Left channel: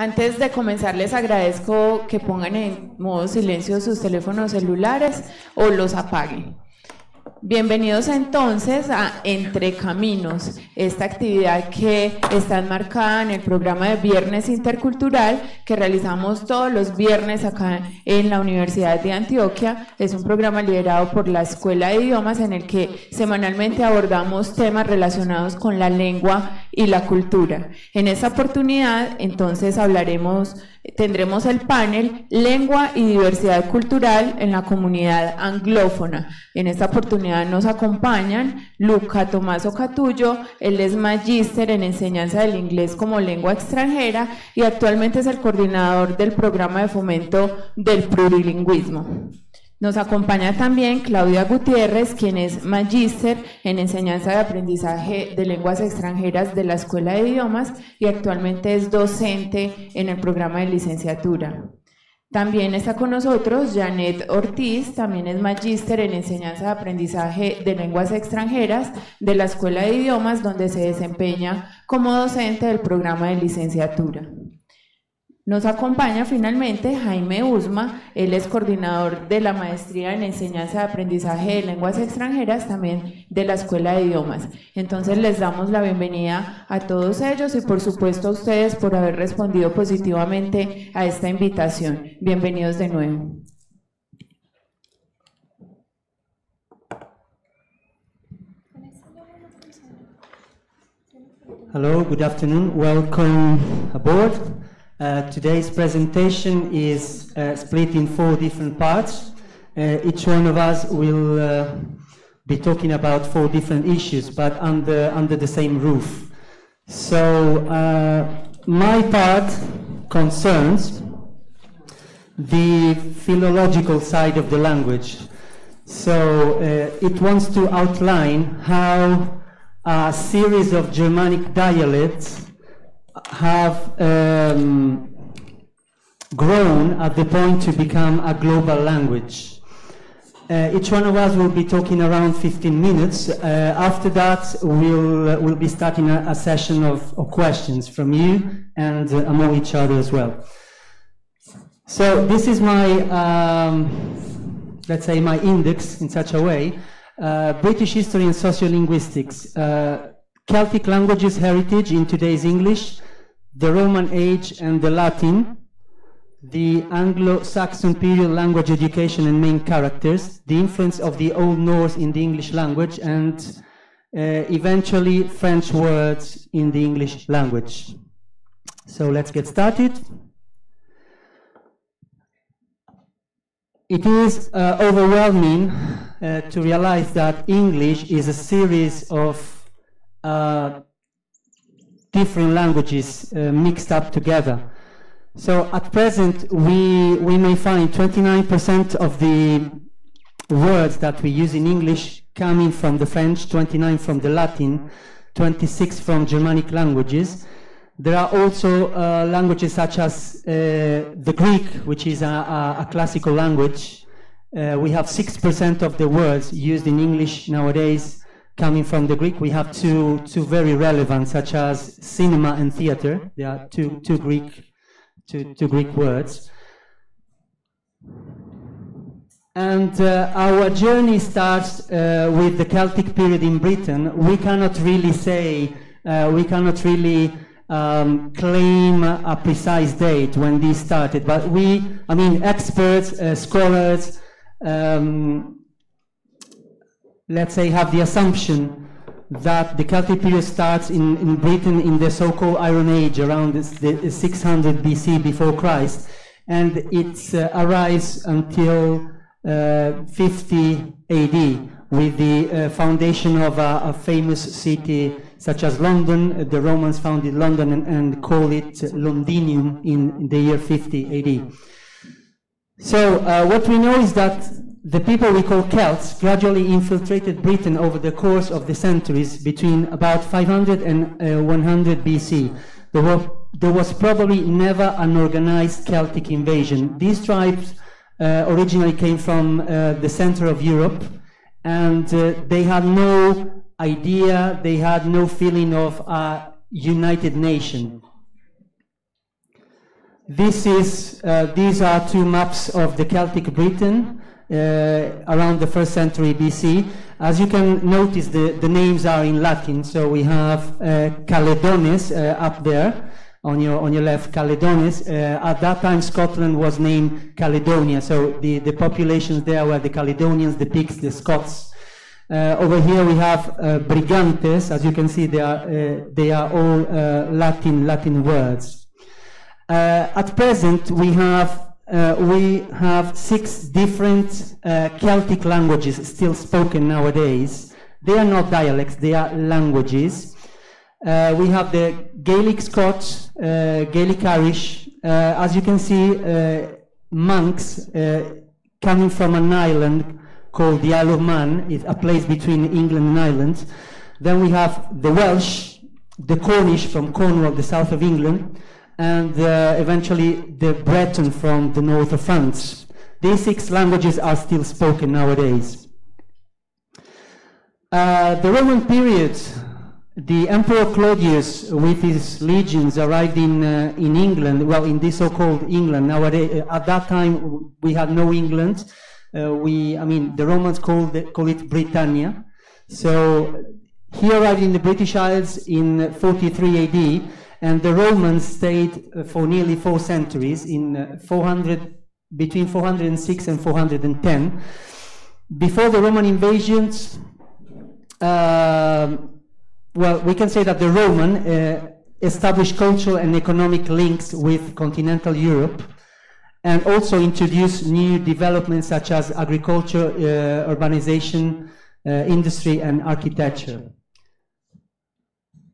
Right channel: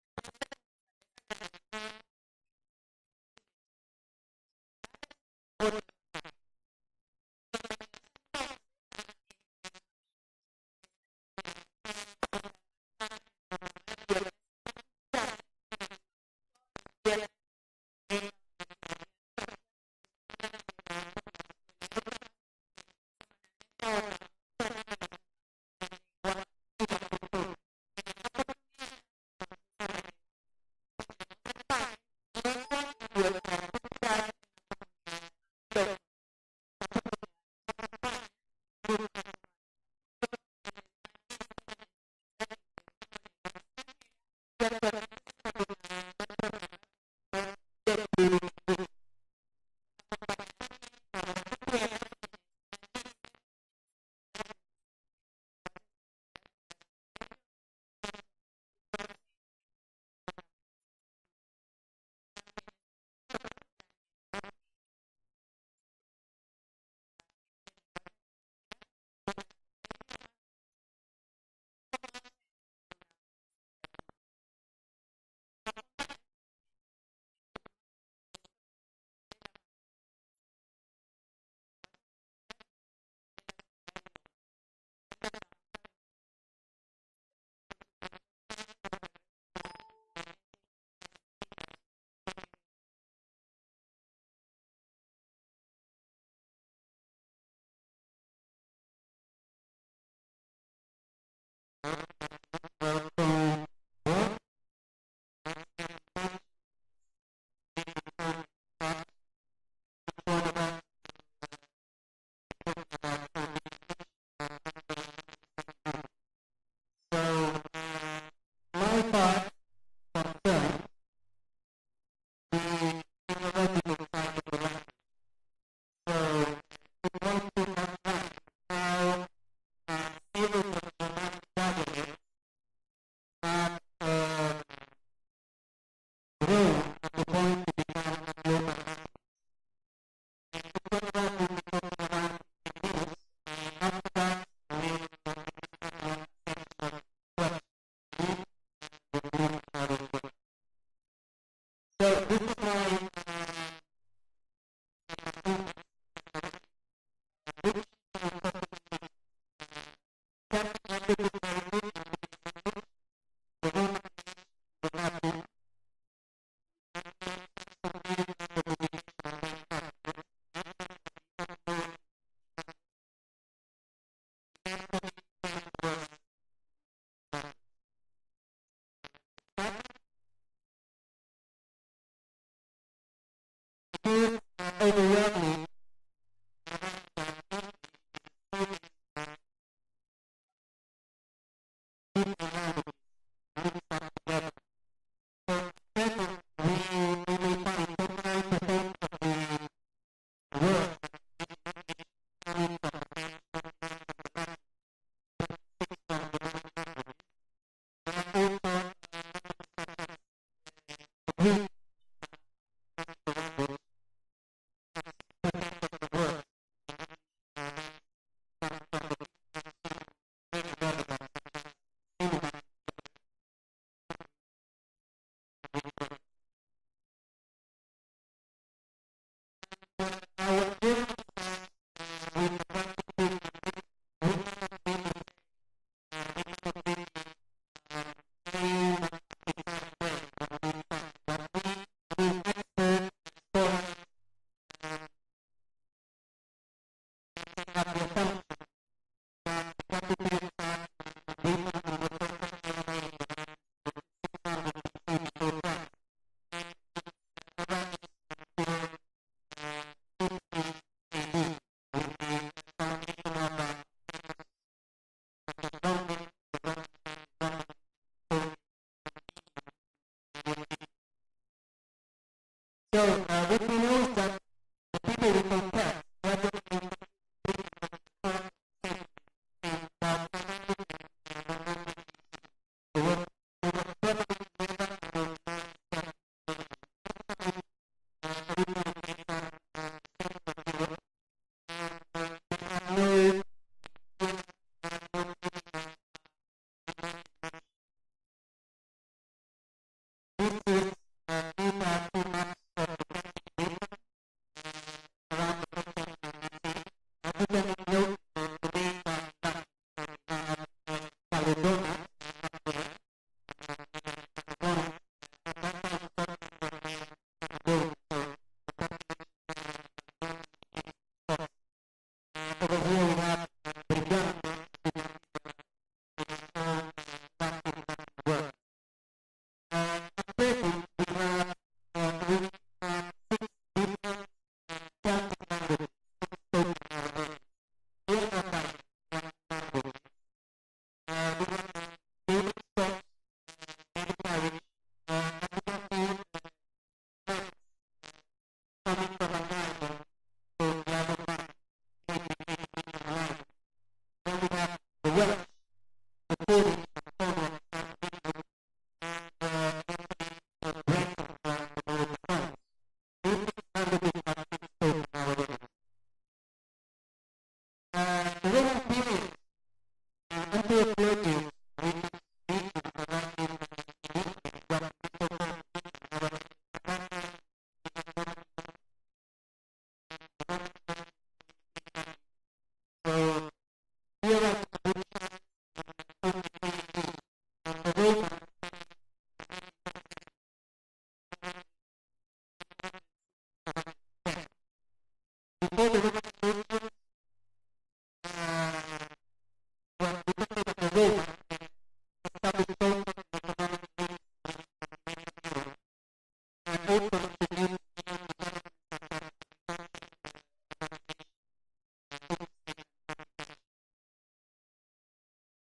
Antes de comenzar, les agradezco que pongan en modo silencio sus teléfonos celulares o los apaguen. Bienvenidos entonces a Entre Caminos, esta actividad que está enmarcada en el programa de Viernes Intercultural que realizamos todos los viernes acá en la Universidad de Antioquia. Es un programa liderado por la Escuela de Idiomas en el que semanalmente abordamos temas relacionados con la lengua y la cultura. En esta oportunidad, entonces, tendremos el panel Lengua y Diversidad Cultural en la Comunidad Anglófona. En esta oportunidad nos acompañan Luca Tomaso Catullo. Él es magíster en enseñanza del inglés como lengua extranjera y actualmente es el coordinador del programa de fomento del plurilingüismo. Nos acompaña también Claudia Gutiérrez, quien es magíster en enseñanza de aprendizaje de lenguas extranjeras de la Escuela de Idiomas y actualmente es docente en el programa de licenciatura. También está con nosotros Janet Ortiz, también es magíster en enseñanza de aprendizaje de lenguas extranjeras de la Escuela de Idiomas, donde se desempeña como docente del programa de licenciatura. Nos acompaña finalmente Jaime Usma, él es coordinador de la maestría en enseñanza de aprendizaje de lenguas extranjeras, también de la Escuela de Idiomas. Entonces les damos la bienvenida a todos ellos y por supuesto a ustedes por haber respondido positivamente a esta invitación. Bienvenidos de nuevo. Hello, good afternoon, welcome aboard. Today's presentation is split in 4 different parts. Each one of us will be talking about 4 different issues, but under the same roof. So my part concerns the philological side of the language. So it wants to outline how a series of Germanic dialects have grown at the point to become a global language. Each one of us will be talking around 15 minutes. After that, we'll be starting a session of questions from you and among each other as well. So this is my, let's say, my index in such a way. British history and sociolinguistics. Celtic languages heritage in today's English, the Roman age and the Latin, the Anglo-Saxon period language education and main characters, the influence of the Old Norse in the English language, and eventually French words in the English language. So let's get started. It is overwhelming to realize that English is a series of different languages mixed up together. So at present we may find 29% of the words that we use in English coming from the French, 29 from the Latin, 26 from Germanic languages. There are also languages such as the Greek, which is a classical language. We have 6% of the words used in English nowadays coming from the Greek. We have two very relevant, such as cinema and theater. There are two Greek words. And our journey starts with the Celtic period in Britain. We cannot really say, claim a precise date when this started, but experts, scholars, let's say, have the assumption that the Celtic period starts in Britain in the so-called Iron Age around the 600 BC before Christ, and it arrives until 50 AD with the foundation of a famous city such as London. The Romans founded London and call it Londinium in the year 50 AD. So what we know is that the people we call Celts gradually infiltrated Britain over the course of the centuries between about 500 and 100 BC. There was probably never an organized Celtic invasion. These tribes originally came from the center of Europe, and they had no idea, they had no feeling of a united nation. These are two maps of the Celtic Britain around the 1st century BC. As you can notice, the names are in Latin. So we have Caledones up there on your left, Caledones. At that time, Scotland was named Caledonia. So the populations there were the Caledonians, the Picts, the Scots. Over here we have Brigantes. As you can see, they are all Latin words. At present, we have 6 different Celtic languages still spoken nowadays. They are not dialects; they are languages. We have the Gaelic Scots, Gaelic Irish. As you can see, monks coming from an island called the Isle of Man, it's a place between England and Ireland. Then we have the Welsh, the Cornish from Cornwall, the south of England, and eventually the Breton from the north of France. These 6 languages are still spoken nowadays. The Roman period, the Emperor Claudius with his legions arrived in England, well, in this so-called England. Nowadays, at that time, we had no England. The Romans call it Britannia. So he arrived in the British Isles in 43 AD, and the Romans stayed for nearly 4 centuries, between 406 and 410. Before the Roman invasions, we can say that the Roman established cultural and economic links with continental Europe, and also introduced new developments such as agriculture, urbanization, industry, and architecture.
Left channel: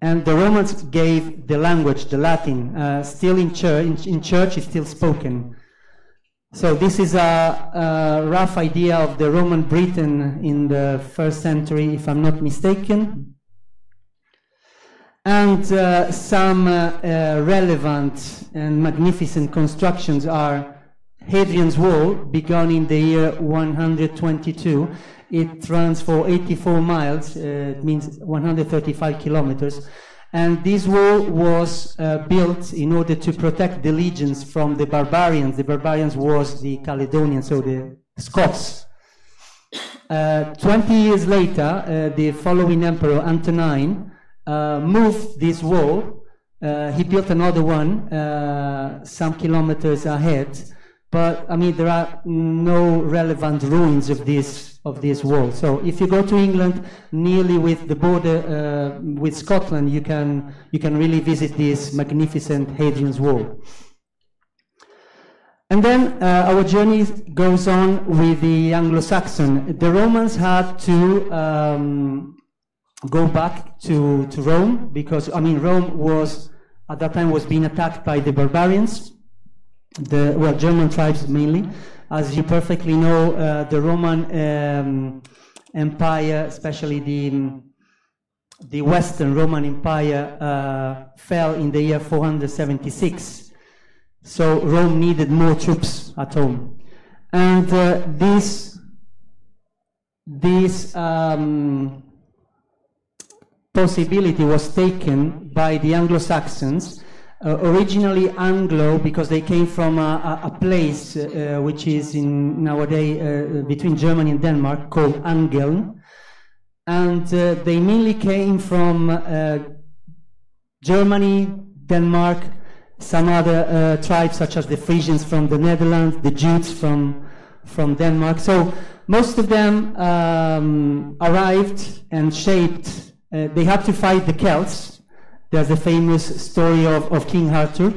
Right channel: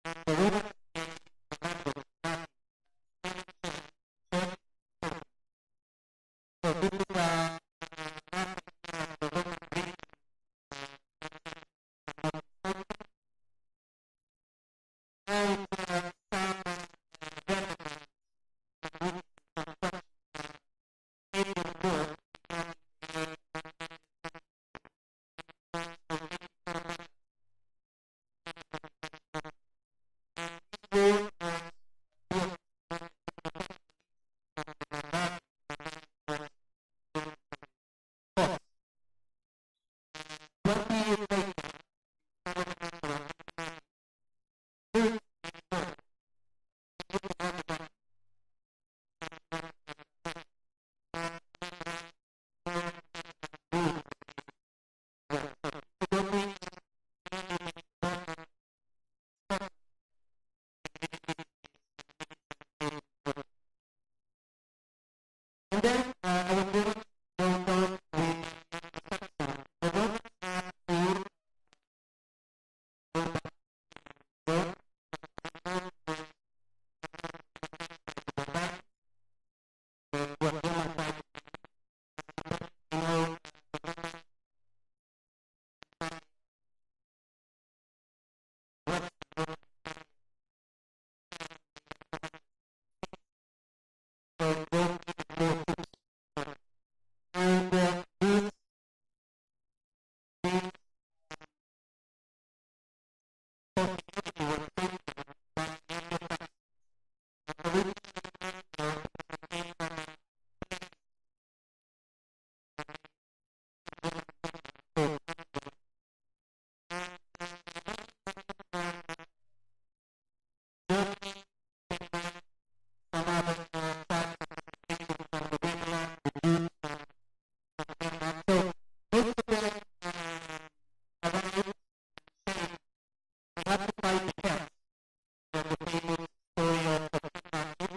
And the Romans gave the language, the Latin, still in church, it's still spoken. So this is a rough idea of the Roman Britain in the 1st century, if I'm not mistaken. And some relevant and magnificent constructions are Hadrian's Wall, begun in the year 122. It runs for 84 miles, it means 135 kilometers. And this wall was built in order to protect the legions from the barbarians. The barbarians was the Caledonians, so the Scots. 20 years later, the following emperor, Antonine, moved this wall. He built another one some kilometers ahead. But there are no relevant ruins of this wall. So if you go to England, nearly with the border with Scotland, you can really visit this magnificent Hadrian's Wall. And then our journey goes on with the Anglo-Saxon. The Romans had to go back to Rome because Rome was at that time being attacked by the barbarians. German tribes mainly. As you perfectly know, the Roman Empire, especially the Western Roman Empire, fell in the year 476. So Rome needed more troops at home. And this possibility was taken by the Anglo-Saxons. Originally Anglo, because they came from a place which is nowadays between Germany and Denmark, called Angeln, and they mainly came from Germany, Denmark, some other tribes such as the Frisians from the Netherlands, the Jutes from Denmark. So most of them arrived and shaped. They had to fight the Celts. There's a famous story of King Arthur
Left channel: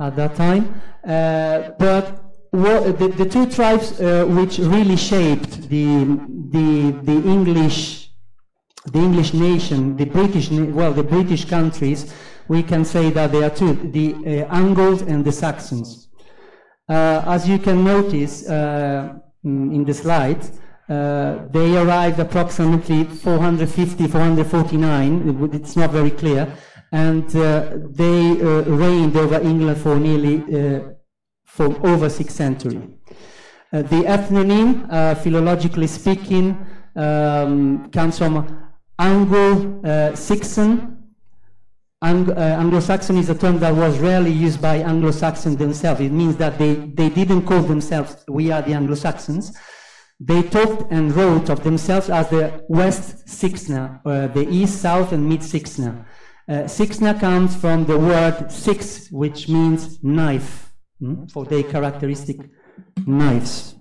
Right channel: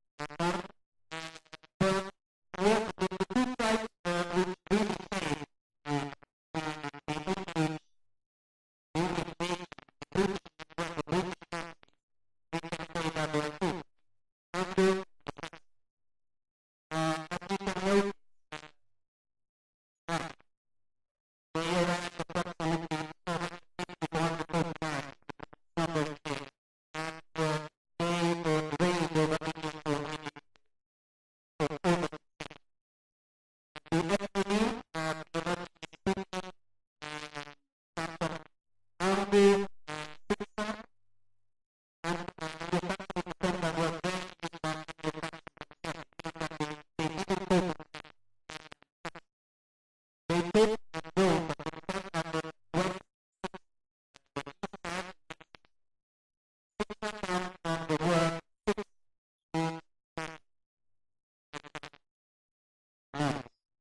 at that time. But the 2 tribes which really shaped the English nation, the British countries, we can say that they are 2, the Angles and the Saxons. As you can notice in the slide, they arrived approximately 450, 449, it's not very clear, and they reigned over England for nearly for over 6 centuries. The ethnonym, philologically speaking, comes from Anglo-Saxon, Anglo-Saxon is a term that was rarely used by Anglo-Saxons themselves. It means that they didn't call themselves, we are the Anglo-Saxons. They talked and wrote of themselves as the West Sixna, the East, South, and Mid Sixna. Sixna comes from the word six, which means knife, for their characteristic knives.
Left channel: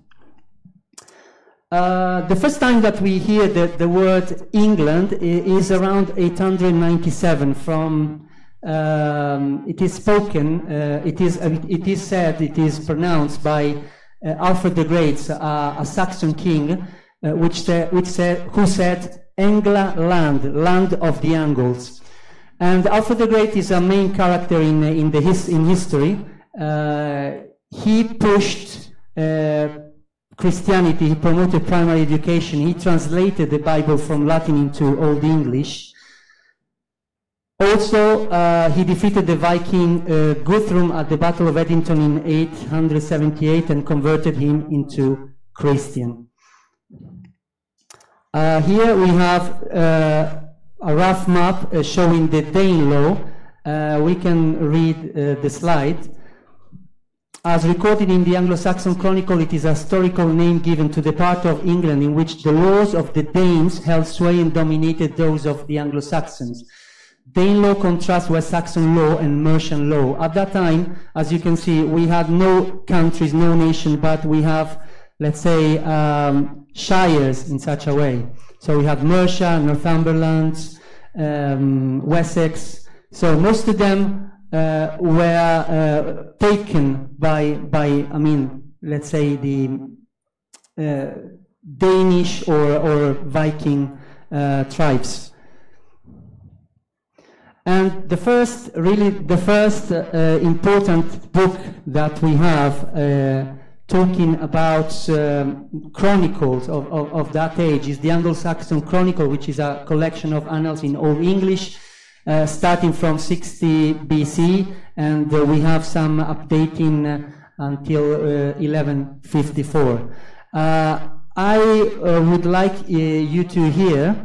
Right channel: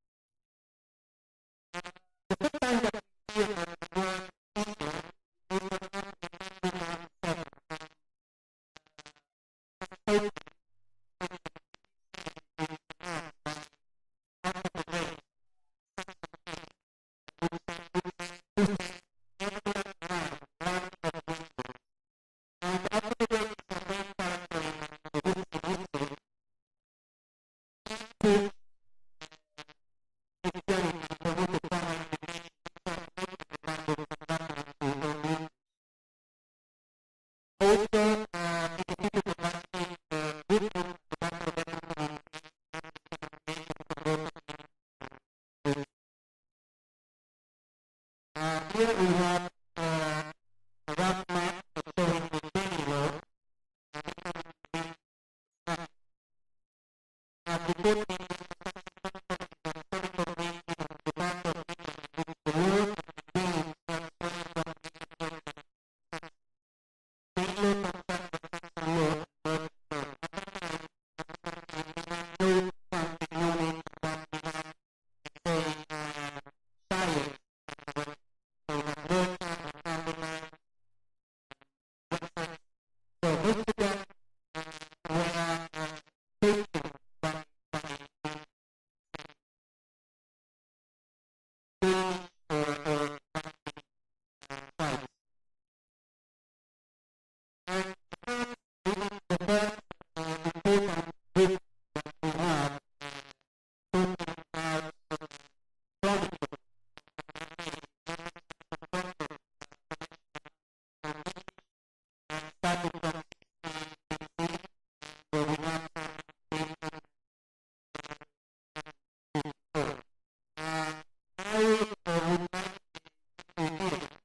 The first time that we hear the word England is around 897 from, it is spoken, it is said, it is pronounced by Alfred the Great, a Saxon king, who said, Engla land of the Angles. And Alfred the Great is a main character in history. He pushed Christianity, he promoted primary education, he translated the Bible from Latin into Old English. Also, he defeated the Viking Guthrum at the Battle of Edington in 878 and converted him into Christian. Here we have a rough map showing the Danelaw. We can read the slide. As recorded in the Anglo-Saxon Chronicle, it is a historical name given to the part of England in which the laws of the Danes held sway and dominated those of the Anglo-Saxons. Danelaw contrasts West Saxon law and Mercian law. At that time, as you can see, we had no countries, no nation, but we have, let's say, shires in such a way. So we have Mercia, Northumberland, Wessex. So most of them were taken by, I mean, let's say the Danish or Viking tribes. And the first important book that we have talking about chronicles of that age is the Anglo-Saxon Chronicle, which is a collection of annals in Old English, starting from 60 BC, and we have some updating until 1154. I would like you to hear,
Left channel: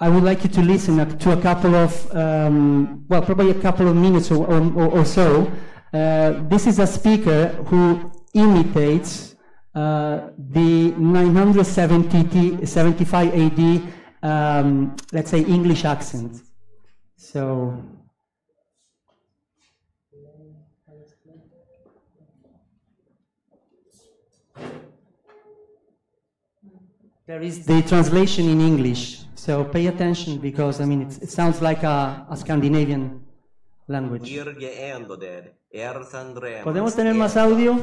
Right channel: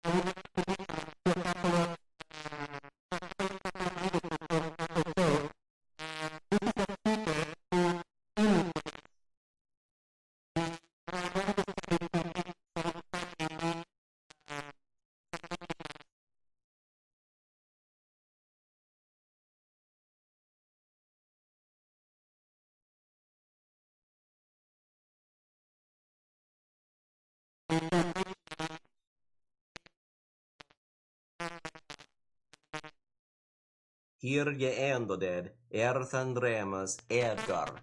I would like you to listen to a couple of, well, probably a couple of minutes or so. This is a speaker who imitates the 975 AD let's say English accent. So there is the translation in English, so pay attention because I mean it sounds like a Scandinavian language. ¿Podemos tener más audio?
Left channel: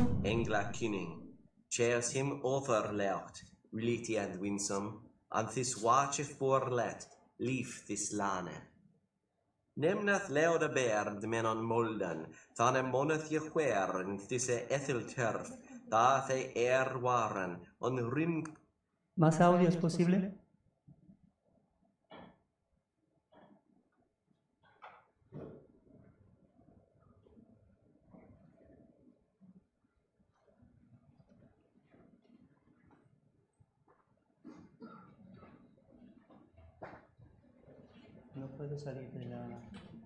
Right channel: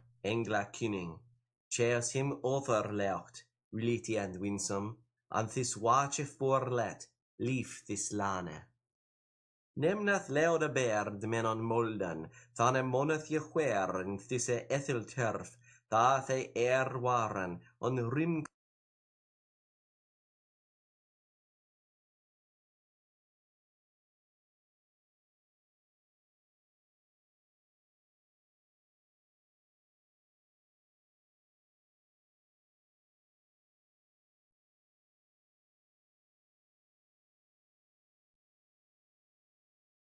Anthis wache forlet, lief this lane. Nemnath leuda baird men on molden, thane monath je huern, thisse ethel turf, thathe waren, on rim. ¿Más audio es posible? No puedo salir de la...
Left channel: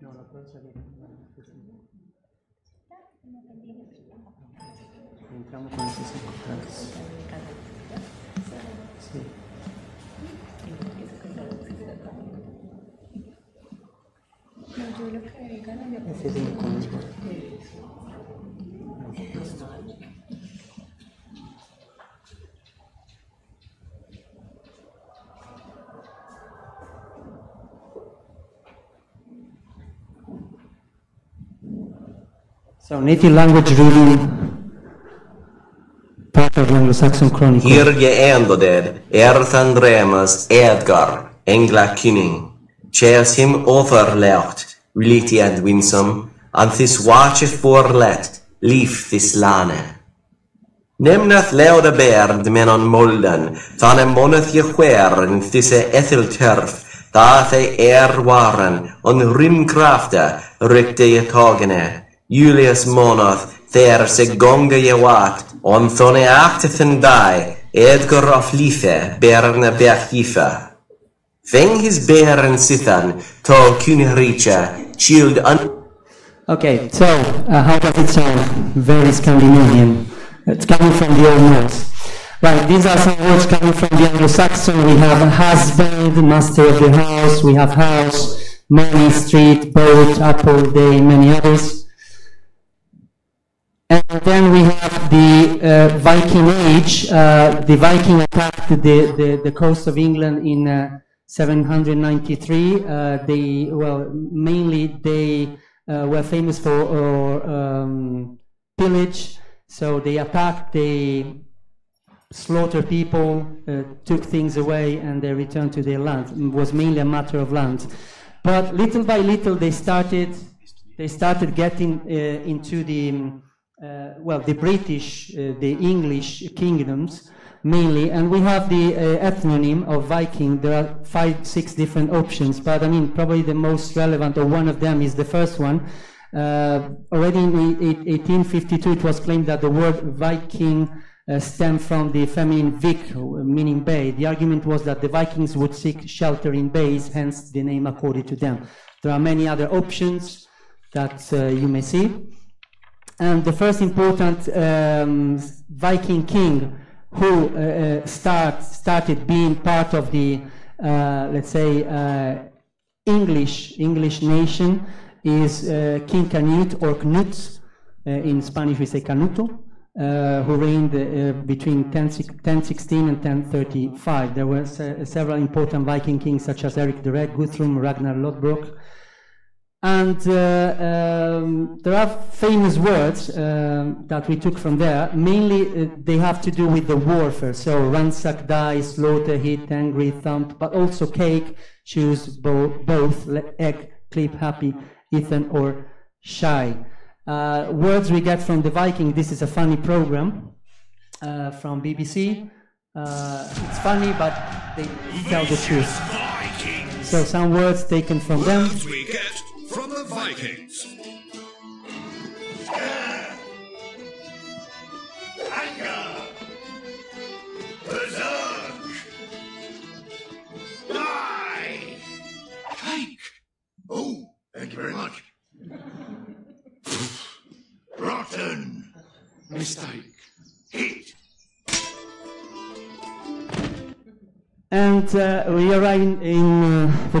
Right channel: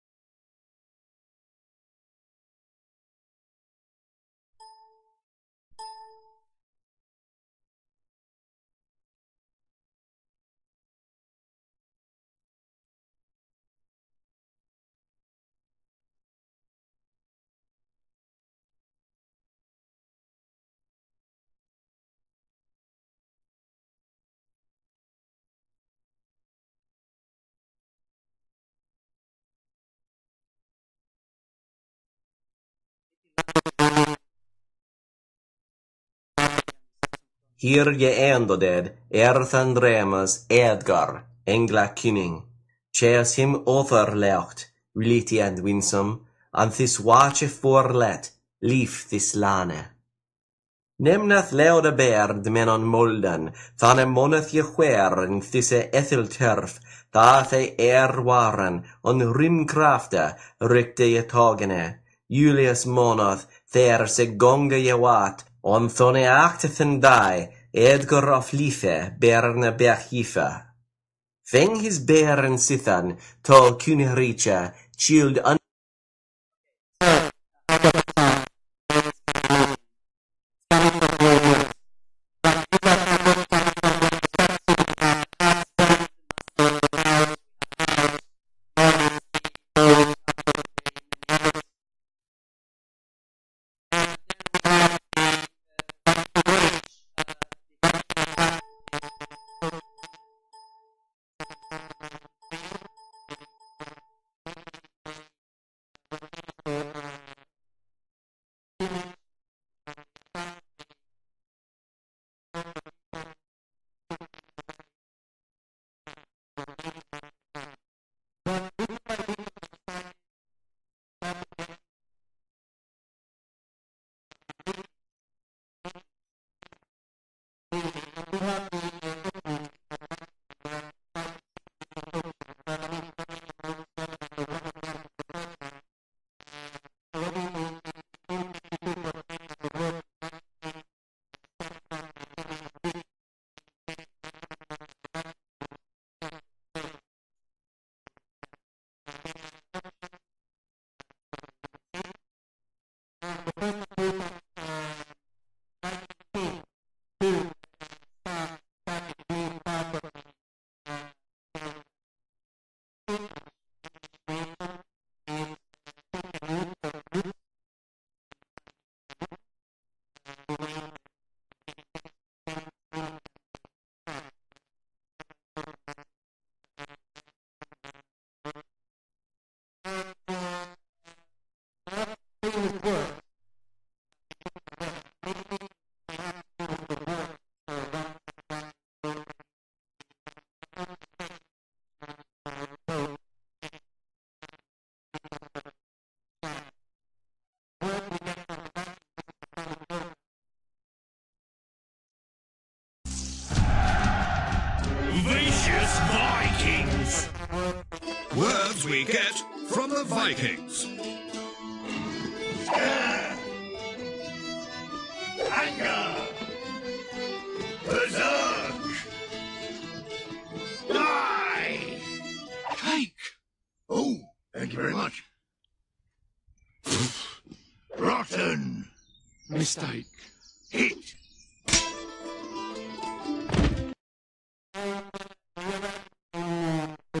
No, no puedo salir de la... Entramos con esos encontrados. Sí. Ese es el conmigo. So native language reading part of the Anglo-Saxon Chronicle. Hier je endoded, Erthandremas Edgar, Engla Kynning, Cheers him overleucht, Reliti and winsome, and this wache forlet, lief this lane. Nemnath leuda baird men on molden, thane monath je huern, thisse ethel turf, thathe waren, on rimkrafte, rykte je tagene. Julius monath, there se gonga je wat, on thone actethen die, Edgar of life, berne berchife. Feng his bear and sithan, tall kuniricha, shield Okay, so how does it sound? Very Scandinavian. It's coming from the Old Norse. Right, these are some words coming from the Anglo-Saxon. We have husband, master of the house. We have house, morning, street, boat, apple, day, many others. And then we have the Viking Age. The Viking attacked the coast of England in 793. Mainly they were famous for pillage. So they attacked, they slaughtered people, took things away, and they returned to their land. It was mainly a matter of land. But little by little, they started getting into the British, the English kingdoms mainly, and we have the ethnonym of Viking. There are 5-6 different options, but I mean probably the most relevant, or one of them, is the first one. Already in 1852, it was claimed that the word Viking stemmed from the feminine Vik, meaning bay. The argument was that the Vikings would seek shelter in bays, hence the name accorded to them. There are many other options that you may see. And the first important Viking king who started being part of the, let's say, English nation is King Canute, or Knut. In Spanish we say Canuto, who reigned between 1016 and 1035. There were several important Viking kings such as Eric the Red, Guthrum, Ragnar Lodbrok. And there are famous words that we took from there. Mainly they have to do with the warfare. So ransack, die, slaughter, hit, angry, thump, but also cake, choose, both, egg, clip, happy, Ethan, or shy. Words we get from the Viking. This is a funny program from BBC. It's funny, but they tell the truth. Vikings. So some words taken from them. Words we get from the Vikings. Anger. Berserk. Die. Cake. Oh, thank you very much. Rotten. Mistake. Hit. And we arrive we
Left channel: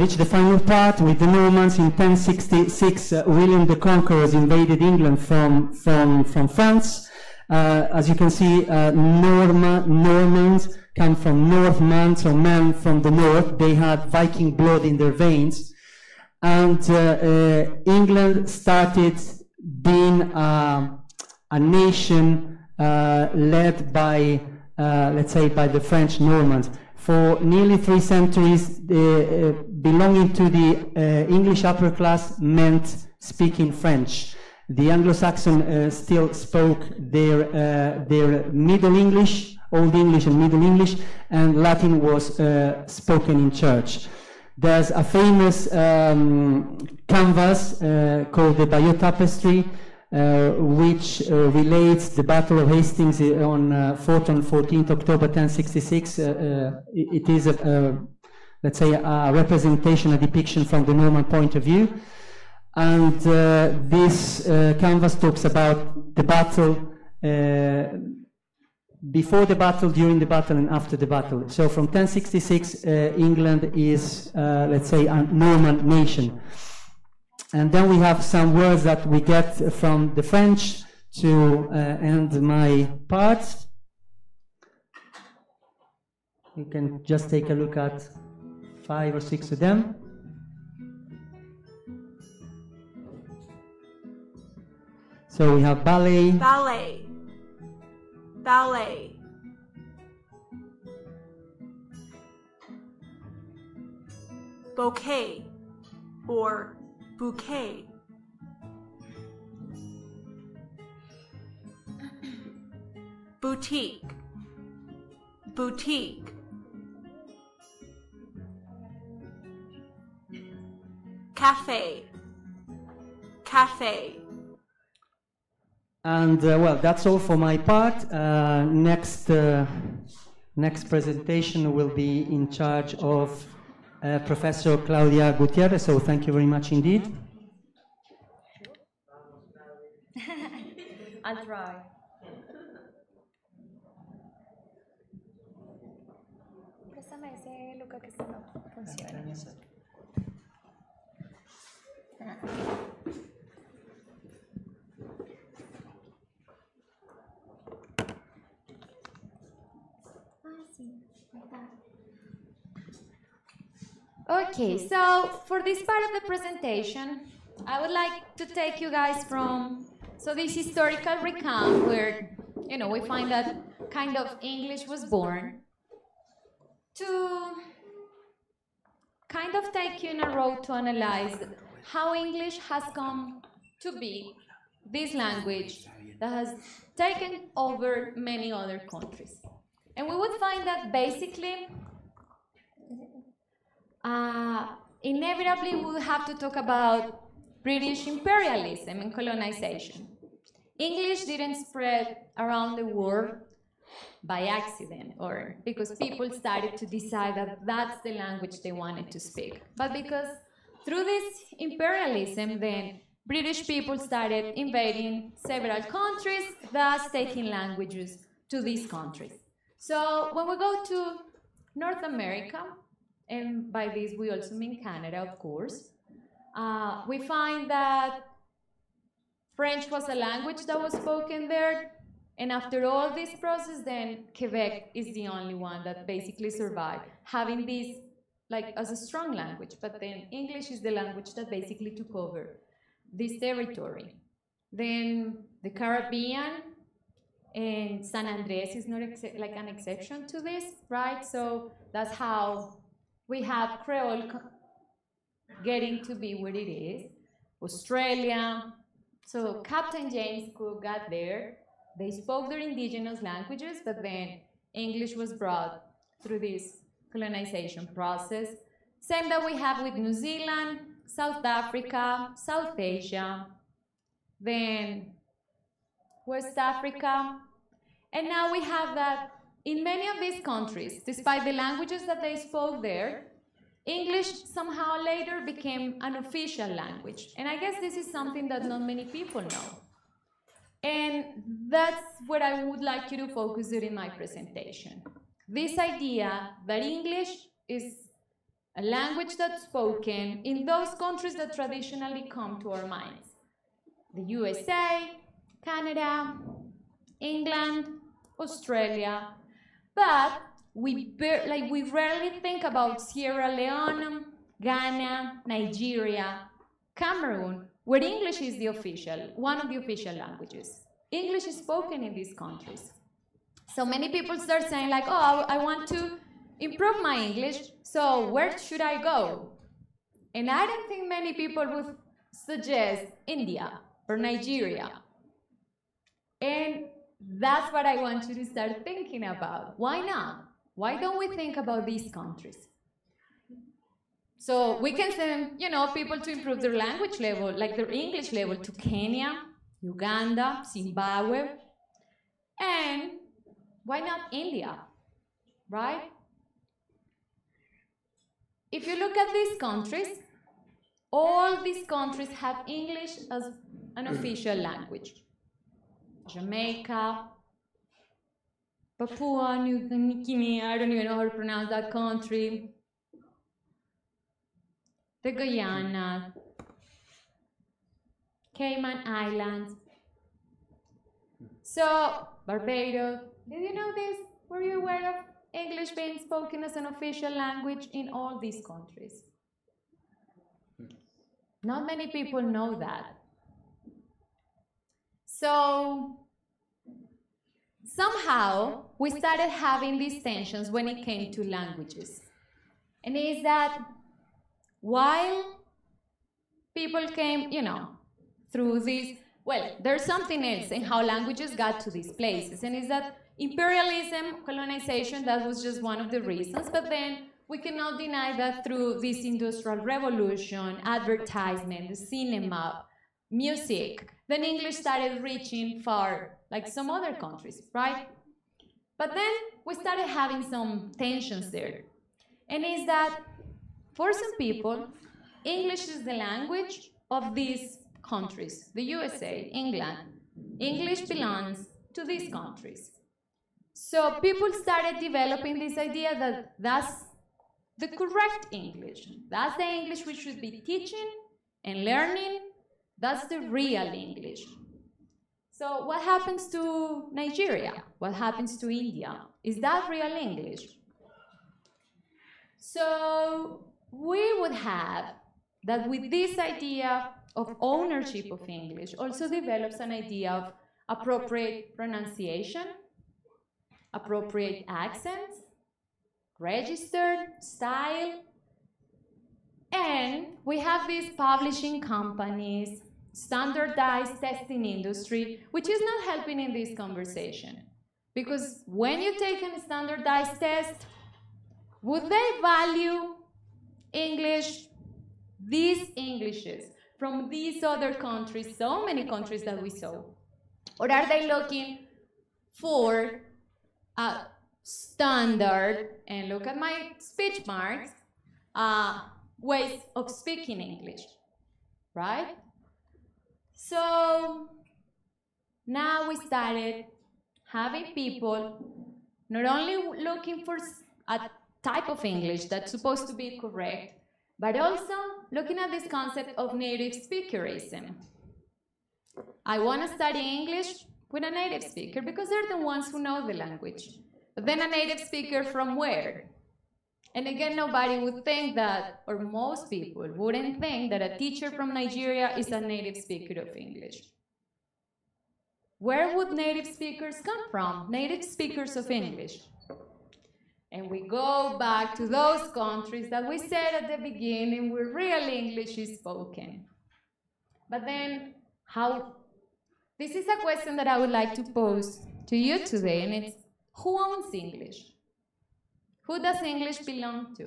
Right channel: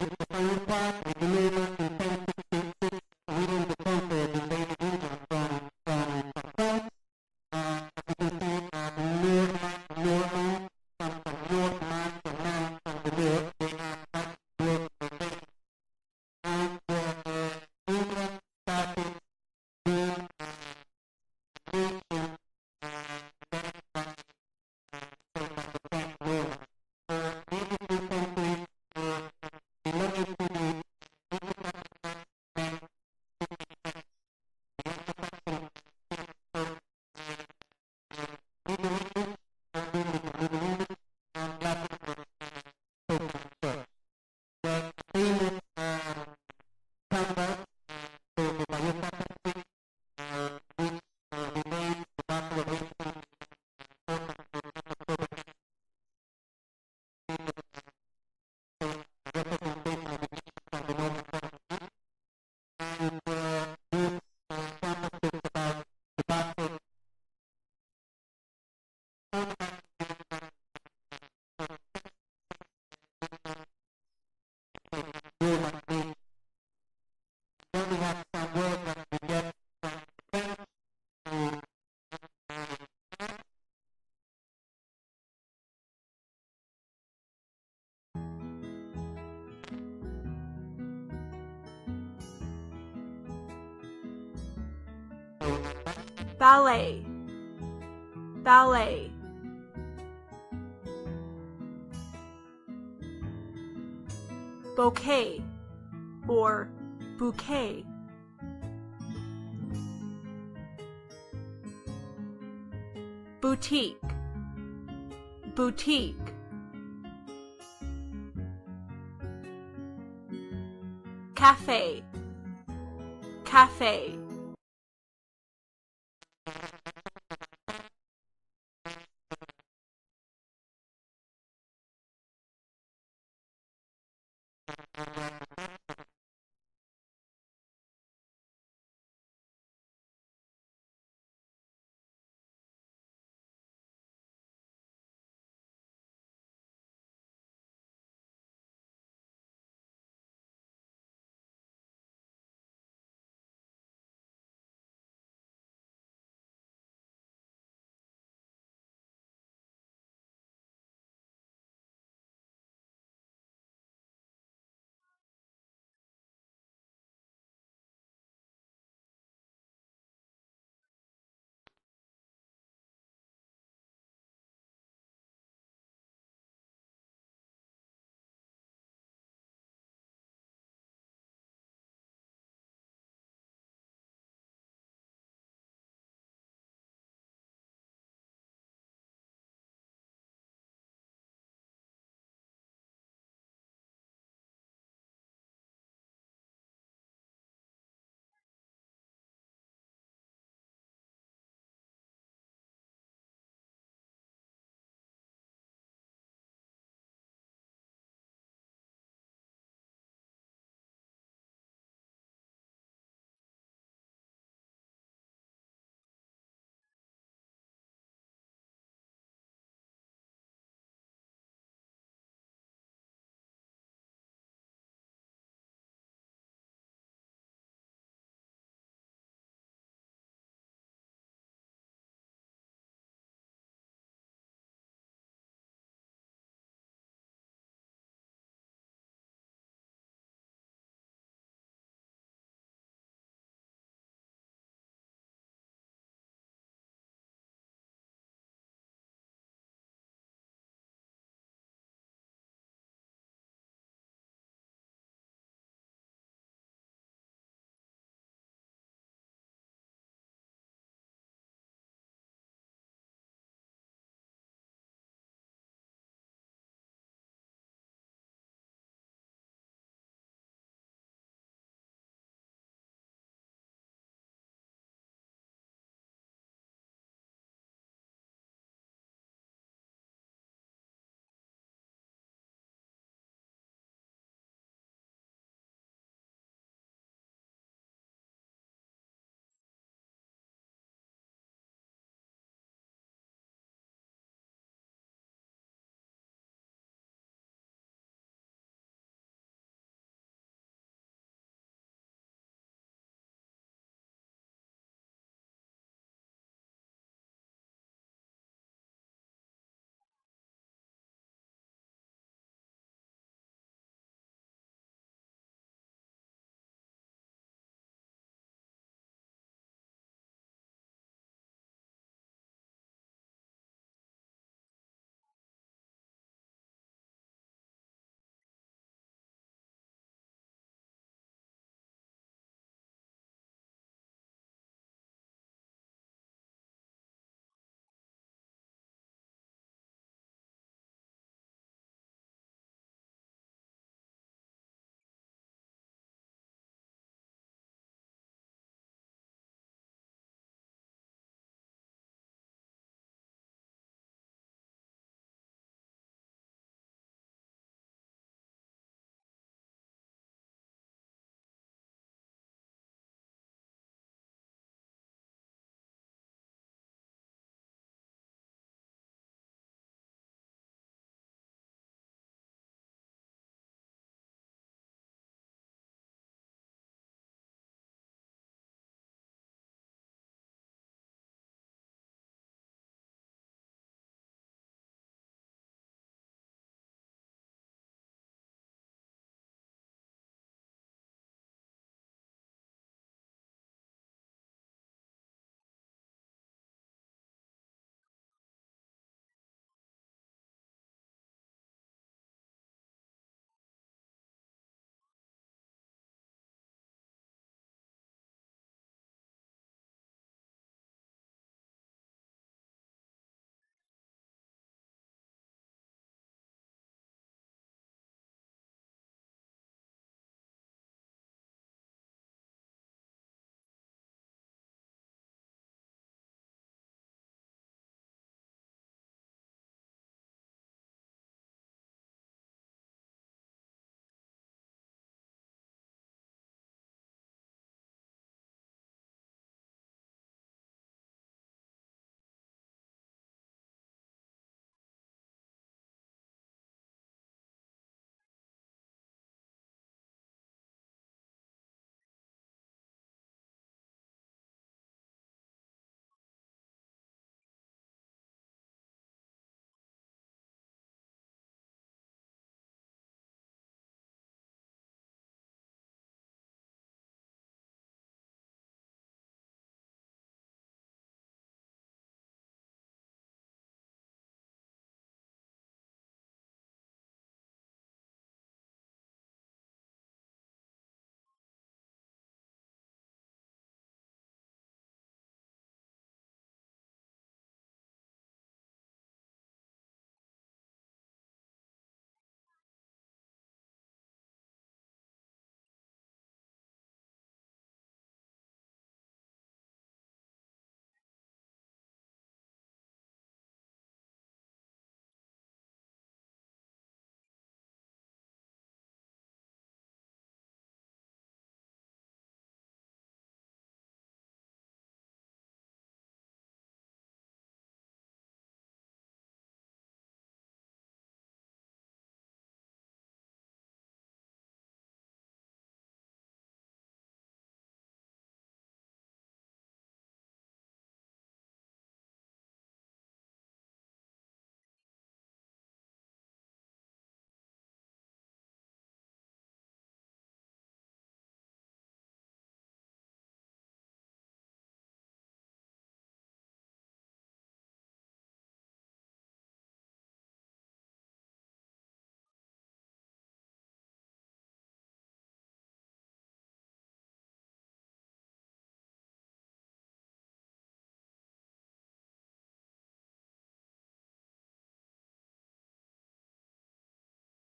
reach the final part with the Normans. In 1066. William the Conqueror invaded England from France. As you can see, Normans come from Northman, so men from the north. They had Viking blood in their veins. And England started being a nation led by, let's say, by the French Normans. For nearly 3 centuries, belonging to the English upper class meant speaking French. The Anglo-Saxon still spoke their Middle English, Old English and Middle English, and Latin was spoken in church. There's a famous canvas called the Bayeux Tapestry, which relates the Battle of Hastings fought on 14th October 1066. It is, let's say, a representation, a depiction from the Norman point of view. And this canvas talks about the battle, before the battle, during the battle, and after the battle. So from 1066, England is, let's say, a Norman nation. And then we have some words that we get from the French to end my part. You can just take a look at 5 or 6 of them. So we have ballet. Ballet. Ballet. Bouquet or bouquet. Boutique. Boutique. Cafe. Cafe. And well, that's all for my part. Next presentation will be in charge of Professor Claudia Gutierrez, so thank you very much indeed. I'll try. Préstame ese Luca que no funciona. Okay, so for this part of the presentation, I would like to take you guys from this historical recount where, we find that kind of English was born, to kind of take you in a road to analyze how English has come to be this language that has taken over many other countries. And we would find that basically, inevitably we would have to talk about British imperialism and colonization. English didn't spread around the world by accident or because people started to decide that that's the language they wanted to speak, but because through this imperialism, then British people started invading several countries, thus taking languages to these countries. So when we go to North America, and by this we also mean Canada, of course, we find that French was a language that was spoken there, and after all this process, then Quebec is the only one that basically survived, having this like as a strong language, but then English is the language that basically took over this territory. Then the Caribbean, and San Andres is not like an exception to this, right? So that's how we have Creole getting to be what it is. Australia. So Captain James Cook got there. They spoke their indigenous languages, but then English was brought through this colonization process. Same that we have with New Zealand, South Africa, South Asia, then West Africa. And now we have that in many of these countries, despite the languages that they spoke there, English somehow later became an official language. And I guess this is something that not many people know. And that's what I would like you to focus on in my presentation. This idea that English is a language that's spoken in those countries that traditionally come to our minds. The USA, Canada, England, Australia, but we rarely think about Sierra Leone, Ghana, Nigeria, Cameroon, where English is one of the official languages. English is spoken in these countries. So many people start saying like, oh, I want to improve my English, so where should I go? And I don't think many people would suggest India or Nigeria. And that's what I want you to start thinking about. Why not? Why don't we think about these countries? So we can send, people to improve their language level, like their English level, to Kenya, Uganda, Zimbabwe, and why not India, right? If you look at these countries, all these countries have English as an official language. Jamaica, Papua New Guinea, I don't even know how to pronounce that country, the Guyana, Cayman Islands, so Barbados. Did you know this? Were you aware of English being spoken as an official language in all these countries? Not many people know that. So somehow we started having these tensions when it came to languages. And it is that while people came, through this, there's something else in how languages got to these places, and it's that imperialism, colonization, that was just one of the reasons, but then we cannot deny that through this industrial revolution, advertisement, the cinema, music, then English started reaching far, like some other countries, right? But then we started having some tensions there. And it's that for some people, English is the language of these countries, the USA, England. English belongs to these countries. So people started developing this idea that that's the correct English. That's the English we should be teaching and learning. That's the real English. So what happens to Nigeria? What happens to India? Is that real English? So we would have that with this idea of ownership of English also develops an idea of appropriate pronunciation, appropriate accents, registered style, and we have these publishing companies, standardized testing industry, which is not helping in this conversation. Because when you take a standardized test, would they value English, these Englishes, from these other countries, so many countries that we saw? Or are they looking for a standard, and look at my speech marks, ways of speaking English, right? So now we started having people not only looking for a type of English that's supposed to be correct, but also looking at this concept of native speakerism. I want to study English with a native speaker because they're the ones who know the language. But then a native speaker from where? And again, nobody would think that, or most people wouldn't think that a teacher from Nigeria is a native speaker of English. Where would native speakers come from? Native speakers of English. And we go back to those countries that we said at the beginning where real English is spoken. But then, how? This is a question that I would like to pose to you today, and it's, who owns English? Who does English belong to?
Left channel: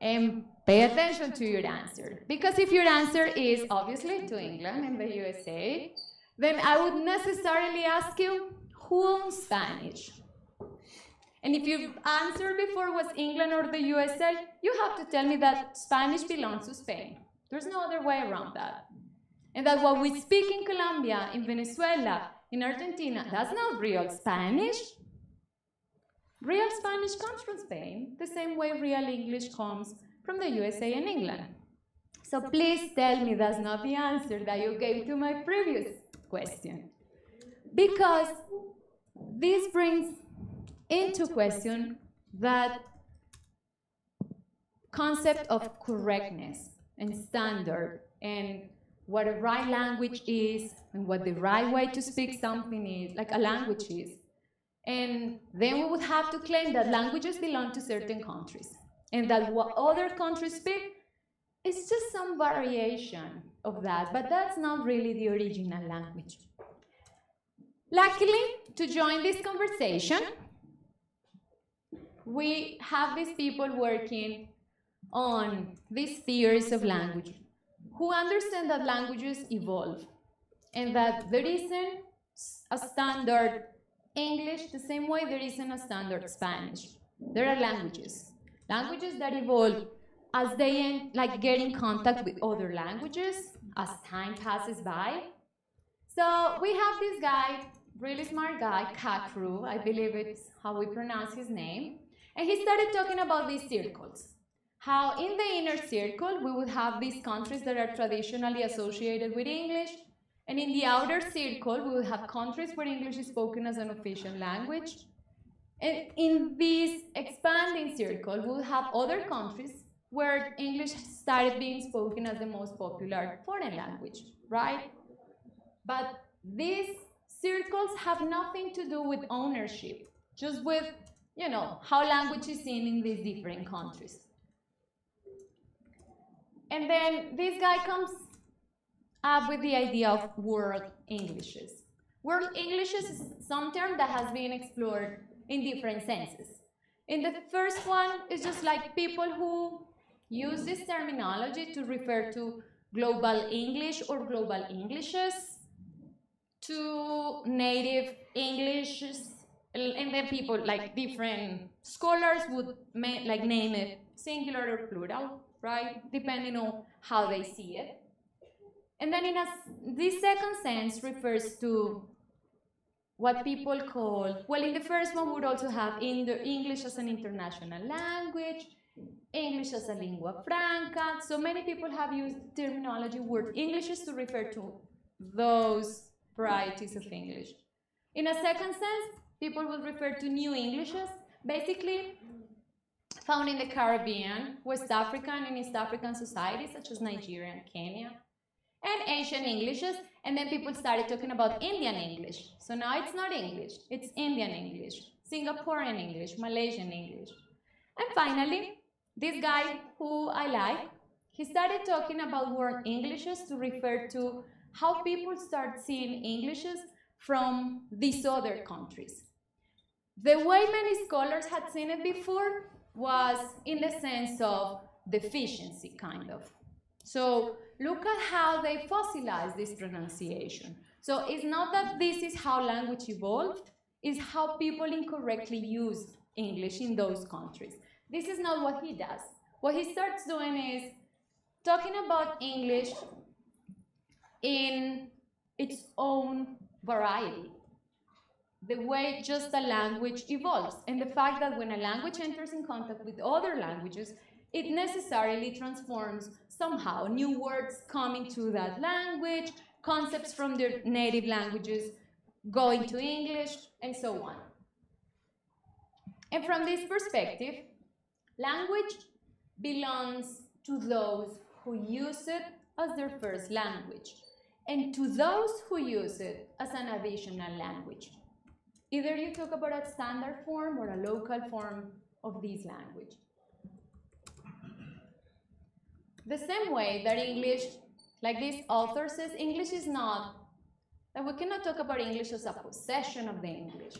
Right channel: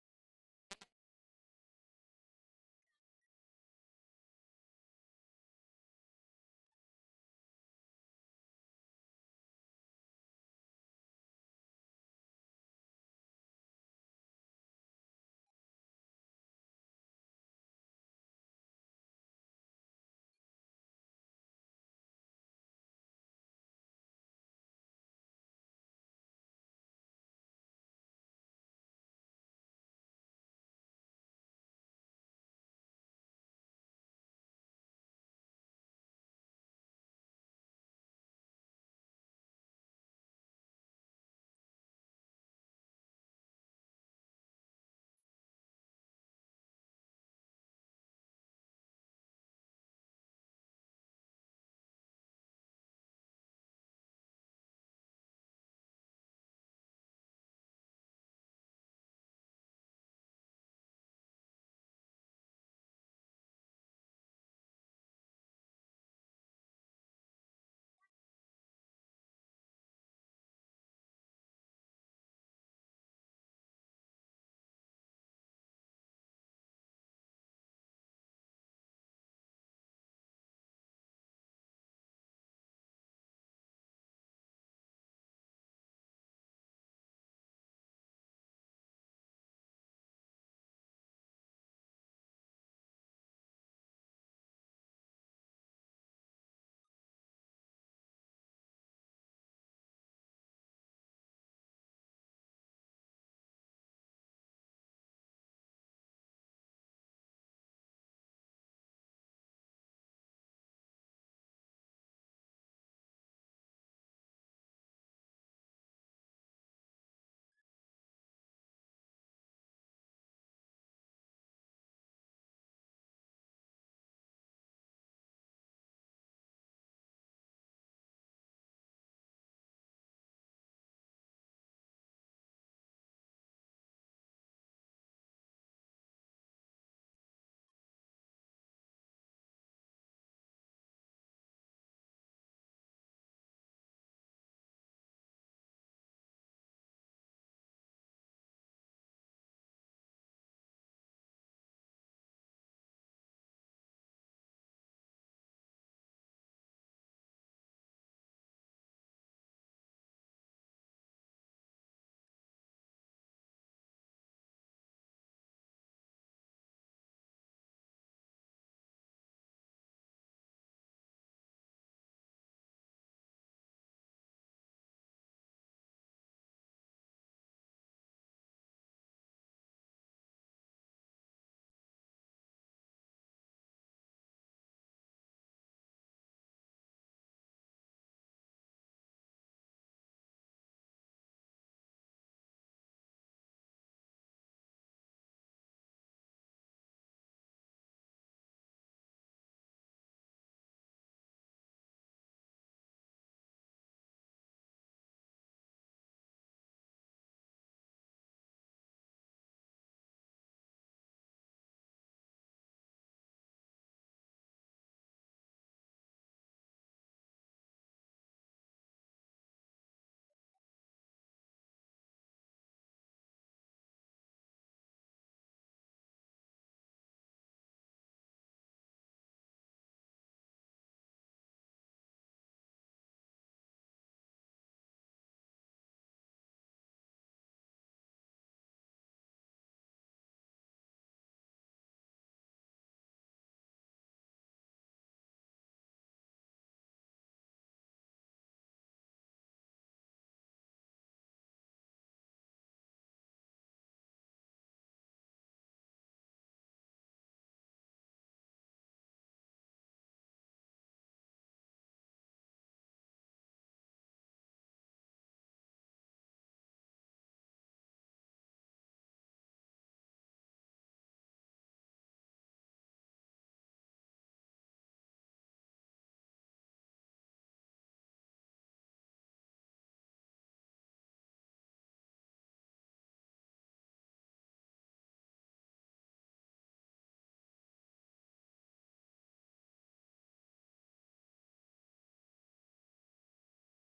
And pay attention to your answer. Because if your answer is obviously to England and the USA, then I would necessarily ask you, who owns Spanish? And if your answer before was England or the USA, you have to tell me that Spanish belongs to Spain. There's no other way around that. And that what we speak in Colombia, in Venezuela, in Argentina, that's not real Spanish. Real Spanish comes from Spain, the same way real English comes from the USA and England. So please tell me that's not the answer that you gave to my previous question. Because this brings into question that concept of correctness and standard and what a right language is and what the right way to speak something is, like a language is. And then we would have to claim that languages belong to certain countries and that what other countries speak is just some variation of that, but that's not really the original language. Luckily, to join this conversation, we have these people working on these theories of language who understand that languages evolve and that there isn't a standard English the same way there isn't a standard Spanish. There are languages that evolve as they get in contact with other languages as time passes by. So we have this guy, really smart guy, Kakru, I believe it's how we pronounce his name, and he started talking about these circles. How in the inner circle we would have these countries that are traditionally associated with English, and in the outer circle we would have countries where English is spoken as an official language. And in this expanding circle we would have other countries where English started being spoken as the most popular foreign language, right? But these circles have nothing to do with ownership, just with, how language is seen in these different countries. And then this guy comes up with the idea of world Englishes. World Englishes is some term that has been explored in different senses. And the first one is just like people who use this terminology to refer to global English or global Englishes, to native Englishes, and then people, like different scholars would name it singular or plural, right? Depending on how they see it. And then this second sense refers to what people call, well, in the first one would also have English as an international language, English as a lingua franca. So many people have used terminology word Englishes to refer to those varieties of English. In a second sense, people will refer to new Englishes, basically found in the Caribbean, West African and East African societies such as Nigeria and Kenya, and Asian Englishes, and then people started talking about Indian English. So now it's not English, it's Indian English, Singaporean English, Malaysian English. And finally, this guy who I like, he started talking about word Englishes to refer to how people start seeing Englishes from these other countries. The way many scholars had seen it before was in the sense of deficiency, kind of. So look at how they fossilize this pronunciation. So it's not that this is how language evolved, it's how people incorrectly used English in those countries. This is not what he does. What he starts doing is talking about English in its own variety, the way just a language evolves, and the fact that when a language enters in contact with other languages, it necessarily transforms somehow. New words come into that language, concepts from their native languages go into English, and so on. And from this perspective, language belongs to those who use it as their first language, and to those who use it as an additional language. Either you talk about a standard form or a local form of this language. The same way that English, like this author says, English is not, that we cannot talk about English as a possession of the English.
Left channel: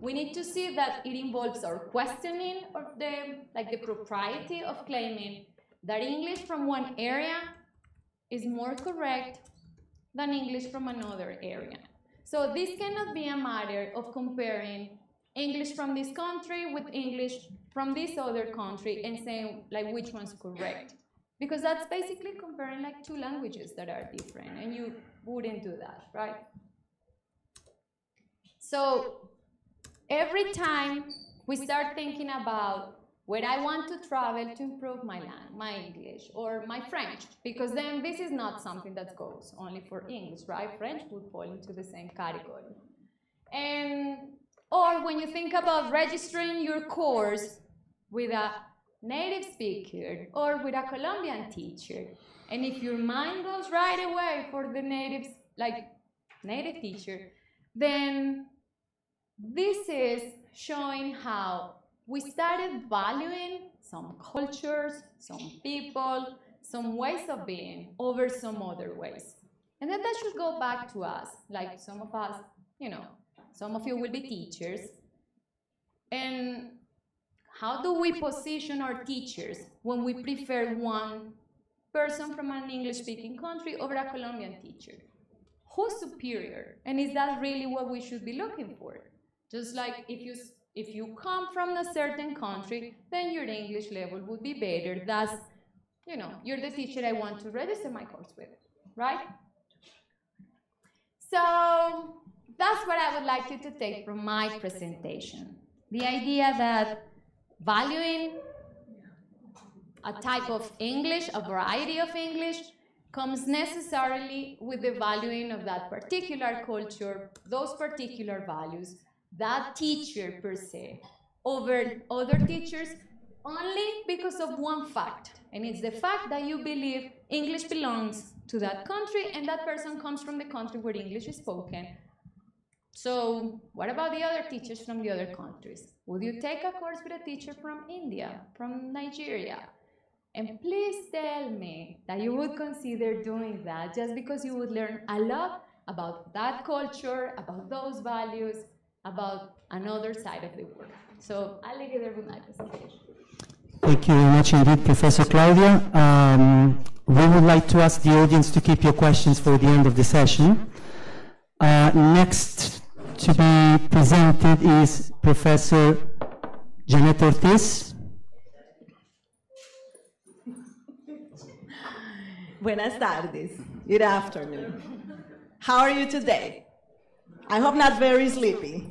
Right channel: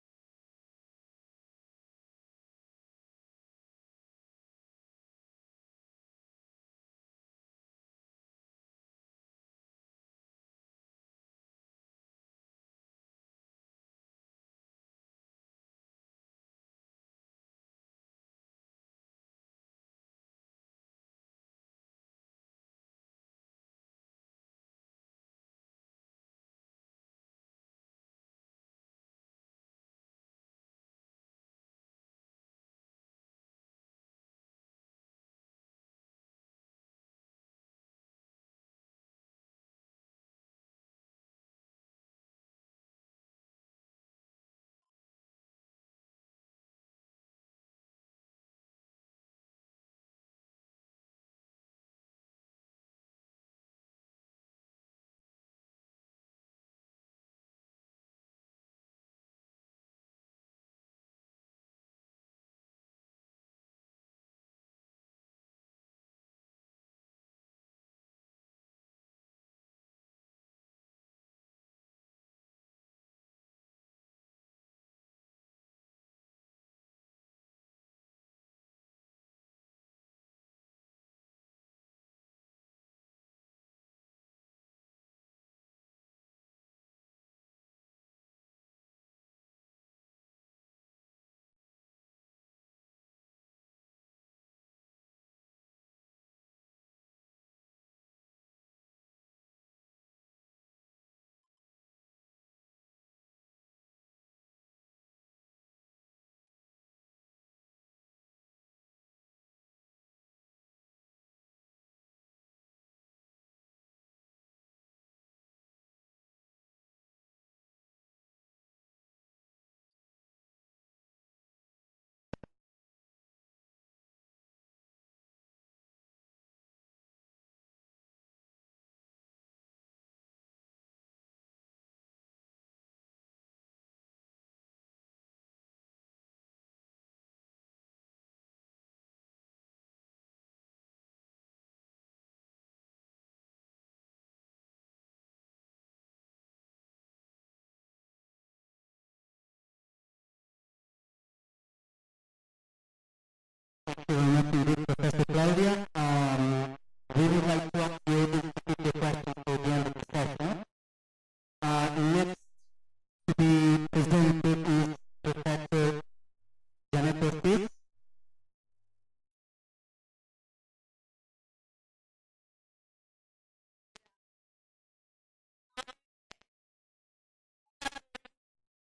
We need to see that it involves our questioning of the propriety of claiming that English from one area is more correct than English from another area. So this cannot be a matter of comparing English from this country with English from this other country and saying like which one's correct. Because that's basically comparing like two languages that are different, and you wouldn't do that, right? So every time we start thinking about where I want to travel to improve my English or my French, because then this is not something that goes only for English, right? French would fall into the same category. Or when you think about registering your course with a native speaker or with a Colombian teacher, and if your mind goes right away for the native teacher, then this is showing how we started valuing some cultures, some people, some ways of being over some other ways. And then that should go back to us, like some of us, some of you will be teachers. And how do we position our teachers when we prefer one person from an English-speaking country over a Colombian teacher? Who's superior? And is that really what we should be looking for? Just like if you come from a certain country, then your English level would be better. That's, you're the teacher I want to register my course with, right? So that's what I would like you to take from my presentation. The idea that valuing a type of English, a variety of English, comes necessarily with the valuing of that particular culture, those particular values, that teacher per se, over other teachers, only because of one fact. And it's the fact that you believe English belongs to that country and that person comes from the country where English is spoken. So what about the other teachers from the other countries? Would you take a course with a teacher from India, from Nigeria? And please tell me that you would consider doing that just because you would learn a lot about that culture, about those values, about another side of the world. So I'll leave you there with my presentation. Thank you very much indeed, Professor Claudia. We would like to ask the audience to keep your questions for the end of the session. Next to be presented is Professor Janet Ortiz. Buenas tardes. Good afternoon. How are you today? I hope not very sleepy.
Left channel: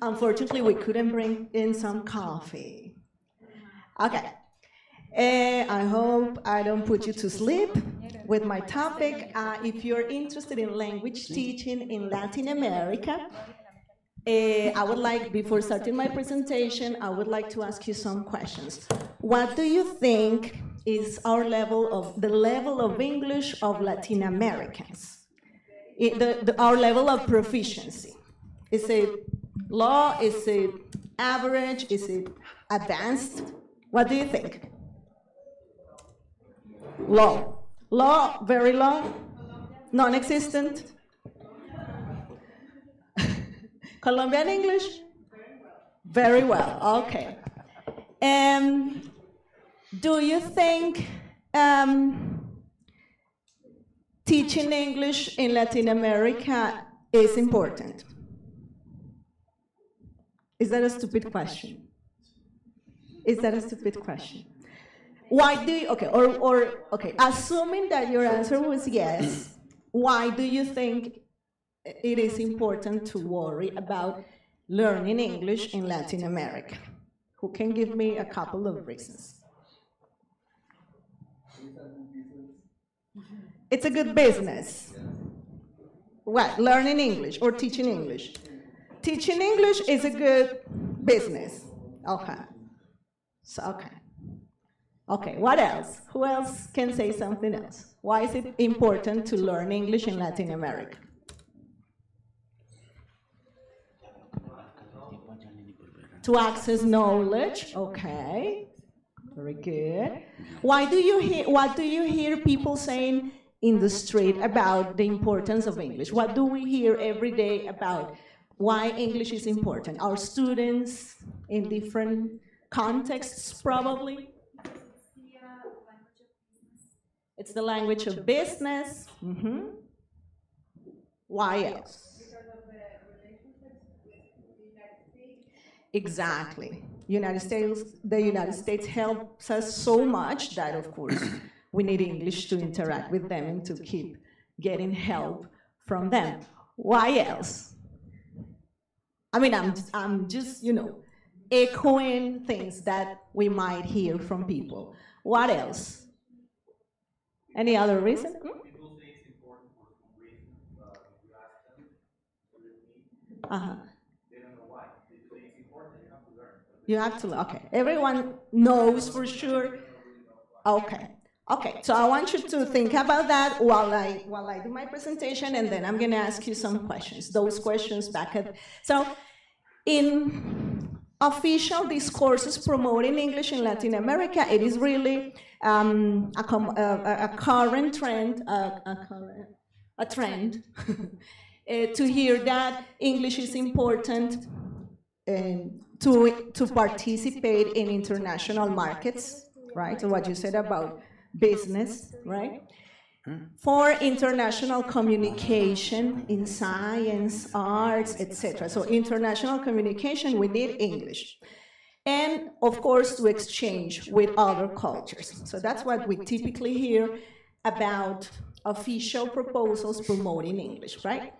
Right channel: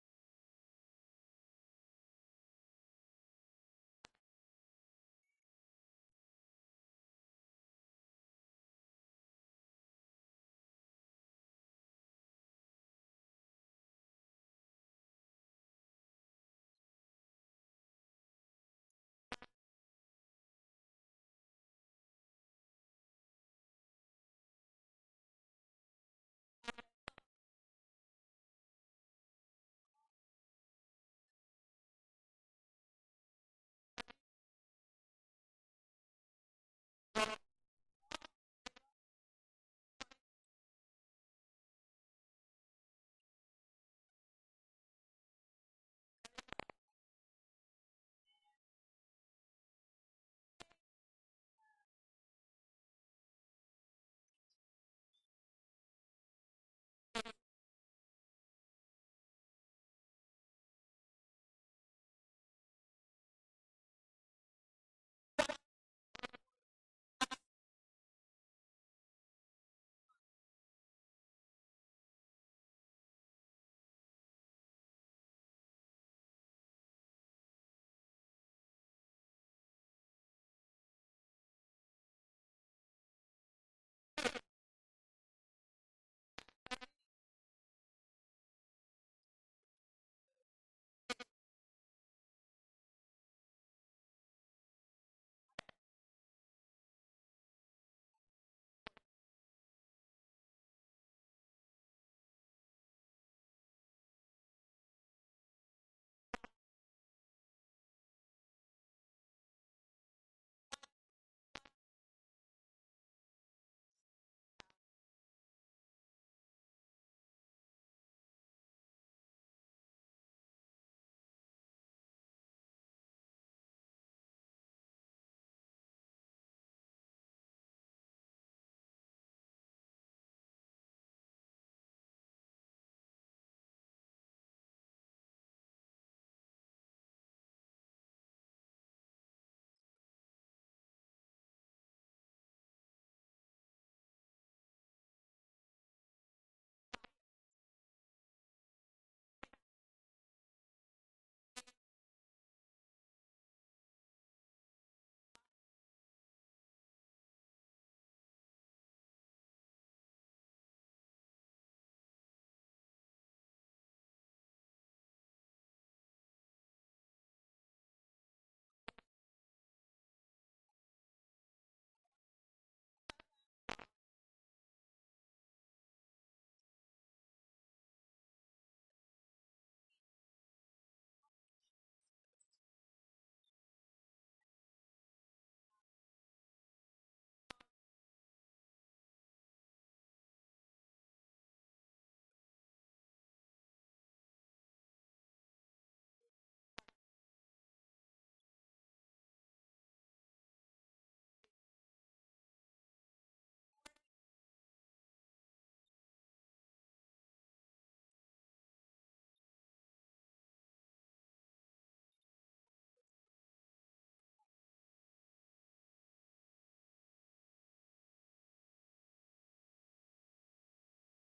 Unfortunately, we couldn't bring in some coffee. Okay. I hope I don't put you to sleep with my topic. If you're interested in language teaching in Latin America, I would like, before starting my presentation, I would like to ask you some questions. What do you think is the level of English of Latin Americans? Our level of proficiency. Is it low? Is it average? Is it advanced? What do you think? Low. Low, very low? Non-existent? Colombian English? Very well, okay. Do you think teaching English in Latin America is important? Is that a stupid question? Is that a stupid question? Why do you, okay, assuming that your answer was yes, why do you think it is important to worry about learning English in Latin America? Who can give me a couple of reasons? It's a good business. What, learning English or teaching English? Teaching English is a good business. Okay. So, okay. Okay, what else? Who else can say something else? Why is it important to learn English in Latin America? To access knowledge, okay, very good. What do you hear people saying in the street about the importance of English? What do we hear every day about why English is important? Our students in different contexts, probably. It's the language of business. Mm-hmm. Why else? Exactly. The United States helps us so much that, of course, we need English to interact with them and to keep getting help from them. Why else? I mean, I'm just, echoing things that we might hear from people. What else? Any other reason? Uh-huh. You have to, okay. Everyone knows for sure. Okay. Okay, so I want you to think about that while I do my presentation, and then I'm going to ask you some questions. Those questions back at. So, in official discourses promoting English in Latin America, it is really a current trend, a trend to hear that English is important to participate in international markets, right? So what you said about business, right? For international communication in science, arts, etc. So international communication, we need English. And of course, to exchange with other cultures. So that's what we typically hear about official proposals promoting English, right?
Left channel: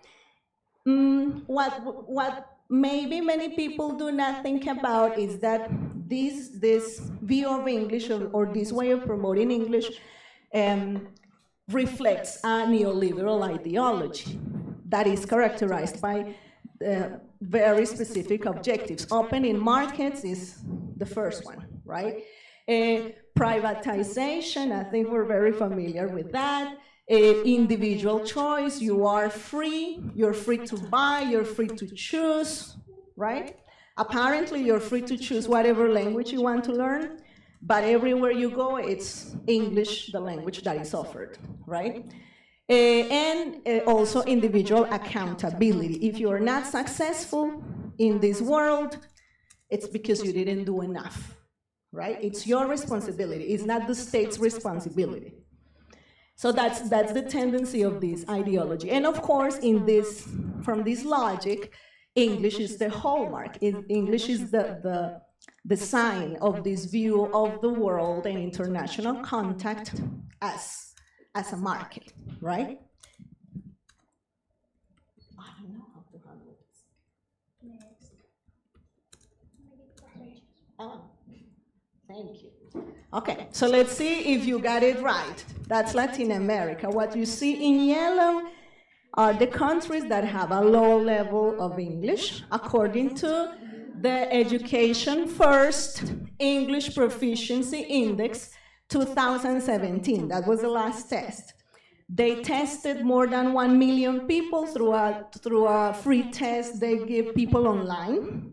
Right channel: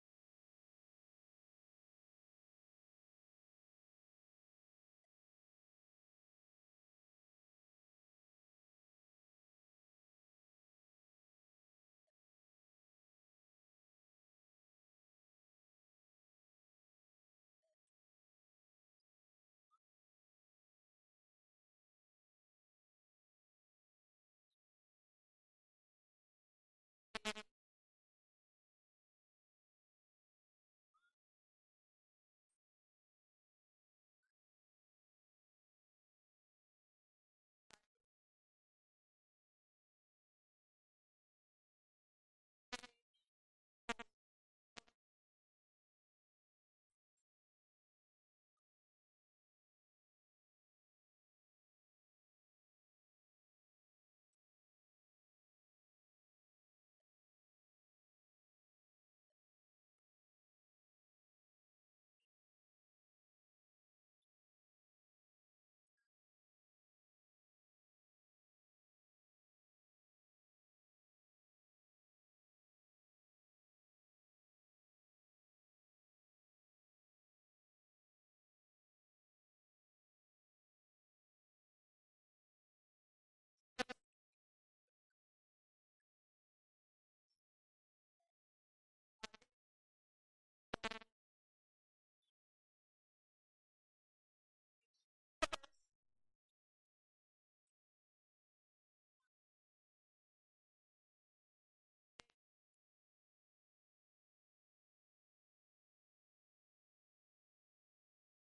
What maybe many people do not think about is that this view of English or this way of promoting English reflects a neoliberal ideology that is characterized by very specific objectives. Opening markets is the first one, right? Privatization, I think we're very familiar with that. Individual choice, you're free to buy, you're free to choose, right? Apparently, you're free to choose whatever language you want to learn, but everywhere you go, it's English, the language that is offered, right? And also individual accountability. If you're not successful in this world, it's because you didn't do enough, right? It's your responsibility. It's not the state's responsibility. So that's the tendency of this ideology. And of course, from this logic, English is the hallmark. English is the the sign of this view of the world and international contact as a market, right? I don't know how to handle this. Oh, thank you. Okay, so let's see if you got it right. That's Latin America. What you see in yellow are the countries that have a low level of English according to the Education First English Proficiency Index 2017. That was the last test. They tested more than 1 million people through a free test they give people online.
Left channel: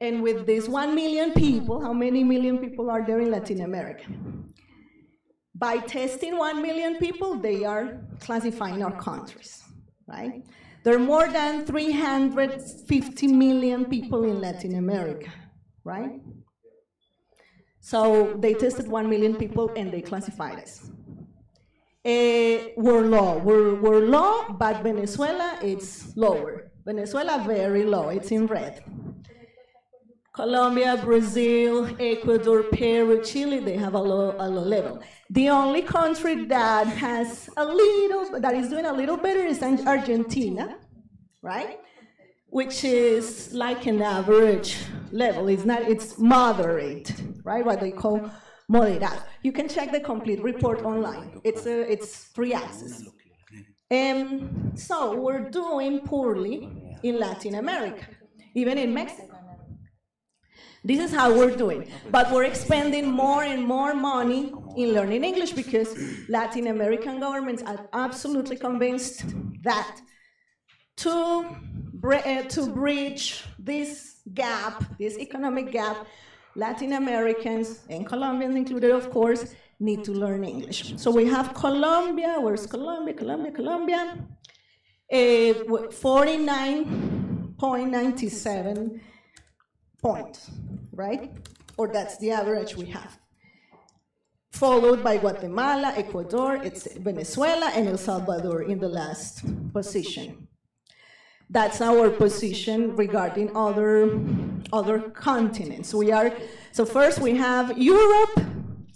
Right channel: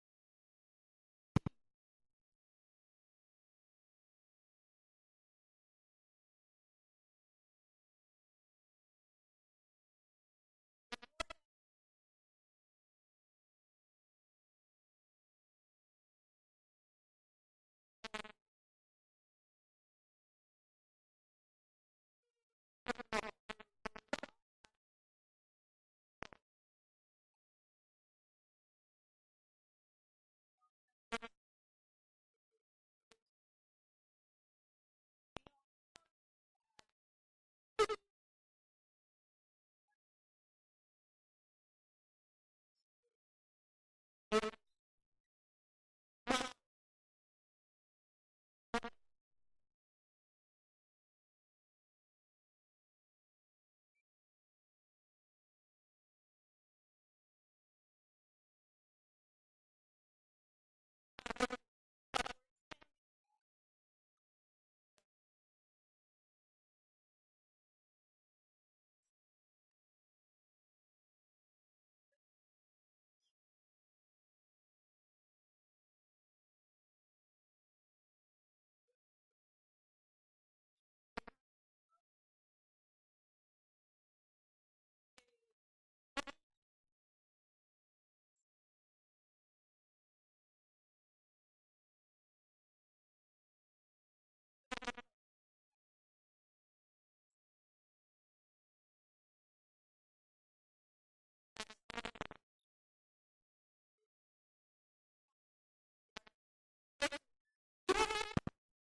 And with these 1 million people, how many million people are there in Latin America? By testing 1 million people, they are classifying our countries, right? There are more than 350 million people in Latin America, right? So they tested 1 million people and they classified us. We're low, but Venezuela, it's lower. Venezuela, very low, it's in red. Colombia, Brazil, Ecuador, Peru, Chile, they have a low level. The only country that is doing a little better is Argentina, right? Which is like an average level. It's moderate, right? What they call moderado. You can check the complete report online. It's free access. So we're doing poorly in Latin America, even in Mexico. This is how we're doing. But we're expending more and more money in learning English because Latin American governments are absolutely convinced that to bridge this gap, this economic gap, Latin Americans, and Colombians included, of course, need to learn English. So we have Colombia. Where's Colombia? Colombia. 49.97 points, right? Or that's the average we have. Followed by Guatemala, Ecuador, it's Venezuela, and El Salvador in the last position. That's our position regarding other continents. So first we have Europe,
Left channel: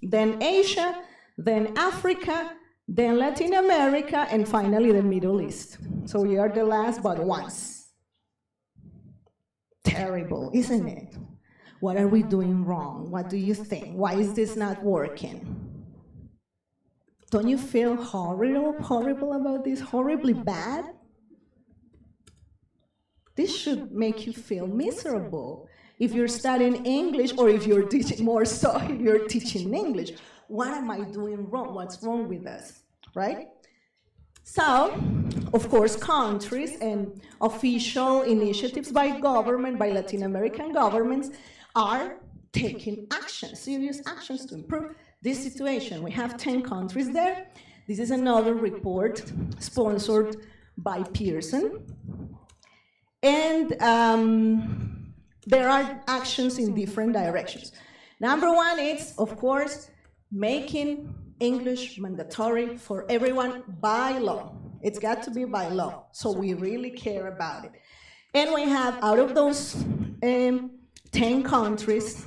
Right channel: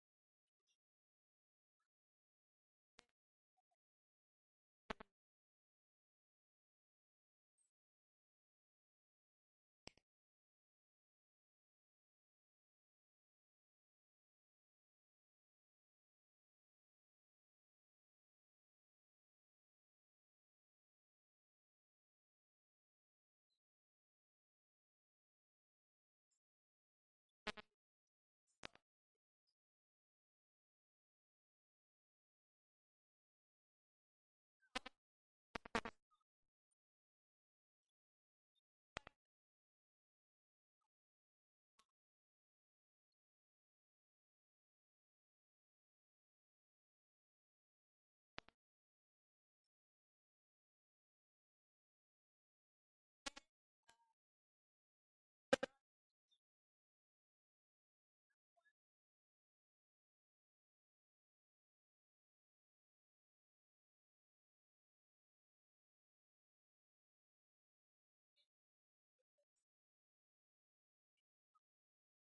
then Asia, then Africa, then Latin America, and finally the Middle East. So we are the last but once. Terrible, isn't it? What are we doing wrong? What do you think? Why is this not working? Don't you feel horrible about this? Horribly bad? This should make you feel miserable. If you're studying English or if you're teaching more so, if you're teaching English, what am I doing wrong? What's wrong with us, right? So, of course, countries and official initiatives by government, by Latin American governments, are taking action, serious actions to improve this situation. We have 10 countries there. This is another report sponsored by Pearson. And there are actions in different directions. Number one is, of course, making English mandatory for everyone by law. It's got to be by law, so we really care about it. And we have, out of those 10 countries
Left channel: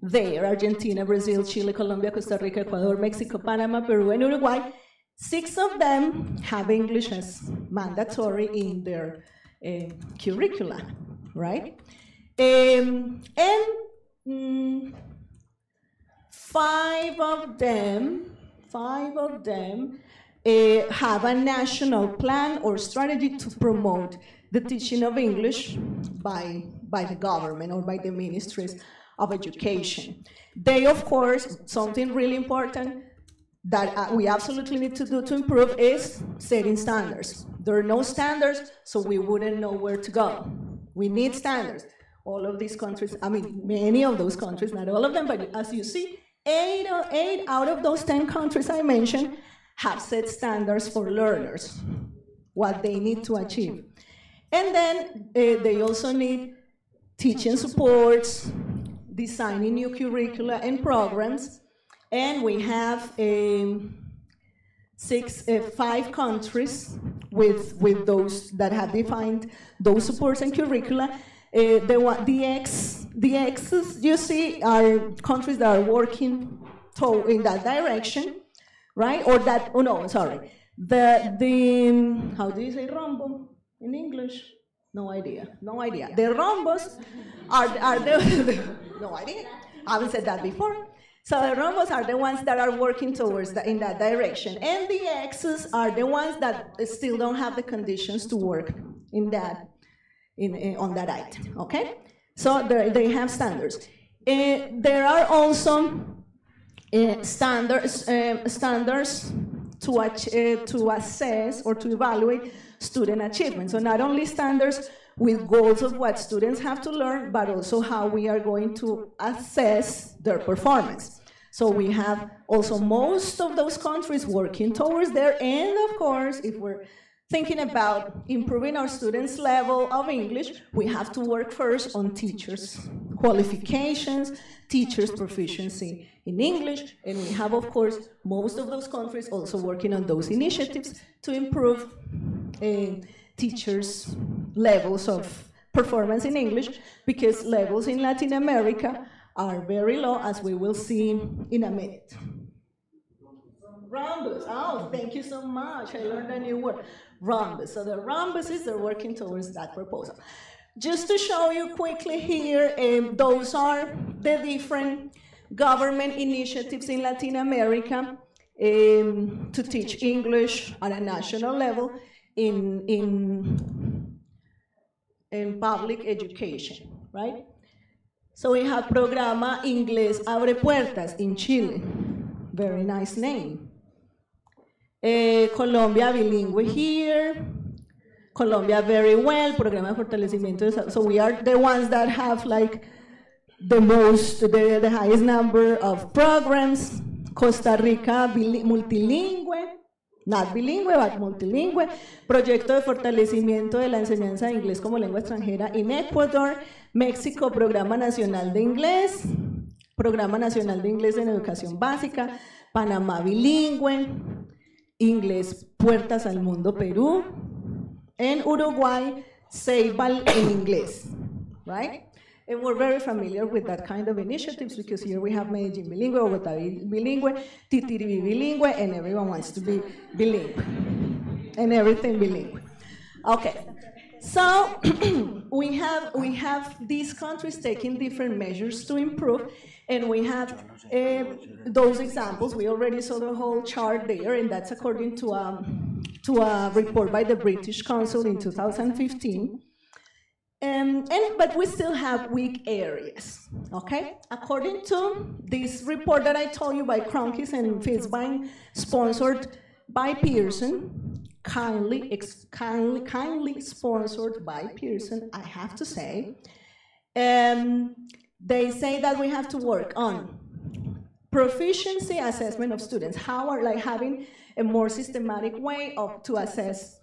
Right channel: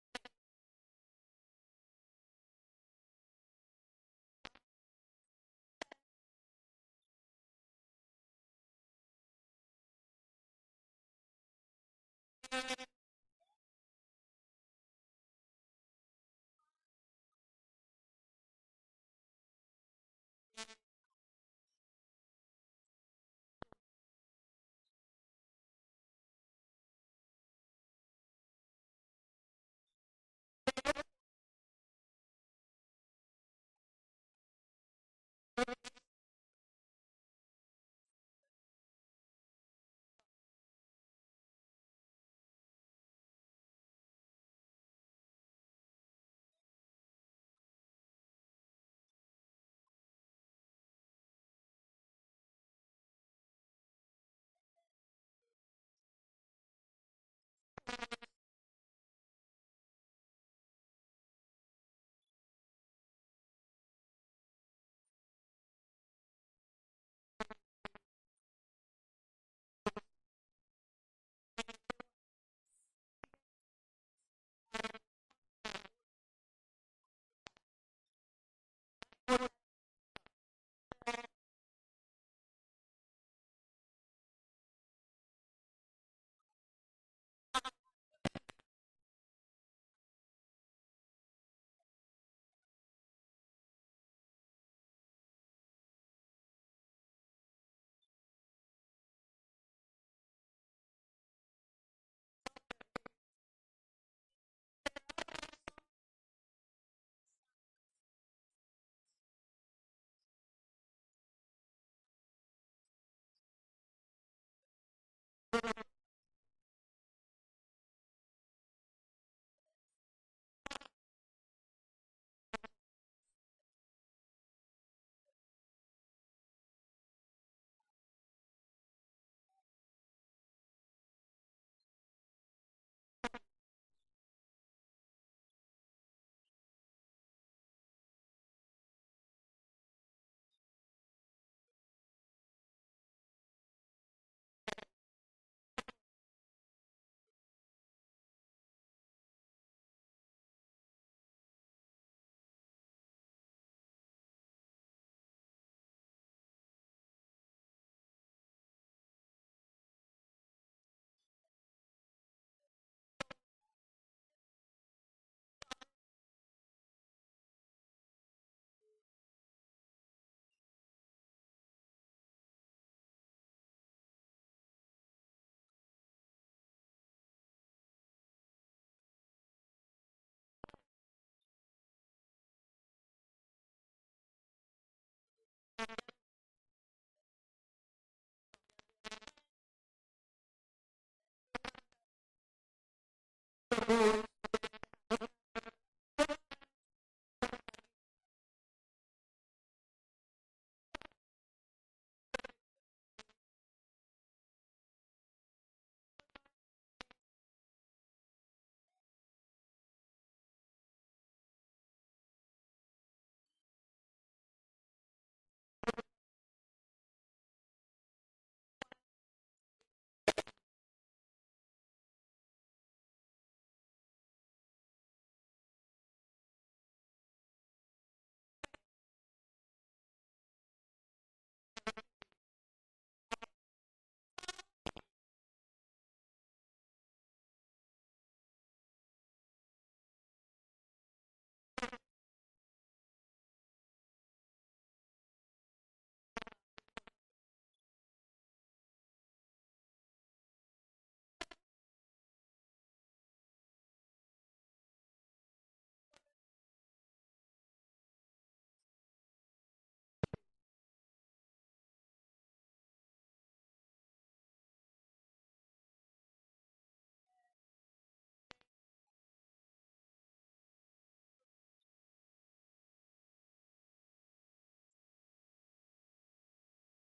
there, Argentina, Brazil, Chile, Colombia, Costa Rica, Ecuador, Mexico, Panama, Peru, and Uruguay, 6 of them have English as mandatory in their curricula, right? And 5 of them have a national plan or strategy to promote the teaching of English by the government or by the ministries of education. They, of course, something really important that we absolutely need to do to improve is setting standards. There are no standards, so we wouldn't know where to go. We need standards. All of these countries, I mean, many of those countries, not all of them, but as you see, 8 out of those 10 countries I mentioned have set standards for learners, what they need to achieve. And then they also need teaching supports, designing new curricula and programs, and we have 5 countries with those that have defined those supports and curricula. The X's you see are countries that are working in that direction, right? Or that, oh no, sorry. How do you say rombo in English? No idea. The rhombus are the no idea. I haven't said that before. So the rhombus are the ones that are working towards in that direction, and the X's are the ones that still don't have the conditions to work in that on that item. Okay, so they have standards. There are also standards to assess or to evaluate student achievement. So not only standards with goals of what students have to learn, but also how we are going to assess their performance. So we have also most of those countries working towards there, and of course, if we're thinking about improving our students' level of English, we have to work first on teachers' qualifications, teachers' proficiency in English, and we have, of course, most of those countries also working on those initiatives to improve teachers' levels of performance in English, because levels in Latin America are very low, as we will see in a minute. Rhombus, oh, thank you so much, I learned a new word. Rhombus, so the rhombuses are working towards that proposal. Just to show you quickly here, those are the different government initiatives in Latin America to teach English at a national level in public education, right? So we have Programa Inglés Abre Puertas in Chile, very nice name. Colombia Bilingüe here, Colombia very well, Programa de Fortalecimiento, so we are the ones that have like the highest number of programs. Costa Rica multilingüe, not bilingüe, but multilingüe. Proyecto de fortalecimiento de la enseñanza de inglés como lengua extranjera en Ecuador. México, Programa Nacional de Inglés. Programa Nacional de Inglés en Educación Básica. Panamá bilingüe. Inglés Puertas al Mundo, Perú. En Uruguay, Ceibal en inglés, right? And we're very familiar with that kind of initiatives because here we have Medellín bilingüe, Bogotá bilingüe, Titiribí bilingüe, and everyone wants to be bilingual, and everything bilingual. Okay, so we have these countries taking different measures to improve, and we have those examples. We already saw the whole chart there, and that's according to a report by the British Council in 2015. But we still have weak areas, okay? According to this report that I told you by Kronkis and Fisbein, sponsored by Pearson, kindly sponsored by Pearson, I have to say, they say that we have to work on proficiency assessment of students. How are like having a more systematic way to assess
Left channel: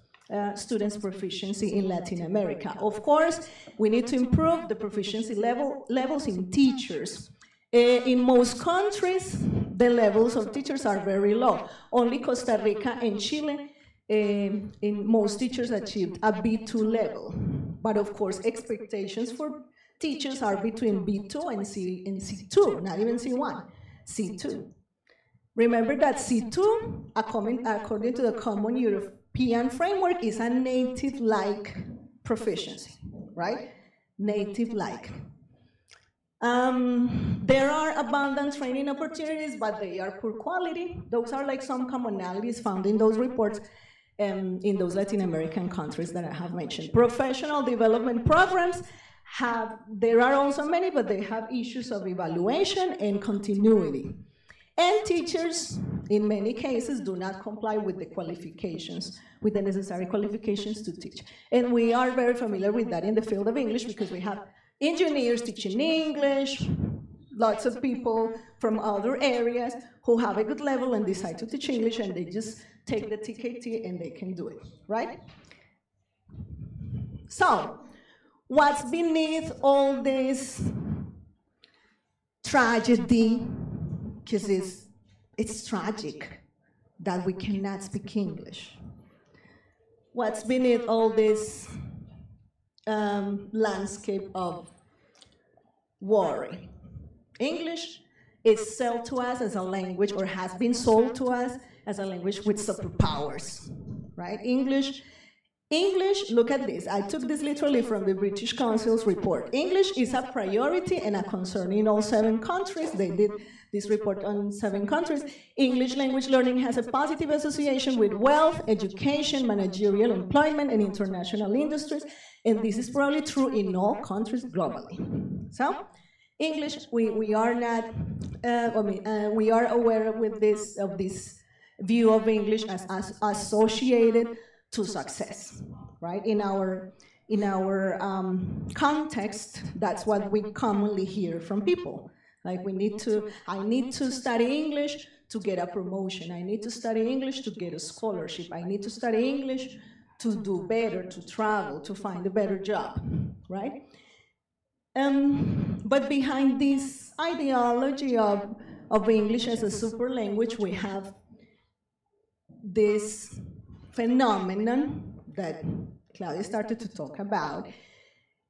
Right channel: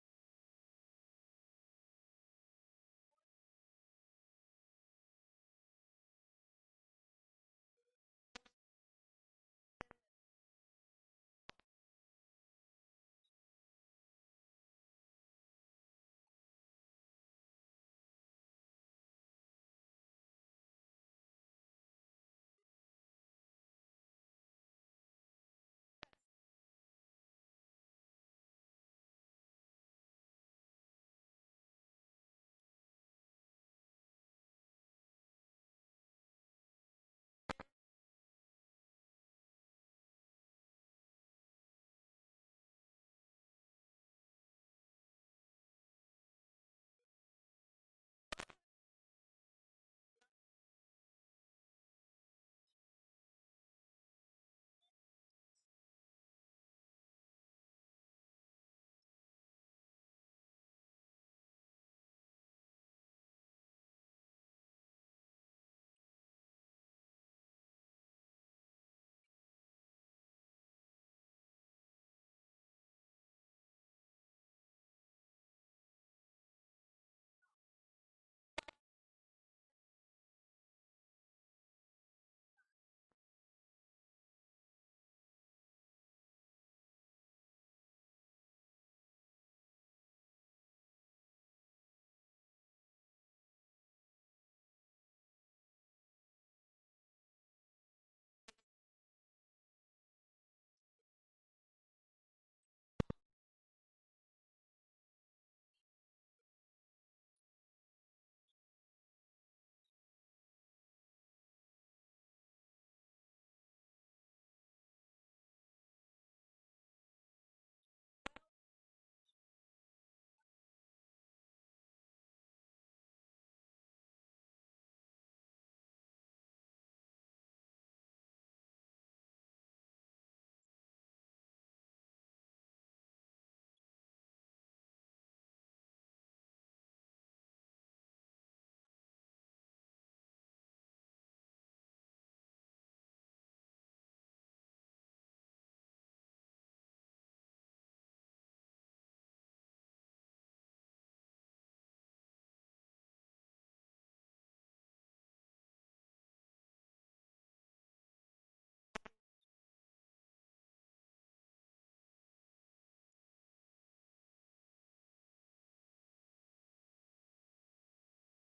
students' proficiency in Latin America. Of course, we need to improve the proficiency levels in teachers. In most countries, the levels of teachers are very low. Only Costa Rica and Chile, in most teachers achieved a B2 level. But of course, expectations for teachers are between B2 and C2, not even C1, C2. Remember that C2, according to the Common European Framework, is a native-like proficiency, right? Native-like. There are abundant training opportunities, but they are poor quality. Those are like some commonalities found in those reports in those Latin American countries that I have mentioned. Professional development programs there are also many, but they have issues of evaluation and continuity. And teachers, in many cases, do not comply with the qualifications, with the necessary qualifications to teach. And we are very familiar with that in the field of English because we have engineers teaching English, lots of people from other areas who have a good level and decide to teach English, and they just take the TKT and they can do it, right? So, what's beneath all this tragedy? Because it's tragic that we cannot speak English. What's beneath all this landscape of worry. English is sold to us as a language, or has been sold to us as a language with superpowers, right? English, look at this. I took this literally from the British Council's report. English is a priority and a concern in all 7 countries. They did this report on 7 countries. English language learning has a positive association with wealth, education, managerial employment, and international industries. And this is probably true in all countries globally. So, English, we are not, we are aware with this view of English as associated to success, right? In our context, that's what we commonly hear from people. Like I need to study English to get a promotion. I need to study English to get a scholarship. I need to study English to do better, to travel, to find a better job, right? But behind this ideology of English as a super language, we have this phenomenon that Claudia started to talk about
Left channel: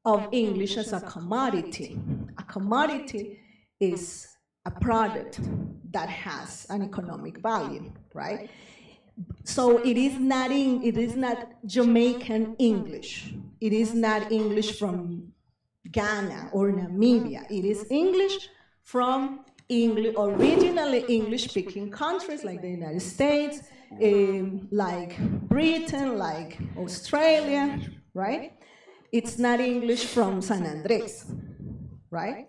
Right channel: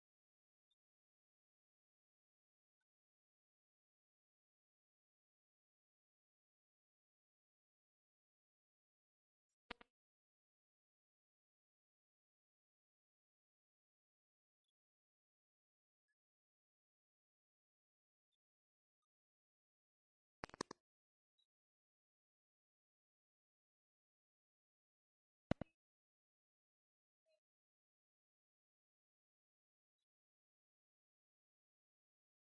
of English as a commodity. A commodity is a product that has an economic value, right? So it is not Jamaican English. It is not English from Ghana or Namibia. It is English from originally English-speaking countries like the United States, like Britain, like Australia, right? It's not English from San Andres, right?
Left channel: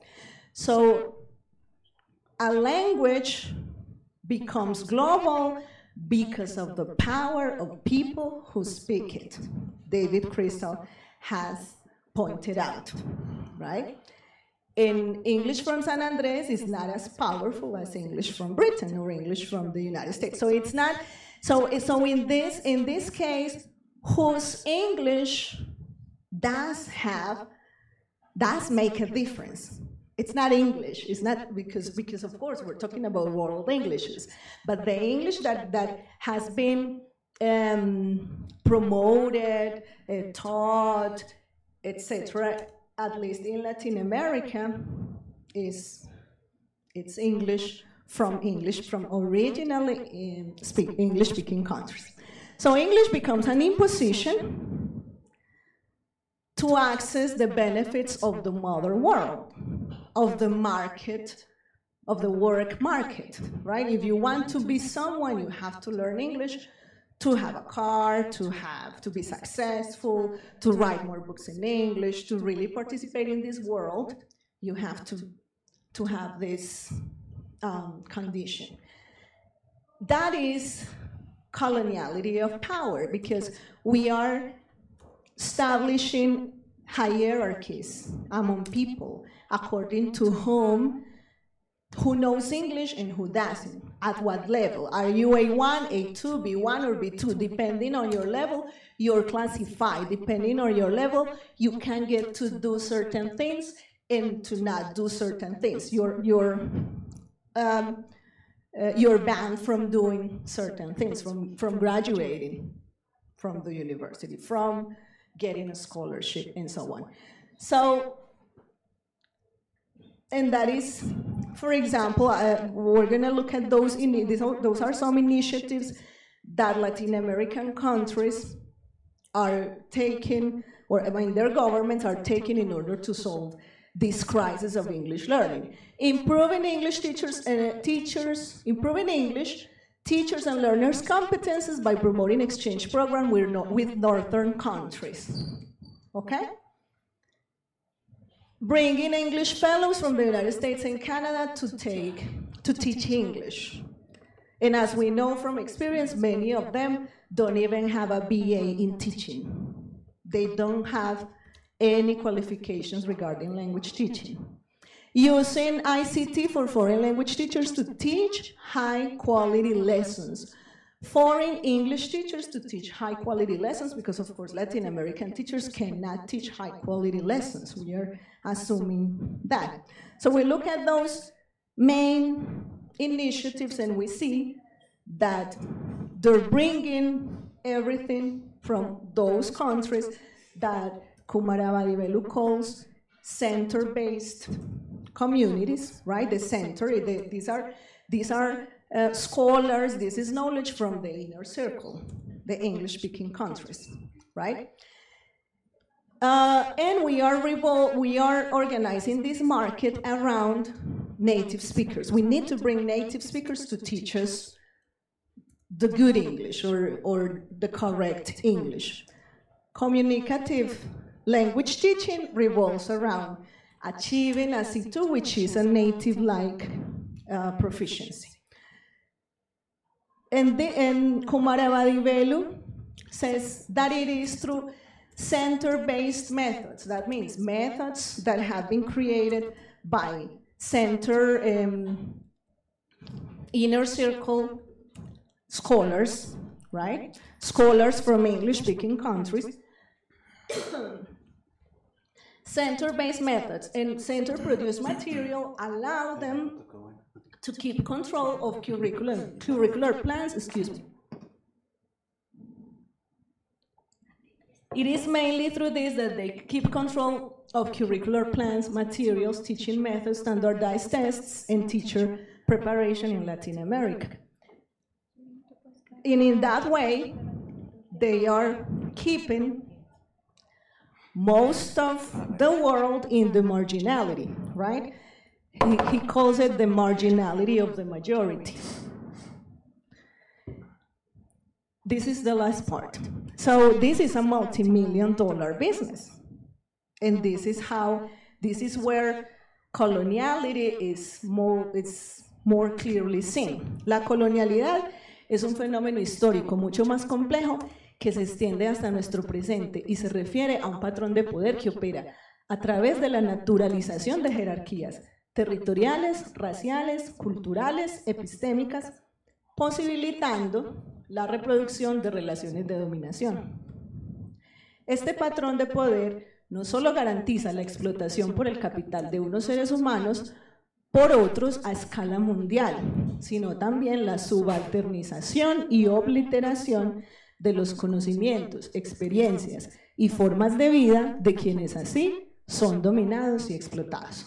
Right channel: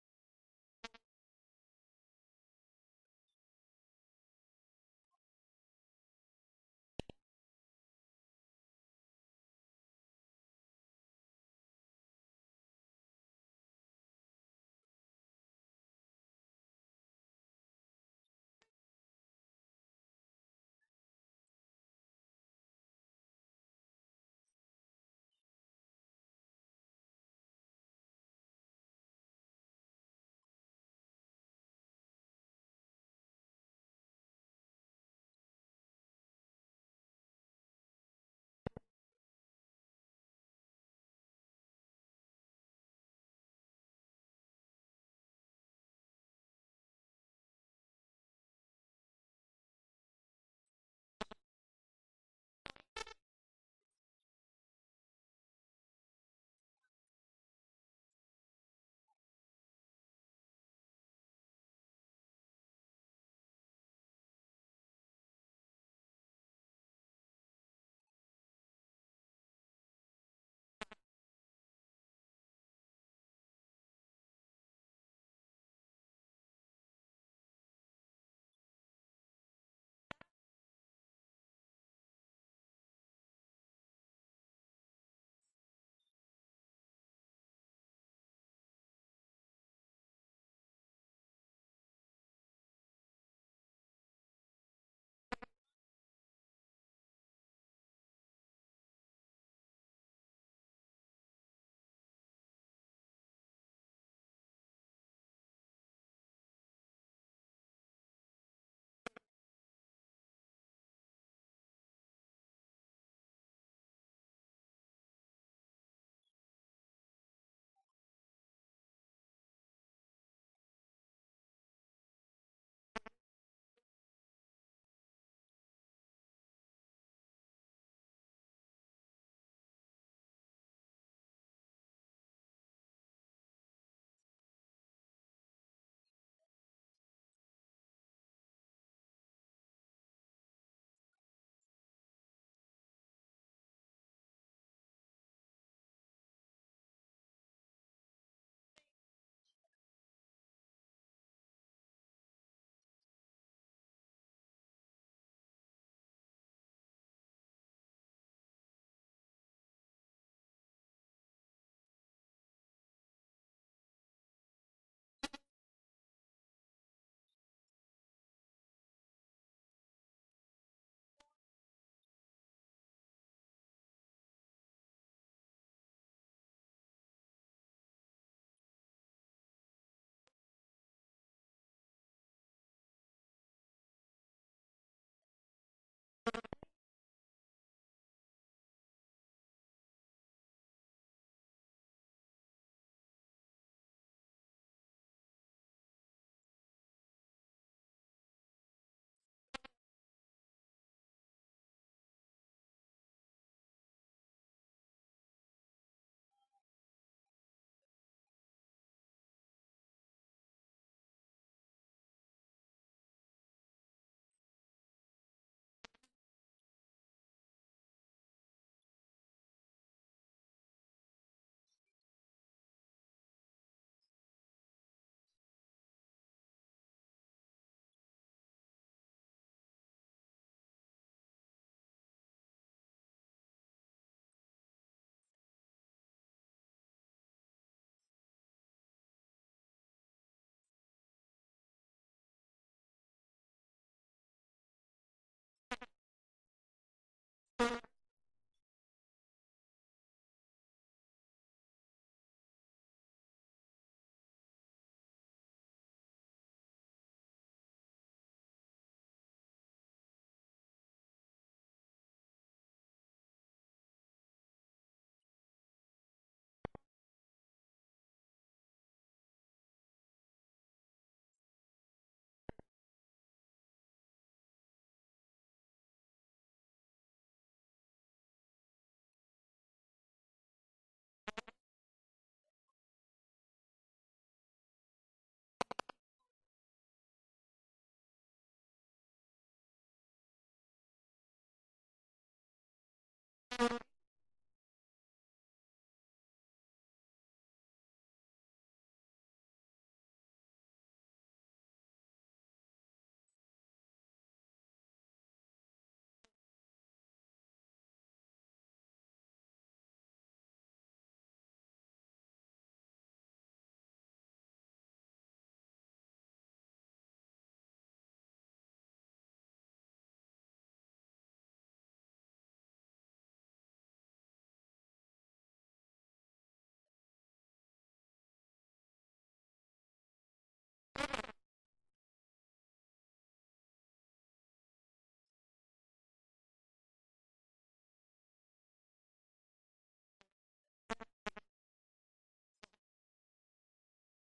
So a language becomes global because of the power of people who speak it. David Crystal has pointed out, right? And English from San Andres is not as powerful as English from Britain or English from the United States. So it's not, so in this case, whose English does make a difference. It's not English. It's not because of course we're talking about world Englishes, but the English that has been promoted, taught, etc., at least in Latin America, it's English from originally English-speaking countries. So English becomes an imposition to access the benefits of the modern world, of the market, of the work market, right? If you want to be someone, you have to learn English to have a car, to be successful, to write more books in English, to really participate in this world. You have to have this condition. That is coloniality of power, because we are establishing hierarchies among people according to who knows English and who doesn't, at what level. Are you A1, A2, B1, or B2? Depending on your level, you're classified. Depending on your level, you can get to do certain things and to not do certain things. You're banned from doing certain things, from graduating from the university, from getting a scholarship, and so on. So, and that is, for example, we're going to look at those. Those are some initiatives that Latin American countries are taking, or I mean, their governments are taking in order to solve this crisis of English learning. Improving English improving English teachers and learners' competences by promoting exchange programs with northern countries. Okay? Bringing English fellows from the United States and Canada to teach English. And as we know from experience, many of them don't even have a BA in teaching. They don't have any qualifications regarding language teaching. Using ICT for foreign language teachers to teach high-quality lessons. Foreign English teachers to teach high-quality lessons, because of course Latin American teachers cannot teach high-quality lessons. We are assuming that. So we look at those main initiatives and we see that they're bringing everything from those countries that Kumarabadivelu calls center-based communities, right? The center, these are scholars, this is knowledge from the inner circle, the English-speaking countries, right? And we are organizing this market around native speakers. We need to bring native speakers to teach us the good English or the correct English. Communicative language teaching revolves around achieving a C2, which is a native-like proficiency. And Kumarabadivelu says that it is through center-based methods. That means methods that have been created by center inner circle scholars, right? Scholars from English-speaking countries. Center-based methods and center-produced material allow them to keep control of curricular plans, excuse me. It is mainly through this that they keep control of curricular plans, materials, teaching methods, standardized tests, and teacher preparation in Latin America. And in that way, they are keeping most of the world in the marginality, right? He calls it the marginality of the majority. This is the last part. So this is a multi-million-dollar business. And this is where coloniality is more clearly seen. La colonialidad es un fenómeno histórico mucho más complejo que se extiende hasta nuestro presente y se refiere a un patrón de poder que opera a través de la naturalización de jerarquías territoriales, raciales, culturales, epistémicas, posibilitando la reproducción de relaciones de dominación. Este patrón de poder no solo garantiza la explotación por el capital de unos seres humanos por otros a escala mundial, sino también la subalternización y obliteración de los conocimientos, experiencias y formas de vida de quienes así son dominados y explotados.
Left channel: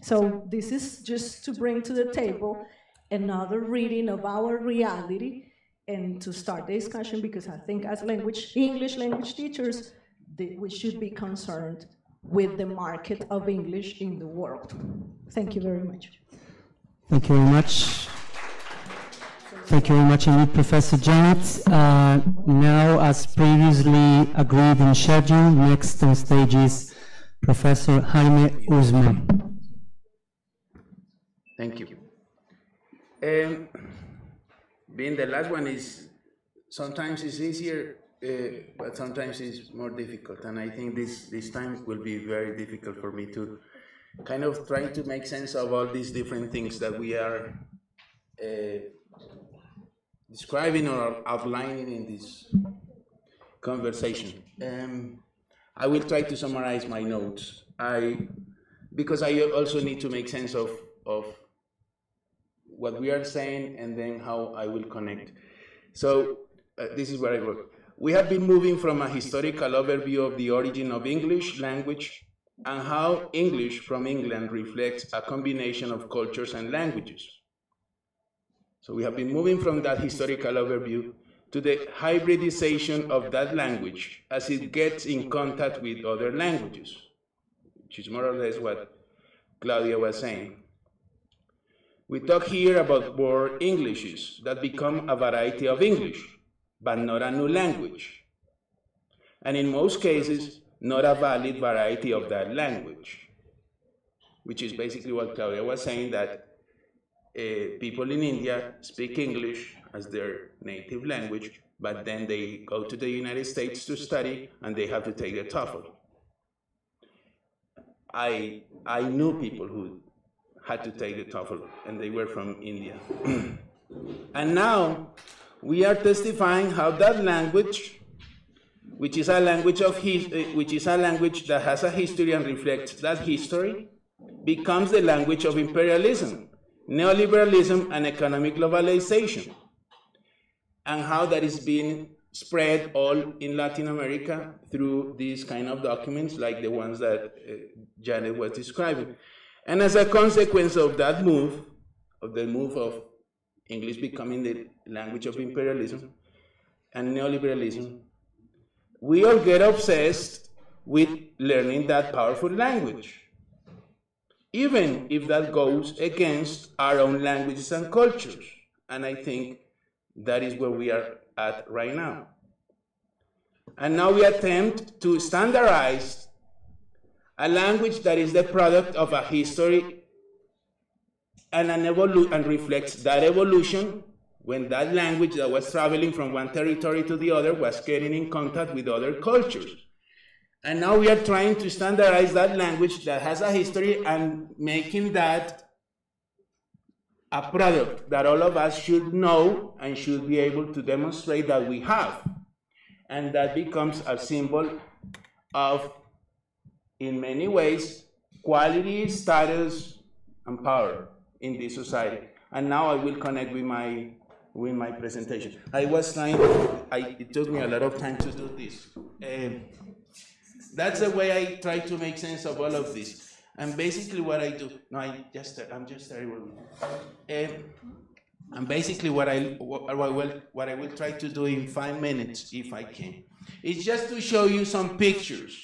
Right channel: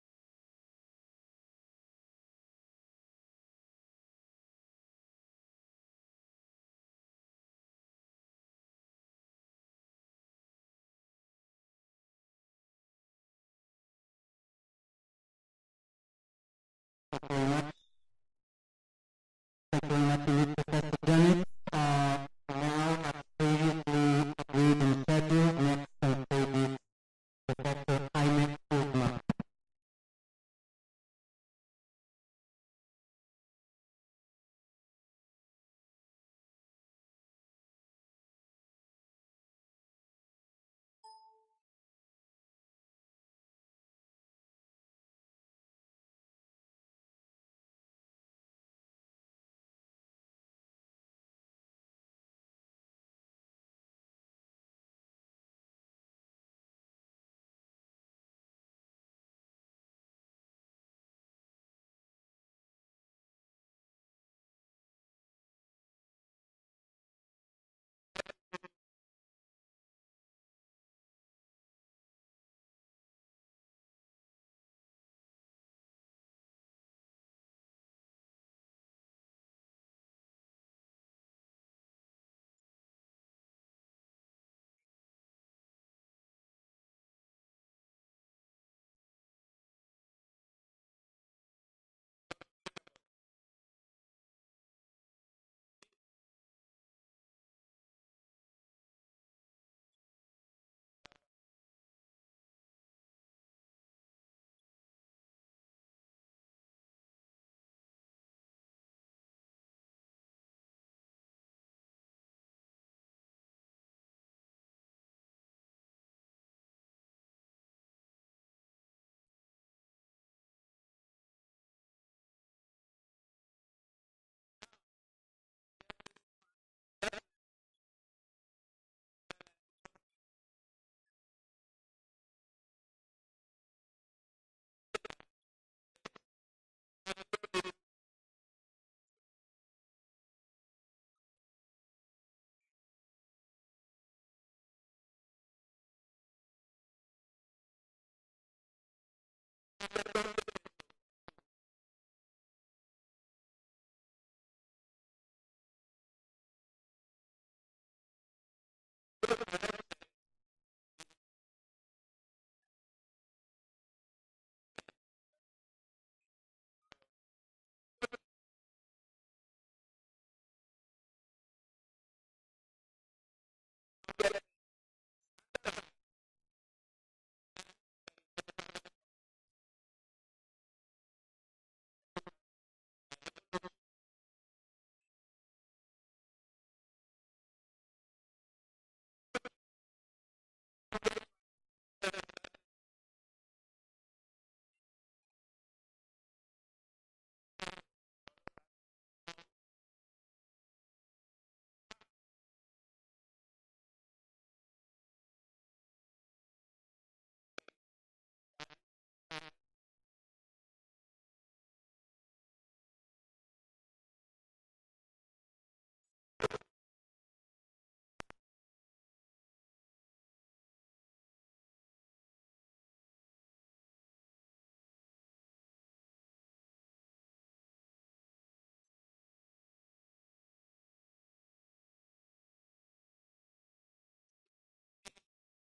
So this is just to bring to the table another reading of our reality and to start the discussion, because I think as English language teachers, we should be concerned with the market of English in the world. Thank you very much. Thank you very much. Thank you very much indeed, Professor Janet. Now, as previously agreed and scheduled, next on stage is Professor Jaime Uzma. Thank you. Being the last one sometimes it's easier, but sometimes it's more difficult. And I think this time will be very difficult for me to kind of try to make sense of all these different things that we are describing or outlining in this conversation. I will try to summarize my notes. Because I also need to make sense of what we are saying and then how I will connect. So this is where I work. We have been moving from a historical overview of the origin of English language and how English from England reflects a combination of cultures and languages. So we have been moving from that historical overview to the hybridization of that language as it gets in contact with other languages, which is more or less what Claudia was saying. We talk here about word Englishes that become a variety of English, but not a new language. And in most cases, not a valid variety of that language, which is basically what Claudia was saying, that people in India speak English as their native language, but then they go to the United States to study and they have to take the TOEFL. I knew people who had to take the TOEFL, and they were from India. And now we are testifying how that language, which is a language that has a history and reflects that history, becomes the language of imperialism, neoliberalism, and economic globalization, and how that is being spread all in Latin America through these kind of documents like the ones that Janet was describing. And as a consequence of that move, of the move of English becoming the language of imperialism and neoliberalism, we all get obsessed with learning that powerful language, even if that goes against our own languages and cultures. And I think that is where we are at right now. And now we attempt to standardize a language that is the product of a history and and reflects that evolution when that language that was traveling from one territory to the other was getting in contact with other cultures. And now we are trying to standardize that language that has a history and making that a product that all of us should know and should be able to demonstrate that we have. And that becomes a symbol of, in many ways, quality, status, and power in this society. And now I will connect with my presentation. I was trying, it took me a lot of time to do this. That's the way I try to make sense of all of this. And basically what I do, no, I'm just terrible. And basically what I will try to do in 5 minutes, if I can, is just to show you some pictures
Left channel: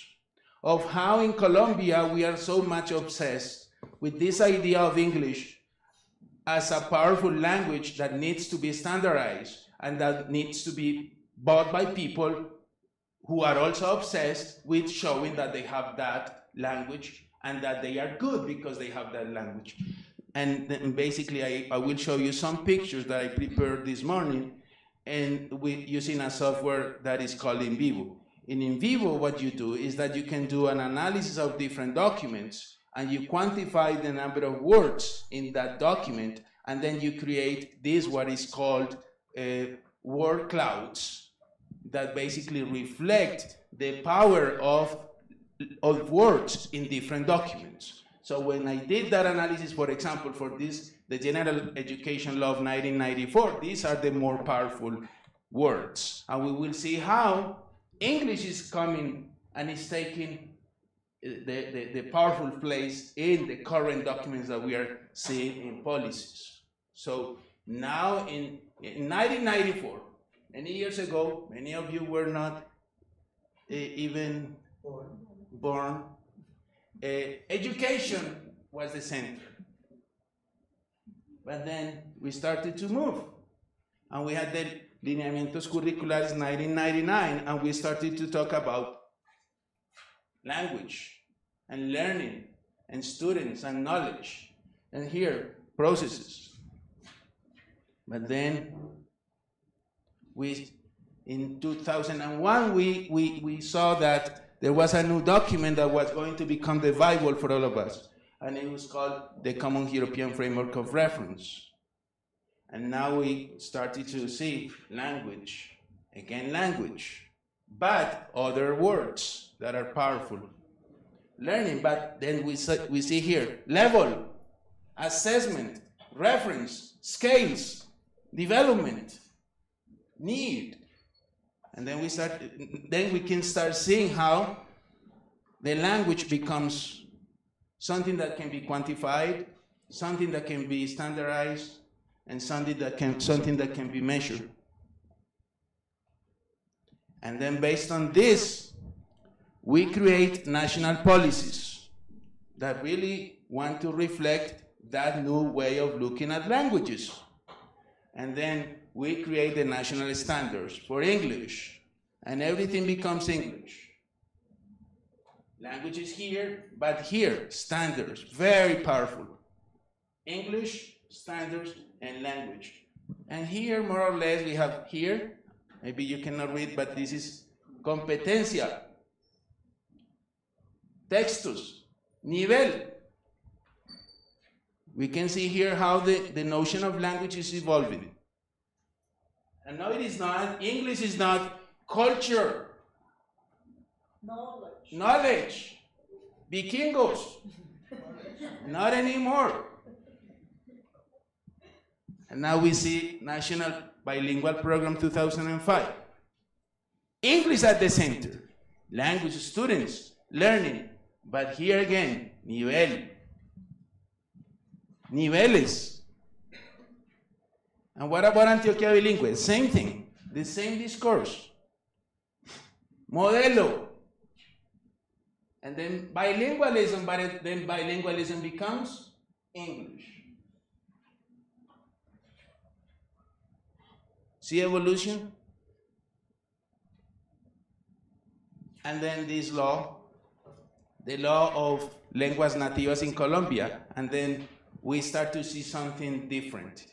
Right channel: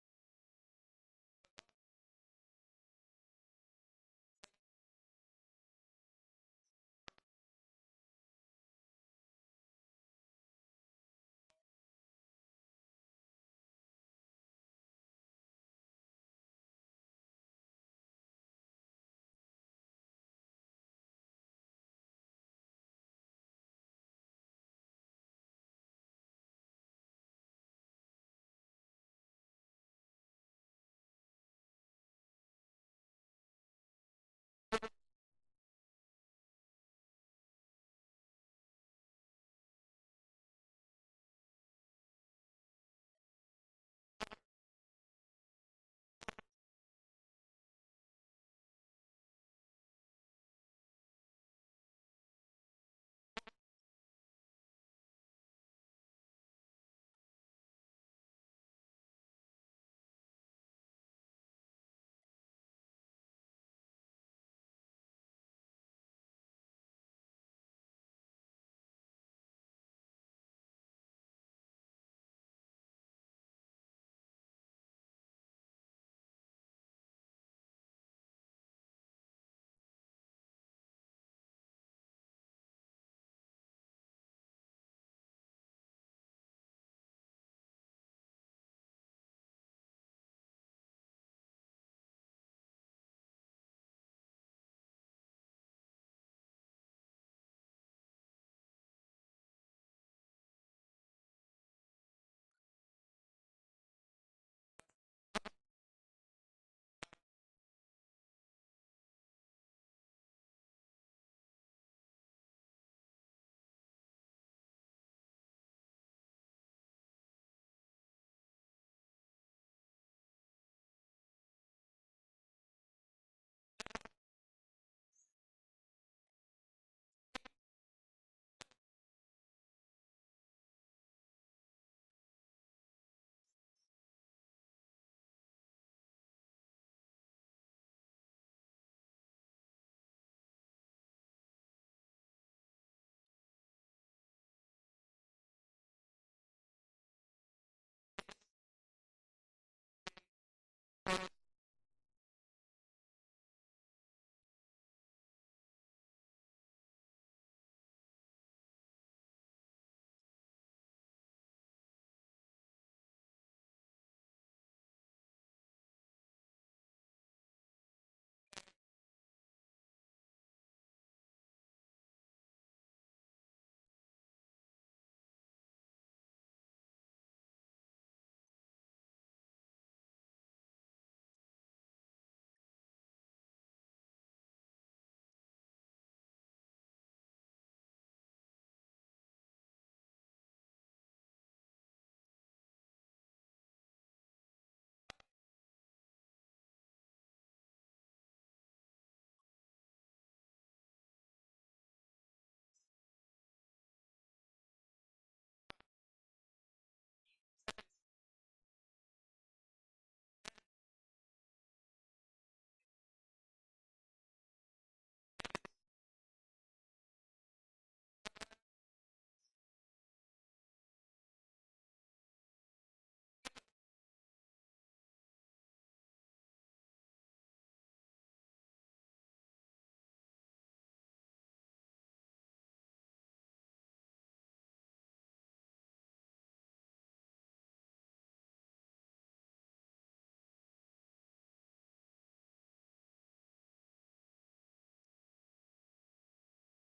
of how in Colombia we are so much obsessed with this idea of English as a powerful language that needs to be standardized and that needs to be bought by people who are also obsessed with showing that they have that language and that they are good because they have that language. And then basically I will show you some pictures that I prepared this morning and using a software that is called In Vivo. In Vivo, what you do is that you can do an analysis of different documents and you quantify the number of words in that document, and then you create this, what is called word clouds, that basically reflect the power of words in different documents. So when I did that analysis, for example, for this, the General Education Law of 1994, these are the more powerful words. And we will see how English is coming and is taking the powerful place in the current documents that we are seeing in policies. So now in 1994, many years ago, many of you were not even born. Education was the center. But then we started to move. And we had the Lineamientos Curriculares 1999, and we started to talk about language and learning and students and knowledge. And here, processes. But then in 2001, we saw that there was a new document that was going to become the Bible for all of us. And it was called the Common European Framework of Reference. And now we started to see language, again language, but other words that are powerful. Learning, but then we see here, level, assessment, reference, scales, development, need. And then we can start seeing how the language becomes something that can be quantified, something that can be standardized, and something that can be measured. And then based on this, we create national policies that really want to reflect that new way of looking at languages. And then we create the national standards for English, and everything becomes English. Language is here, but here, standards, very powerful. English, standards, and language. And here, more or less, we have here, maybe you cannot read, but this is competencia, textus, nivel. We can see here how the notion of language is evolving. And no, it is not. English is not culture. Knowledge. Vikingos. Not anymore. And now we see National Bilingual Program 2005. English at the center. Language students, learning. But here again, nivel. Niveles. And what about Antioquia bilingüe? Same thing, the same discourse. Modelo. And then bilingualism, but then bilingualism becomes English. See evolution? And then this law, the law of lenguas nativas in Colombia, and then we start to see something different.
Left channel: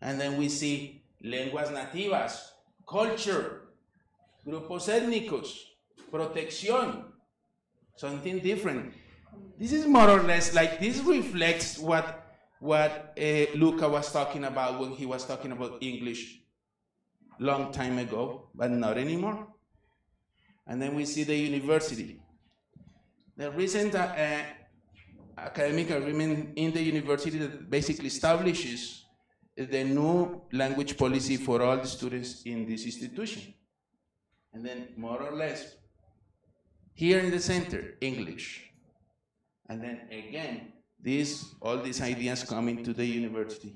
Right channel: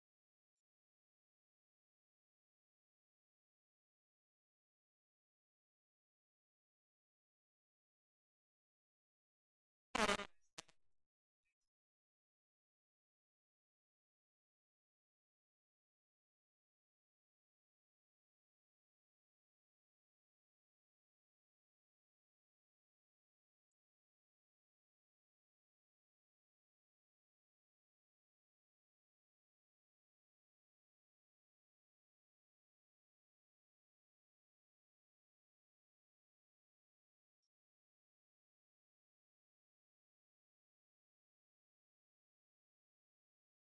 And then we see lenguas nativas, culture, grupos étnicos, protección, something different. This is more or less like, this reflects what Luca was talking about when he was talking about English long time ago, but not anymore. And then we see the university. The recent academic agreement in the university that basically establishes the new language policy for all the students in this institution. And then more or less, here in the center, English. And then again, all these ideas coming to the university.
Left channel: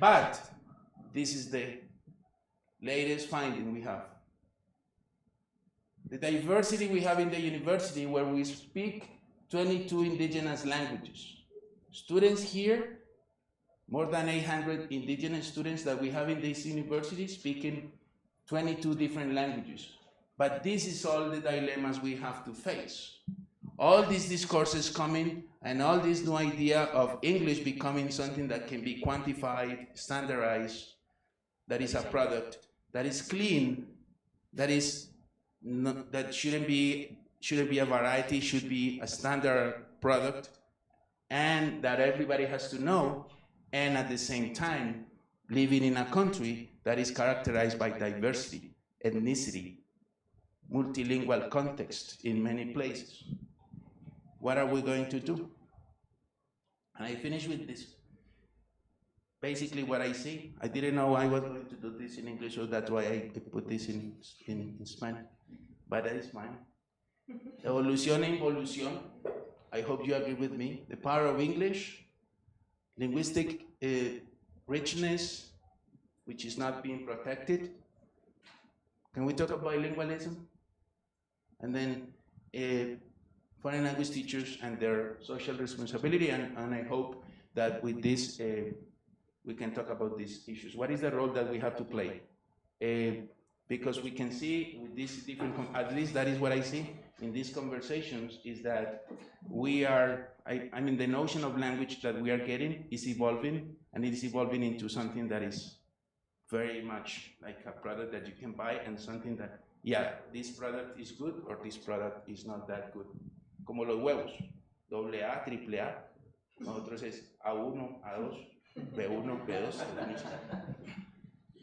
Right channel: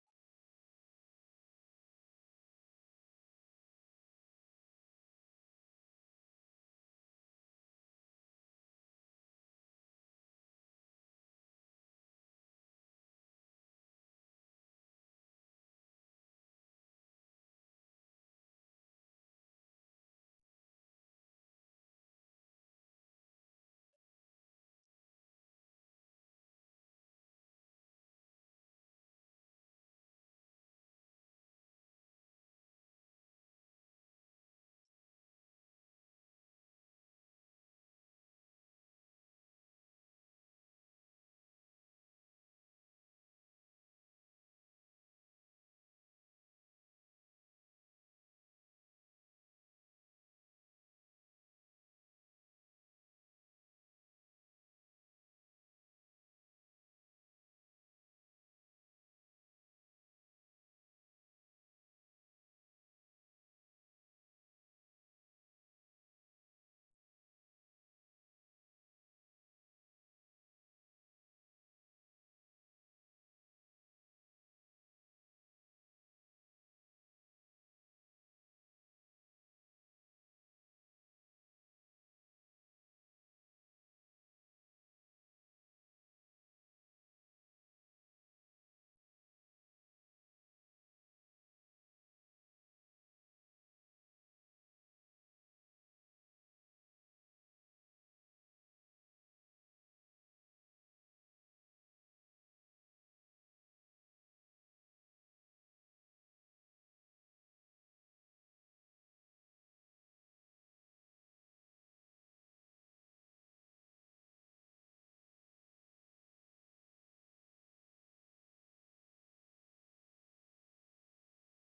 But this is the latest finding we have. The diversity we have in the university, where we speak 22 indigenous languages. Students here, more than 800 indigenous students that we have in this university speaking 22 different languages. But this is all the dilemmas we have to face. All these discourses coming, and all this new idea of English becoming something that can be quantified, standardized, that is a product, that is clean, that shouldn't be a variety, should be a standard product, and that everybody has to know, and at the same time, living in a country that is characterized by diversity, ethnicity, multilingual context in many places. What are we going to do? And I finish with this. Basically what I see, I didn't know I was going to do this in English, so that's why I put this in Spanish, but that is fine. Evolución e involución, I hope you agree with me. The power of English, linguistic richness, which is not being protected. Can we talk about bilingualism? And then foreign language teachers and their social responsibility, and I hope that with this we can talk about these issues. What is the role that we have to play? Because we can see with these different, at least that is what I see in these conversations, is that we are, I mean, the notion of language that we are getting is evolving, and it is evolving into something that is very much like a product that you can buy, and something that, yeah, this product is good or this product is not that good. Como los huevos, AA, AAA, nosotros es A1, A2, B1, B2,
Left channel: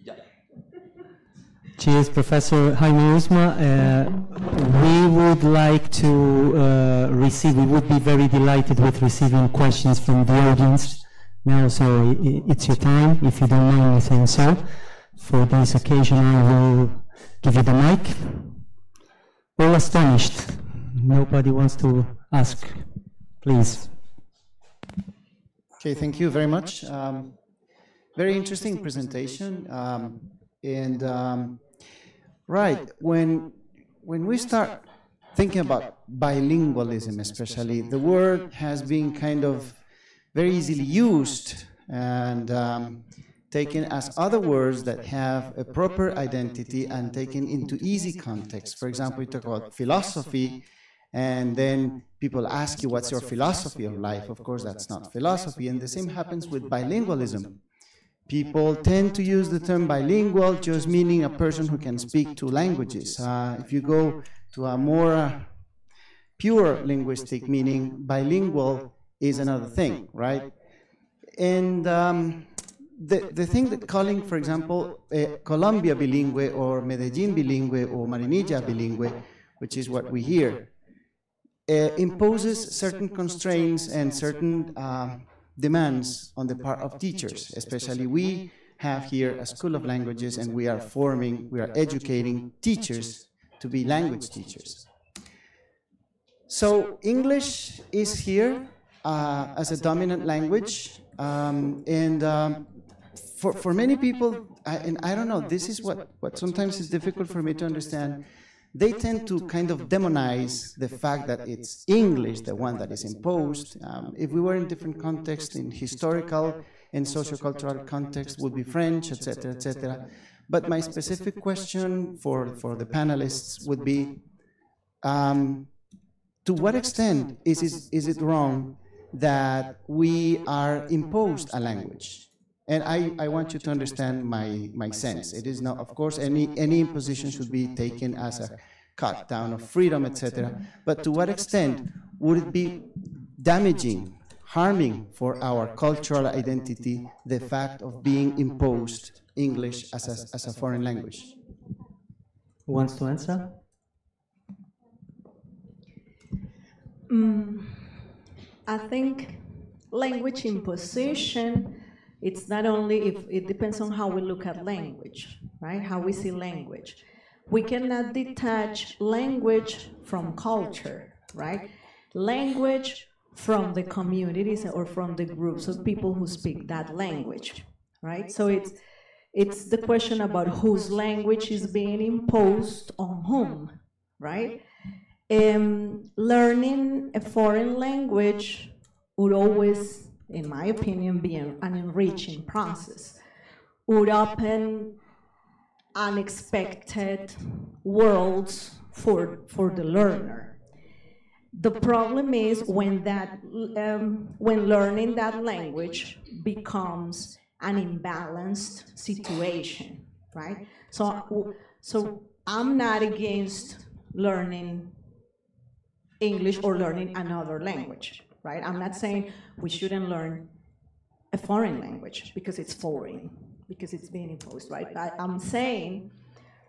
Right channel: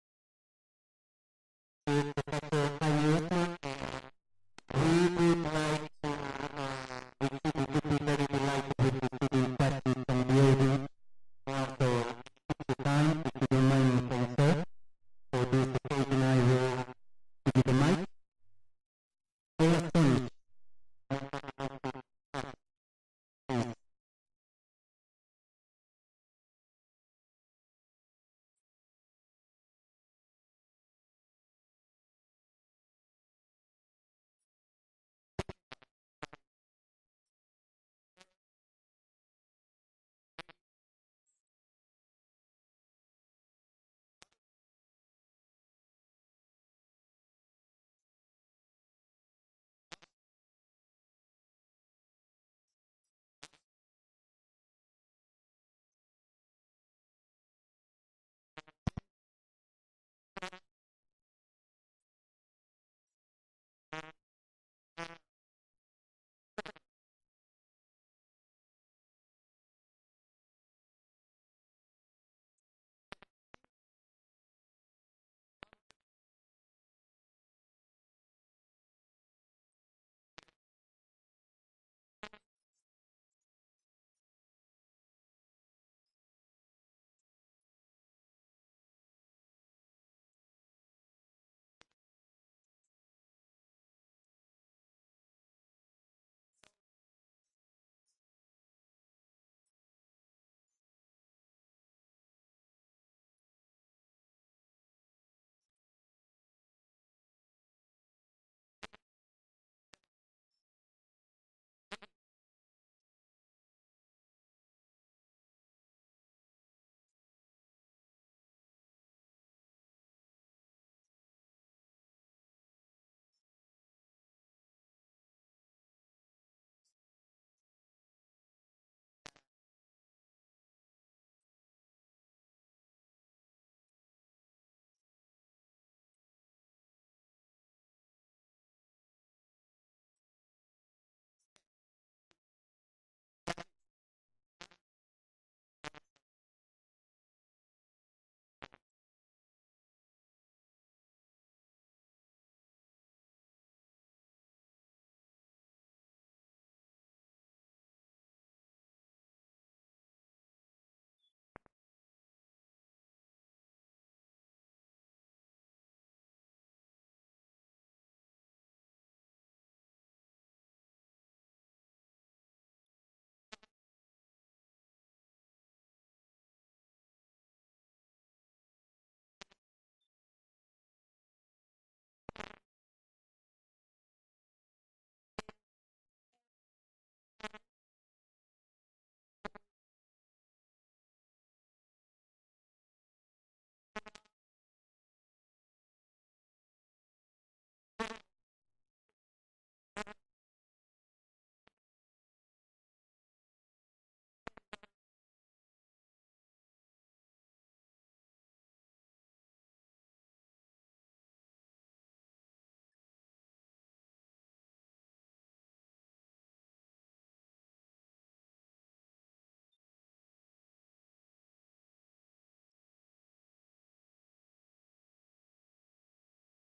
ya. Cheers, Professor Jaime Usma. We would like to we would be very delighted with receiving questions from the audience now, so it's your time, if you don't mind me saying so. For this occasion, I will give you the mic. All astonished. Nobody wants to ask. Please. Okay, thank you very much. Very interesting presentation. Right, when we start thinking about bilingualism especially, the word has been kind of very easily used and taken as other words that have a proper identity and taken into easy context. For example, we talk about philosophy, and then people ask you, what's your philosophy of life? Of course, that's not philosophy, and the same happens with bilingualism. People tend to use the term bilingual just meaning a person who can speak two languages. If you go to a more pure linguistic meaning, bilingual is another thing, right? And the thing that calling, for example, Colombia bilingüe or Medellín bilingüe or Marinilla bilingüe, which is what we hear, imposes certain constraints and certain demands on the part of teachers. Especially we have here a school of languages, and we are educating teachers to be language teachers. So English is here as a dominant language, for many people, and I don't know, this is what sometimes is difficult for me to understand. They tend to kind of demonize the fact that it's English, the one that is imposed. If we were in different contexts, in historical and sociocultural context, would be French, etc., etc. But my specific question for the panelists would be, to what extent is it wrong that we are imposed a language? And I want you to understand my sense. It is not, of course, any imposition should be taken as a cut down of freedom, etc. But to what extent would it be damaging, harming for our cultural identity, the fact of being imposed English as a foreign language? Who wants to answer? I think language imposition, it's not only, it depends on how we look at language, right? How we see language. We cannot detach language from culture, right? Language from the communities or from the groups of people who speak that language, right? So it's the question about whose language is being imposed on whom, right? Learning a foreign language would always, in my opinion, be an enriching process, would open unexpected worlds for the learner. The problem is when learning that language becomes an imbalanced situation, right? So I'm not against learning English or learning another language, right? I'm not saying we shouldn't learn a foreign language because it's foreign, because it's being imposed, right? I'm saying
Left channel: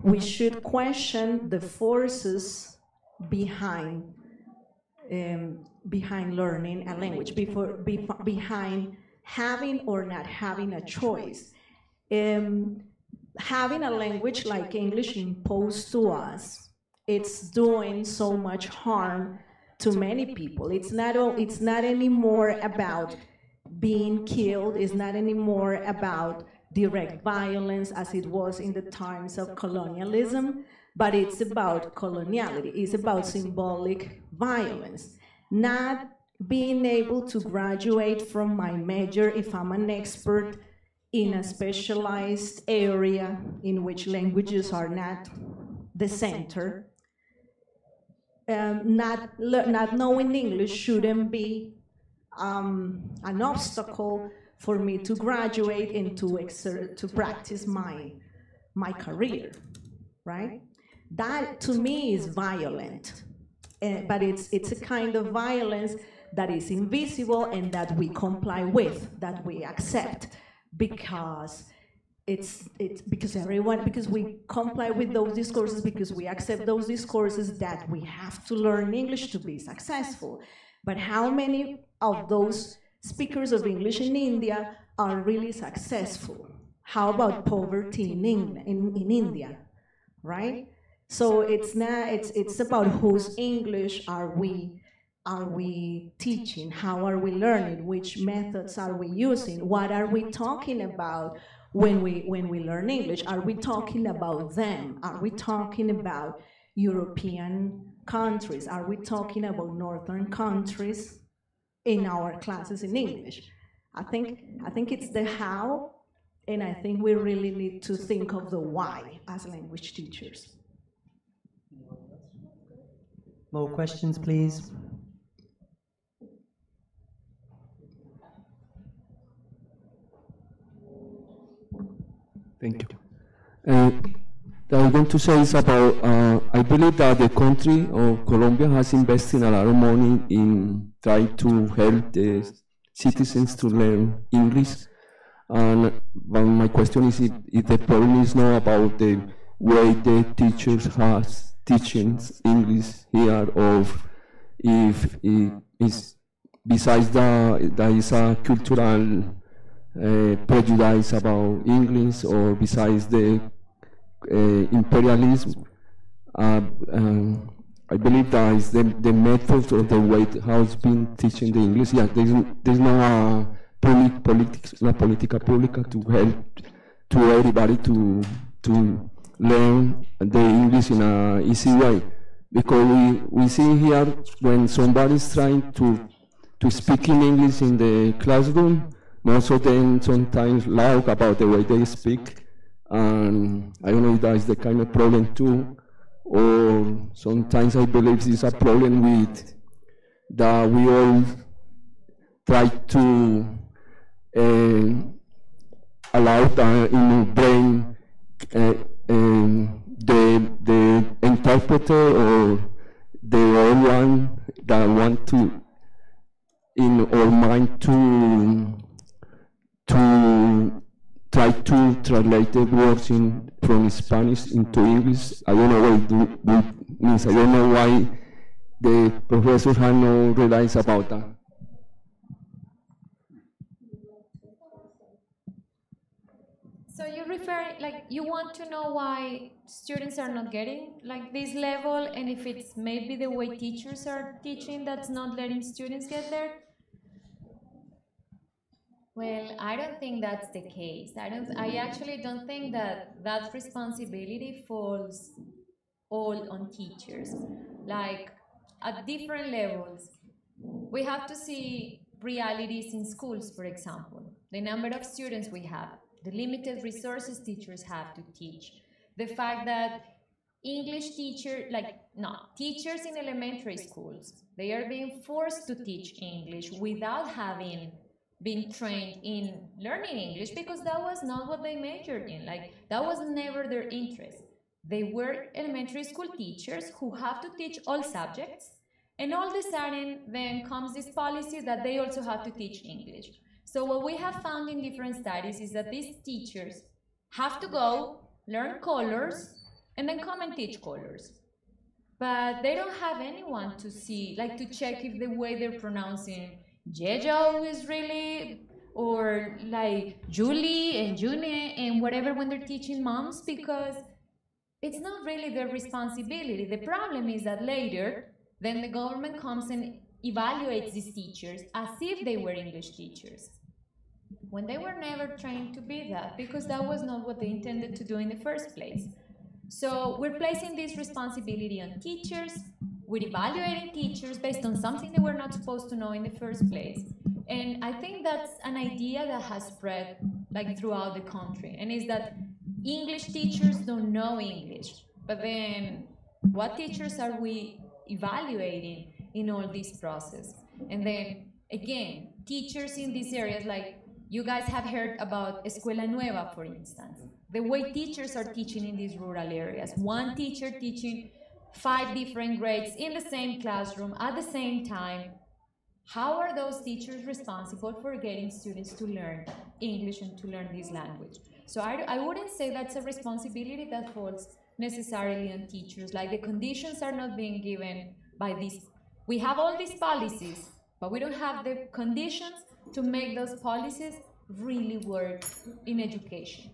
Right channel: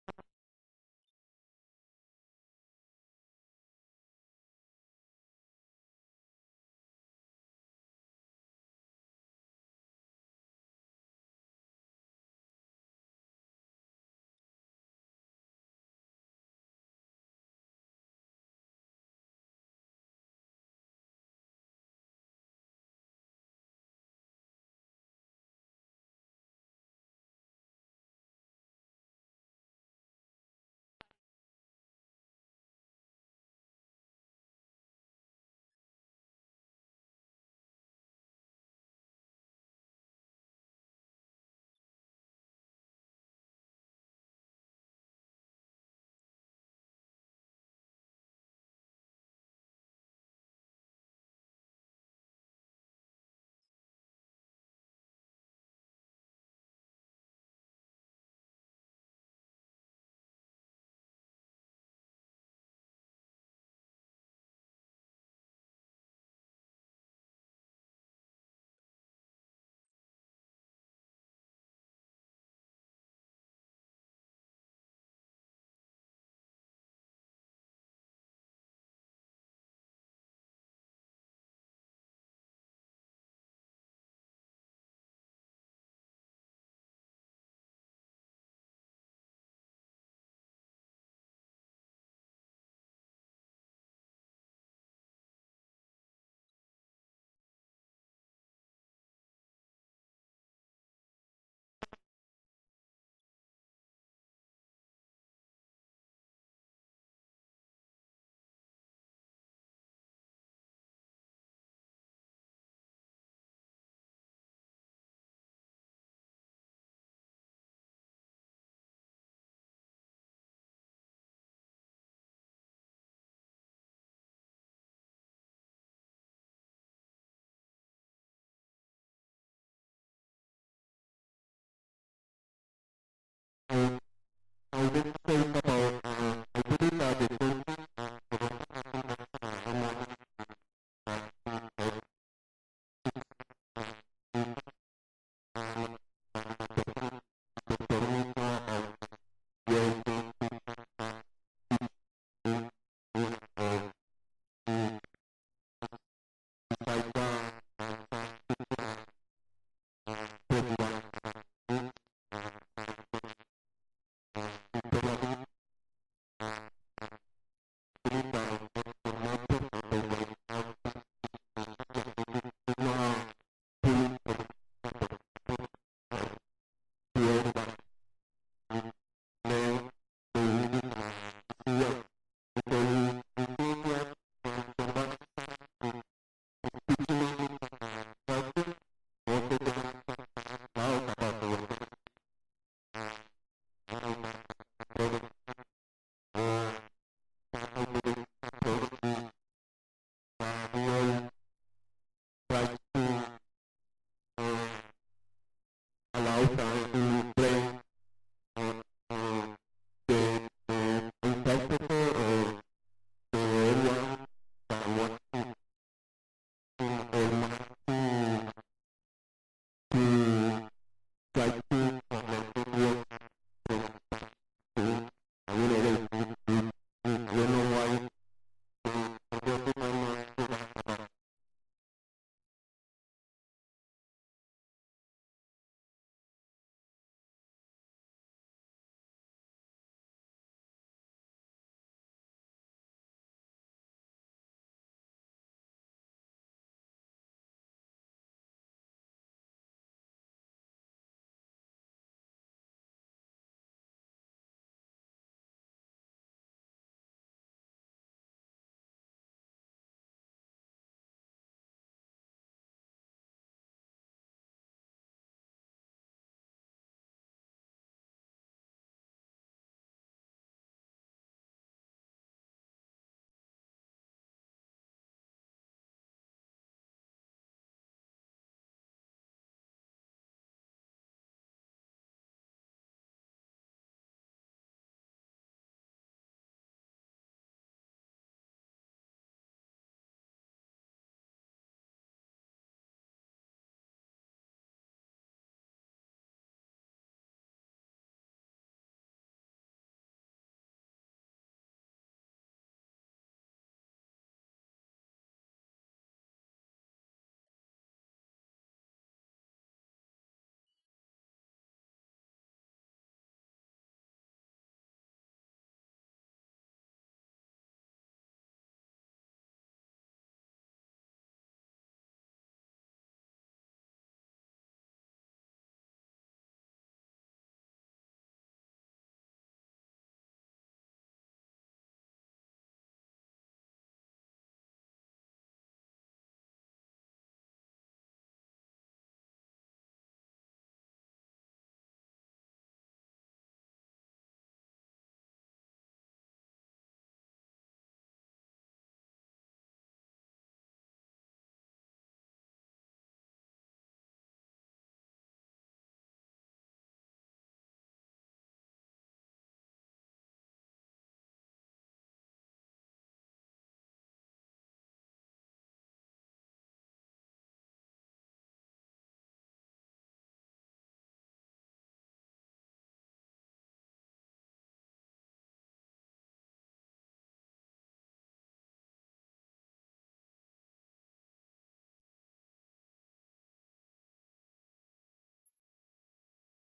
we should question the forces behind learning a language, behind having or not having a choice. Having a language like English imposed to us, it's doing so much harm to many people. It's not anymore about being killed. It's not anymore about direct violence as it was in the times of colonialism, but it's about coloniality. It's about symbolic violence. Not being able to graduate from my major if I'm an expert in a specialized area in which languages are not the center. Not knowing English shouldn't be an obstacle for me to graduate and to practice my career, right? That to me is violent, but it's a kind of violence that is invisible and that we comply with, that we accept, because because we comply with those discourses, because we accept those discourses that we have to learn English to be successful. But how many of those speakers of English in India are really successful? How about poverty in India, right? So it's about whose English are we teaching? How are we learning? Which methods are we using? What are we talking about when we learn English? Are we talking about them? Are we talking about European countries? Are we talking about Northern countries in our classes in English? I think it's the how, and I think we really need to think of the why as language teachers. More questions, please. Thank you. I want to say is about, I believe that the country of Colombia has invested a lot of money in trying to help the citizens to learn English. And my question is if the problem is not about the way the teachers has teaching English here, or if it is besides that is a cultural prejudice about English or besides the imperialism. I believe that is the method or the way how it's been teaching the English. Yeah, there's no una política pública to help to everybody to learn the English in an easy way. Because we see here when somebody's trying to speak in English in the classroom, most of them sometimes loud about the way they speak. And I don't know if that is the kind of problem too, or sometimes I believe it's a problem with that we all try to allow the in our brain the interpreter or the old one that want to in our mind to try to translate the words from Spanish into English. I don't know what it means. I don't know why the professors have no realize about that. So you refer, like, you want to know why students are not getting like this level, and if it's maybe the way teachers are teaching that's not letting students get there? Well, I don't think that's the case. I actually don't think that responsibility falls all on teachers. Like, at different levels, we have to see realities in schools, for example. The number of students we have, the limited resources teachers have to teach, the fact that English teachers in elementary schools, they are being forced to teach English without having been trained in learning English, because that was not what they majored in. Like, that was never their interest. They were elementary school teachers who have to teach all subjects, and all of a sudden then comes this policy that they also have to teach English. So what we have found in different studies is that these teachers have to go learn colors and then come and teach colors. But they don't have anyone to see, like, to check if the way they're pronouncing Jejo is really, or like Julie and June and whatever when they're teaching moms, because it's not really their responsibility. The problem is that later, then the government comes and evaluates these teachers as if they were English teachers, when they were never trained to be that, because that was not what they intended to do in the first place. So we're placing this responsibility on teachers, we're evaluating teachers based on something they were not supposed to know in the first place. And I think that's an idea that has spread like throughout the country, and is that English teachers don't know English. But then what teachers are we evaluating in all this process? And then again, teachers in these areas, like you guys have heard about Escuela Nueva, for instance. The way teachers are teaching in these rural areas, one teacher teaching 5 different grades in the same classroom at the same time. How are those teachers responsible for getting students to learn English and to learn this language? So I wouldn't say that's a responsibility that falls necessarily on teachers. Like, the conditions are not being given by these. We have all these policies, but we don't have the conditions to make those policies really work in education.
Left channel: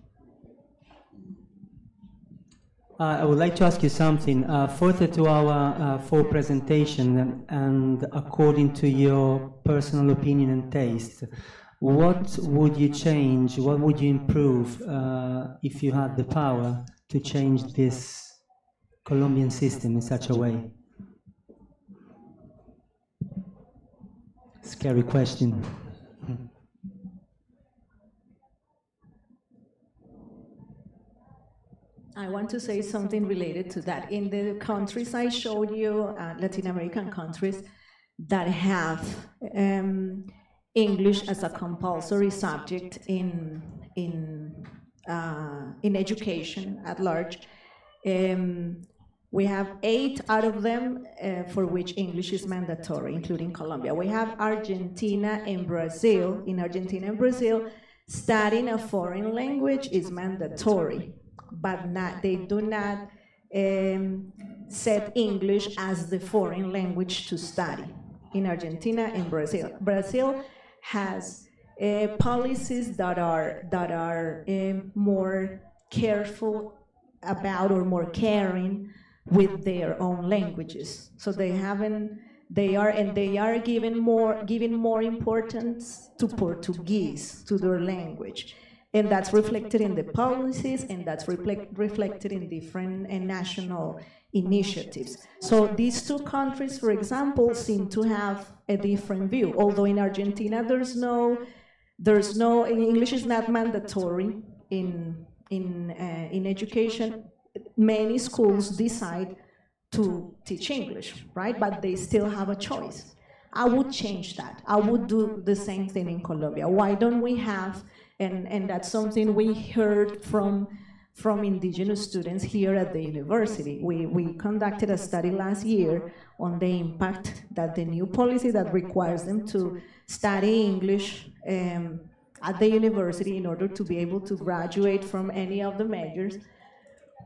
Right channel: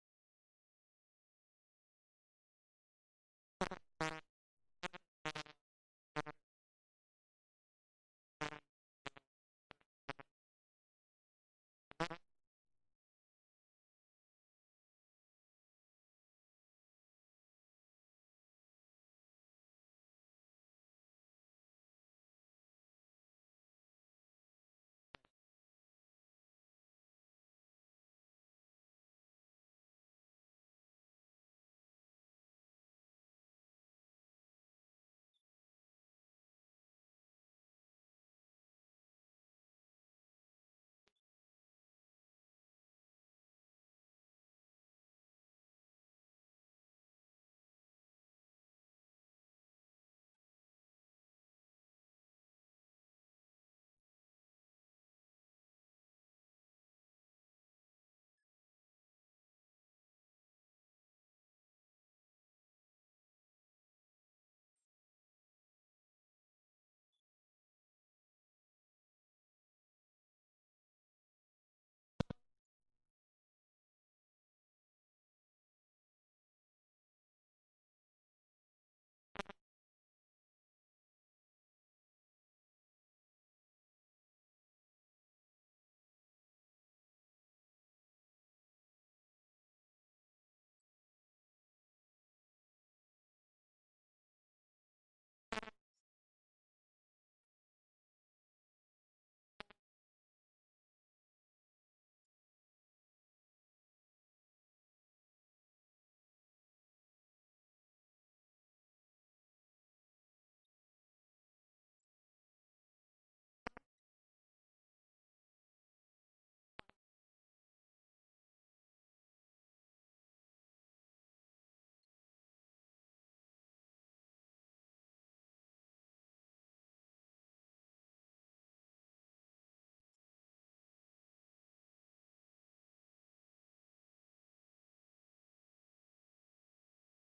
I would like to ask you something. Further to our full presentation, and according to your personal opinion and taste, what would you change, what would you improve if you had the power to change this Colombian system in such a way? Scary question. I want to say something related to that. In the countries I showed you, Latin American countries that have English as a compulsory subject in education at large, we have 8 out of them for which English is mandatory, including Colombia. We have Argentina and Brazil. In Argentina and Brazil, studying a foreign language is mandatory, but they do not set English as the foreign language to study in Argentina and Brazil. Brazil has policies that are more careful about or more caring with their own languages. So they are giving more importance to Portuguese, to their language. And that's reflected in the policies, and that's reflected in different national initiatives. So these two countries, for example, seem to have a different view. Although in Argentina, English is not mandatory in education. Many schools decide to teach English, right? But they still have a choice. I would change that. I would do the same thing in Colombia. Why don't we have, and that's something we heard from indigenous students here at the university. We conducted a study last year on the impact that the new policy that requires them to study English at the university in order to be able to graduate from any of the majors.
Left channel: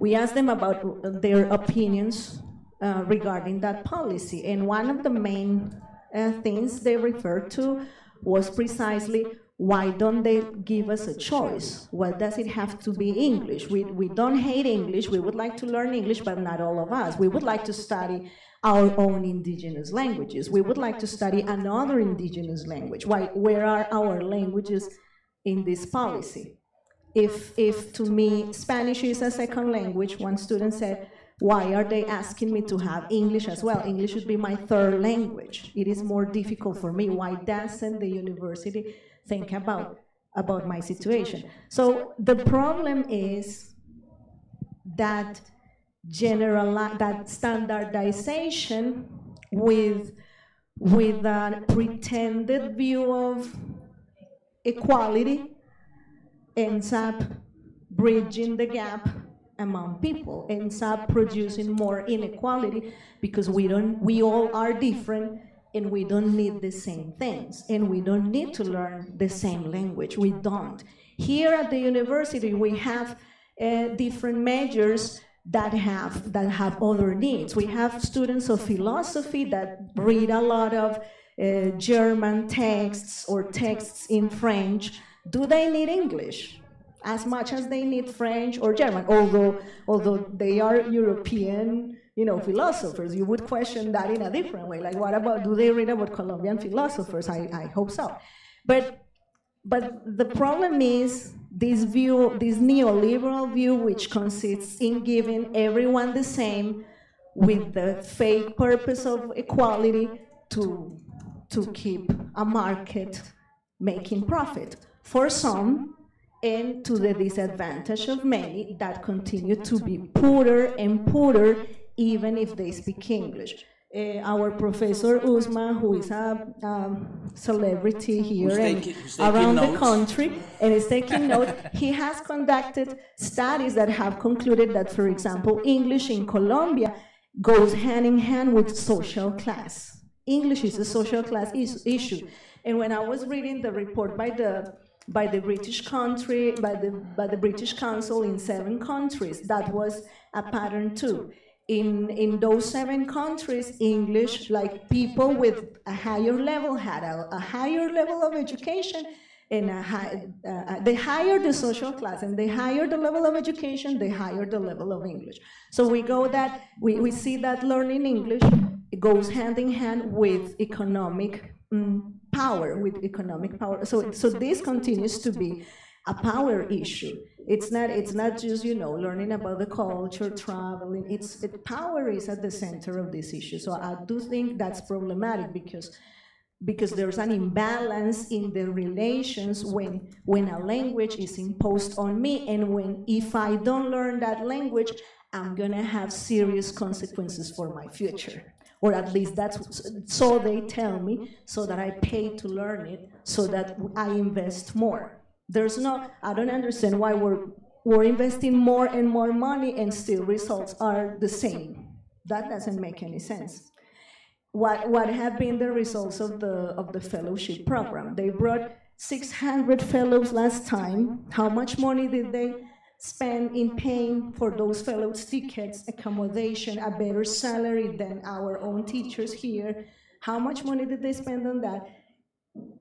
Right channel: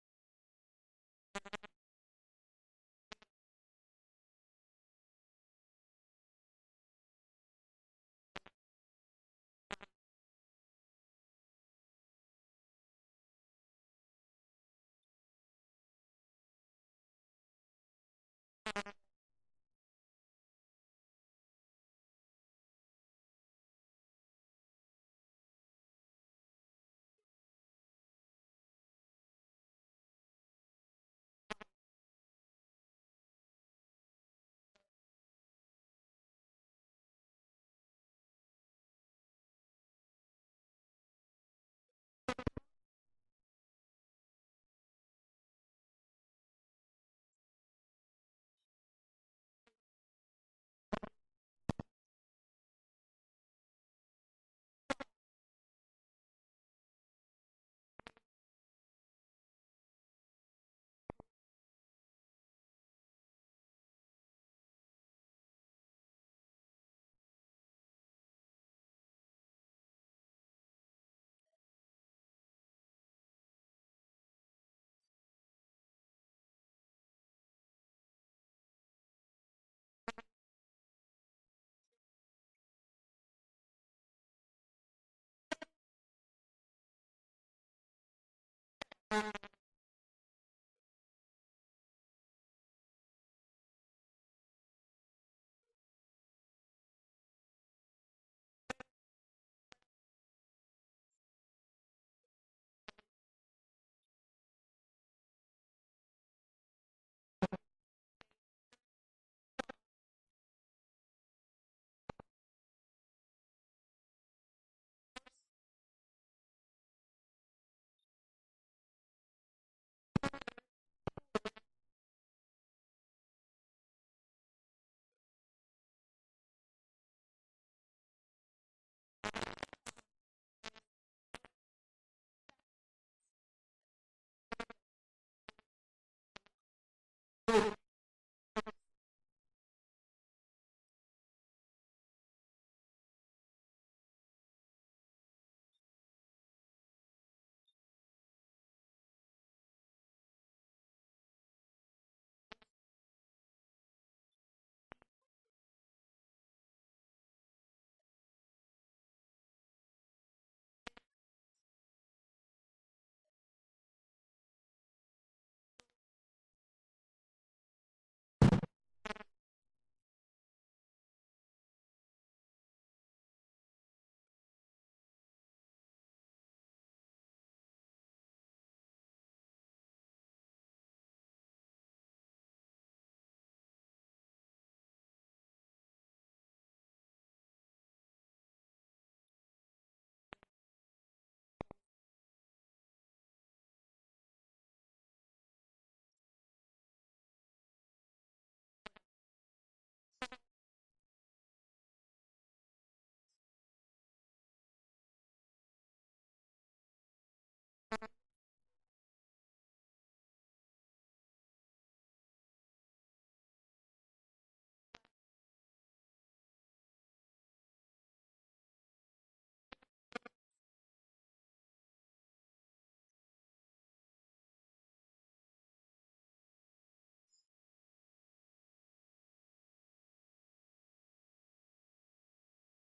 We asked them about their opinions regarding that policy, and one of the main things they referred to was precisely, why don't they give us a choice? Why does it have to be English? We don't hate English, we would like to learn English, but not all of us. We would like to study our own indigenous languages. We would like to study another indigenous language. Where are our languages in this policy? If to me Spanish is a second language, one student said, why are they asking me to have English as well? English should be my third language. It is more difficult for me. Why doesn't the university think about my situation? So the problem is that that standardization with a pretended view of equality ends up bridging the gap among people, ends up producing more inequality, because we all are different, and we don't need the same things, and we don't need to learn the same language. We don't. Here at the university, we have different majors that have other needs. We have students of philosophy that read a lot of German texts or texts in French. Do they need English as much as they need French or German? Although they are European, philosophers, you would question that in a different way. Like, what about, do they read about Colombian philosophers? I hope so. But the problem is this view, this neoliberal view, which consists in giving everyone the same, with the fake purpose of equality to keep a market making profit for some, and to the disadvantage of many that continue to be poorer and poorer, even if they speak English. Our professor Uzma, who is a celebrity here and around the country, and is taking notes, he has conducted studies that have concluded that, for example, English in Colombia goes hand in hand with social class. English is a social class issue. And when I was reading the report by the British country, by the British Council in 7 countries, that was a pattern too. In those 7 countries, English, like people with a higher level had a higher level of education, and the higher the social class and the higher the level of education, the higher the level of English. So we see that learning English, it goes hand in hand with economic power, So this continues to be a power issue. It's not just learning about the culture, traveling. Power is at the center of this issue. So I do think that's problematic, because there's an imbalance in the relations when a language is imposed on me, and if I don't learn that language, I'm gonna have serious consequences for my future. Or at least so they tell me, so that I pay to learn it, so that I invest more. I don't understand why we're investing more and more money and still results are the same. That doesn't make any sense. What have been the results of the fellowship program? They brought 600 fellows last time. How much money did they spend in paying for those fellows' tickets, accommodation, a better salary than our own teachers here? How much money did they spend on that?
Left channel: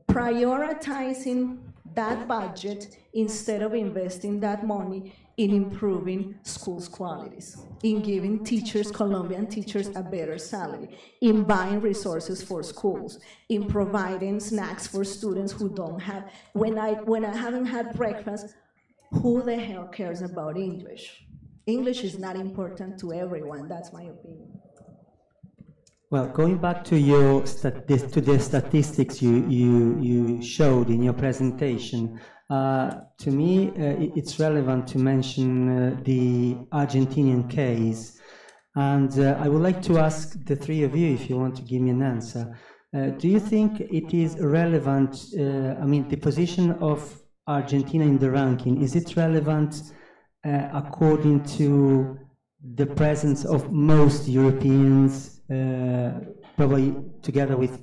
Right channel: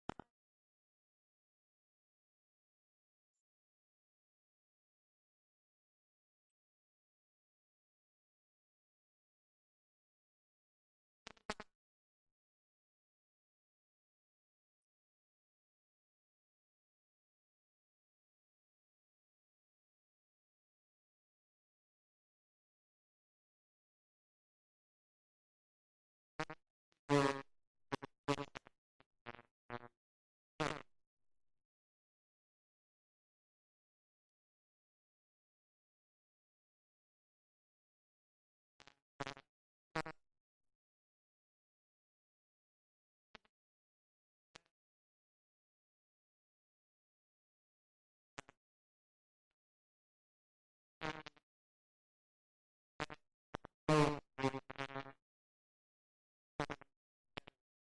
Prioritizing that budget instead of investing that money in improving schools' qualities, in giving teachers, Colombian teachers, a better salary, in buying resources for schools, in providing snacks for students who don't have. When I haven't had breakfast, who the hell cares about English? English is not important to everyone. That's my opinion. Well, going back to your to the statistics you showed in your presentation, to me it's relevant to mention the Argentinian case, and I would like to ask the three of you, if you want to give me an answer. Do you think it is relevant? I mean, the position of Argentina in the ranking, is it relevant according to the presence of most Europeans? Probably together with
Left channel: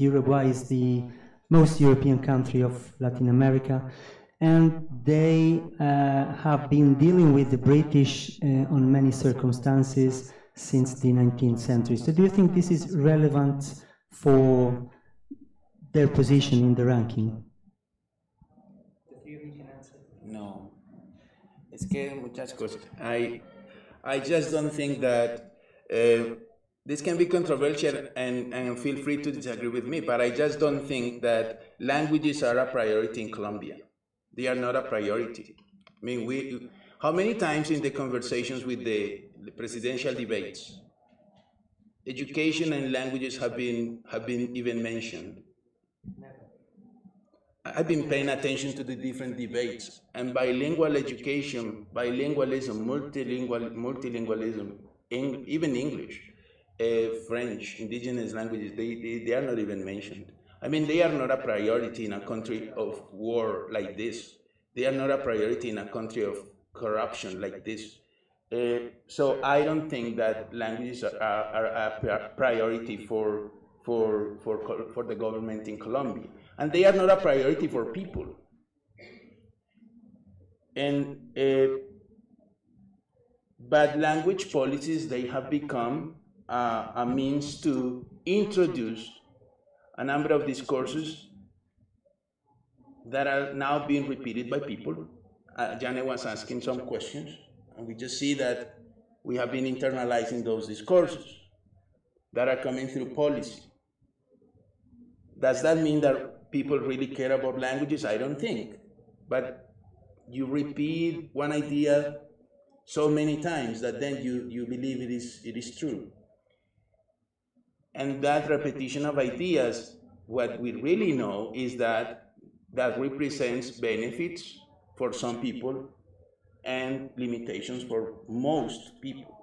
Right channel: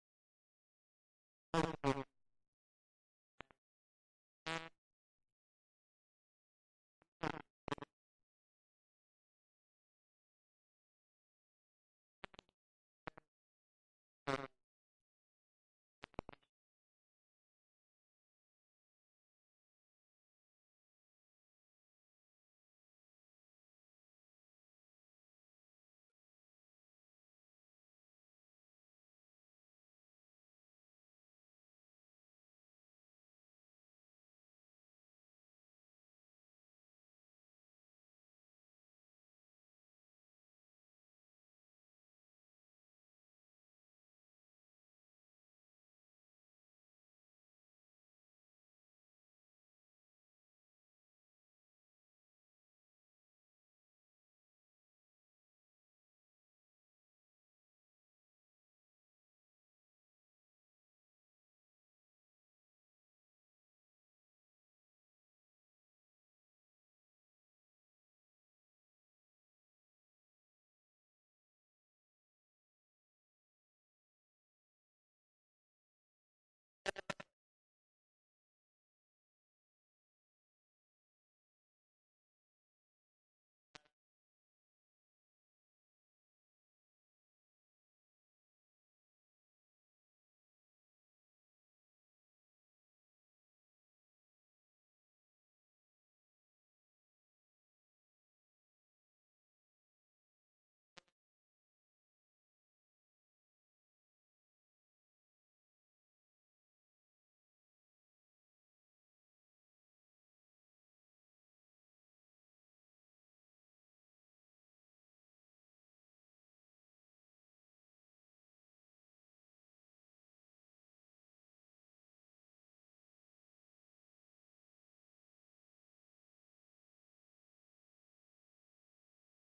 Uruguay is the most European country of Latin America, and they have been dealing with the British on many circumstances since the 19th century. So do you think this is relevant for their position in the ranking? No. Es que muchas cosas. I just don't think that this can be controversial, and feel free to disagree with me, but I just don't think that languages are a priority in Colombia. They are not a priority. I mean, how many times in the conversations with the presidential debates, education and languages have been even mentioned? I've been paying attention to the different debates, and bilingual education, bilingualism, multilingualism, even English, French, indigenous languages, they are not even mentioned. I mean, they are not a priority in a country of war like this. They are not a priority in a country of corruption like this. So I don't think that languages are a priority for the government in Colombia. And they are not a priority for people. And but language policies, they have become a means to introduce a number of discourses that are now being repeated by people. Janet was asking some questions, and we just see that we have been internalizing those discourses that are coming through policy. Does that mean that people really care about languages? I don't think. But you repeat one idea so many times that then you believe it is true. And that repetition of ideas, what we really know is that represents benefits for some people and limitations for most people.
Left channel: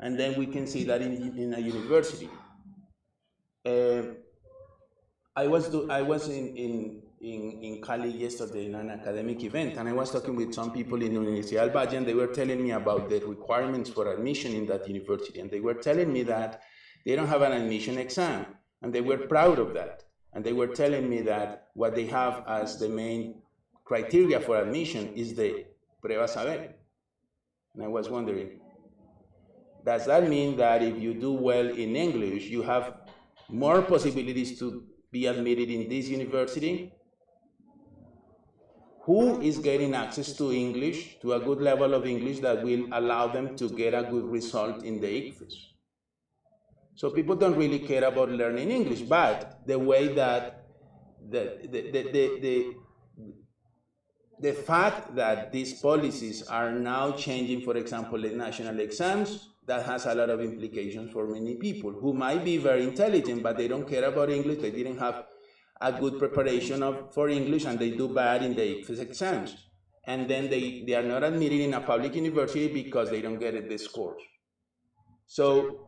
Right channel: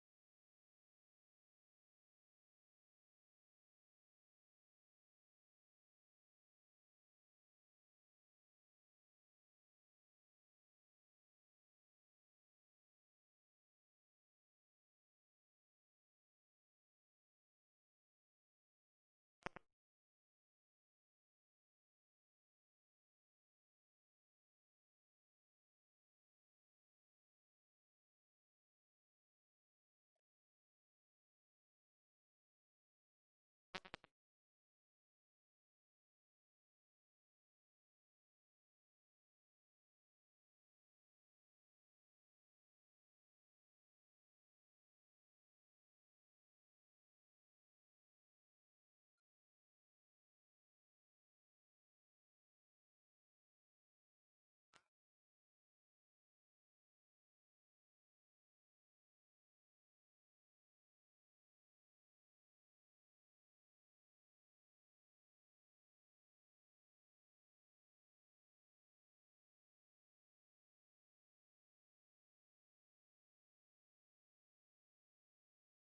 And then we can see that in a university. I was in Cali yesterday in an academic event, and I was talking with some people in Universidad, and they were telling me about the requirements for admission in that university, and they were telling me that they don't have an admission exam, and they were proud of that. And they were telling me that what they have as the main criteria for admission is the prueba saber. And I was wondering, does that mean that if you do well in English, you have more possibilities to be admitted in this university? Who is getting access to English, to a good level of English that will allow them to get a good result in the ICFES? So people don't really care about learning English, but the way that the fact that these policies are now changing, for example, the national exams, that has a lot of implications for many people who might be very intelligent, but they don't care about English. They didn't have a good preparation for English, and they do bad in the ICFES exams. And then they are not admitted in a public university because they don't get the scores. So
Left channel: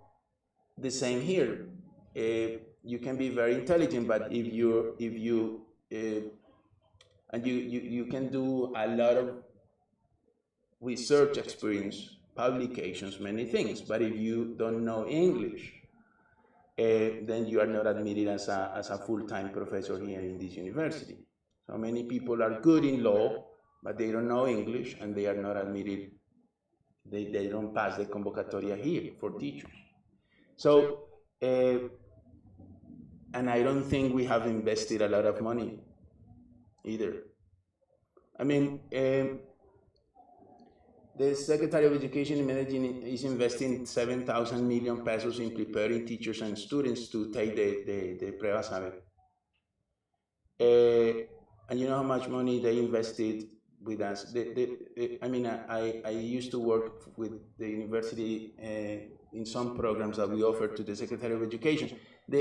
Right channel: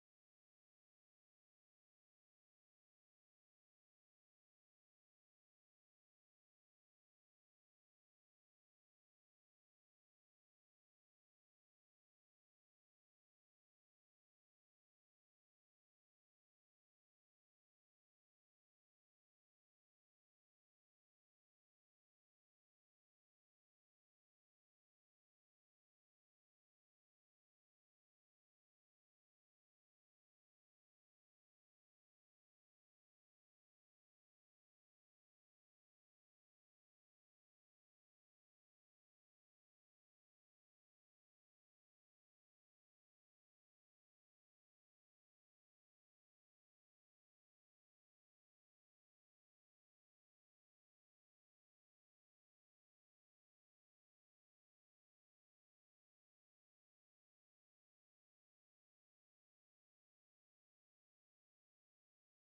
the same here. You can be very intelligent, but if you can do a lot of research experience, publications, many things, but if you don't know English, then you are not admitted as a full-time professor here in this university. So many people are good in law, but they don't know English, and they are not admitted. They don't pass the convocatoria here for teachers. So, and I don't think we have invested a lot of money either. I mean, the Secretary of Education in Medellin is investing 7,000 million pesos in preparing teachers and students to take the Prueba Saber. And you know how much money they invested with us. I used to work with the university in some programs that we offered to the Secretary of Education.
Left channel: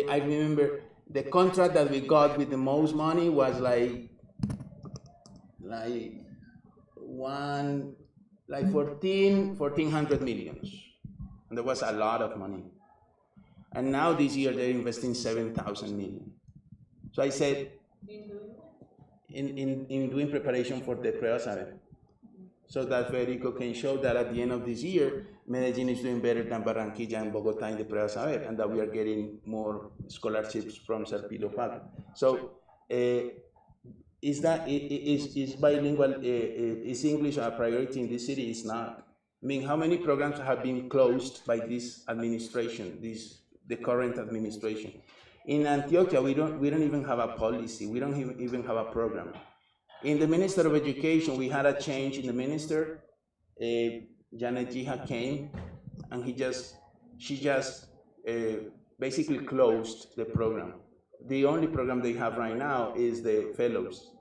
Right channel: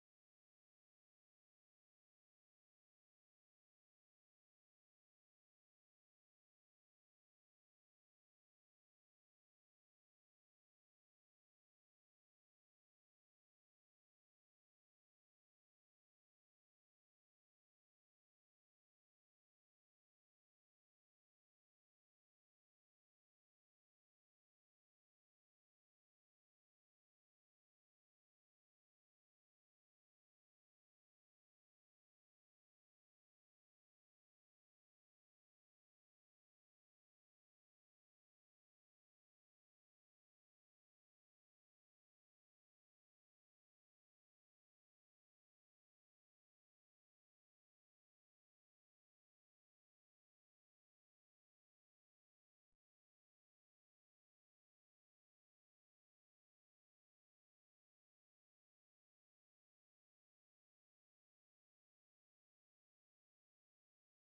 I remember the contract that we got with the most money was like 1,400 millions. And that was a lot of money. And now this year they're investing 7,000 million. So I said, in doing preparation for the Prueba Saber, so that Federico can show that at the end of this year, Medellin is doing better than Barranquilla and Bogota in the Prueba Saber, and that we are getting more scholarships from Serpilo Paga. So is bilingual, is English a priority in this city? It's not. I mean, how many programs have been closed by this administration, the current administration? In Antioquia, we don't even have a policy. We don't even have a program. In the Minister of Education, we had a change in the minister. Janet Jiha came, and she just basically closed the program. The only program they have right now is the fellows,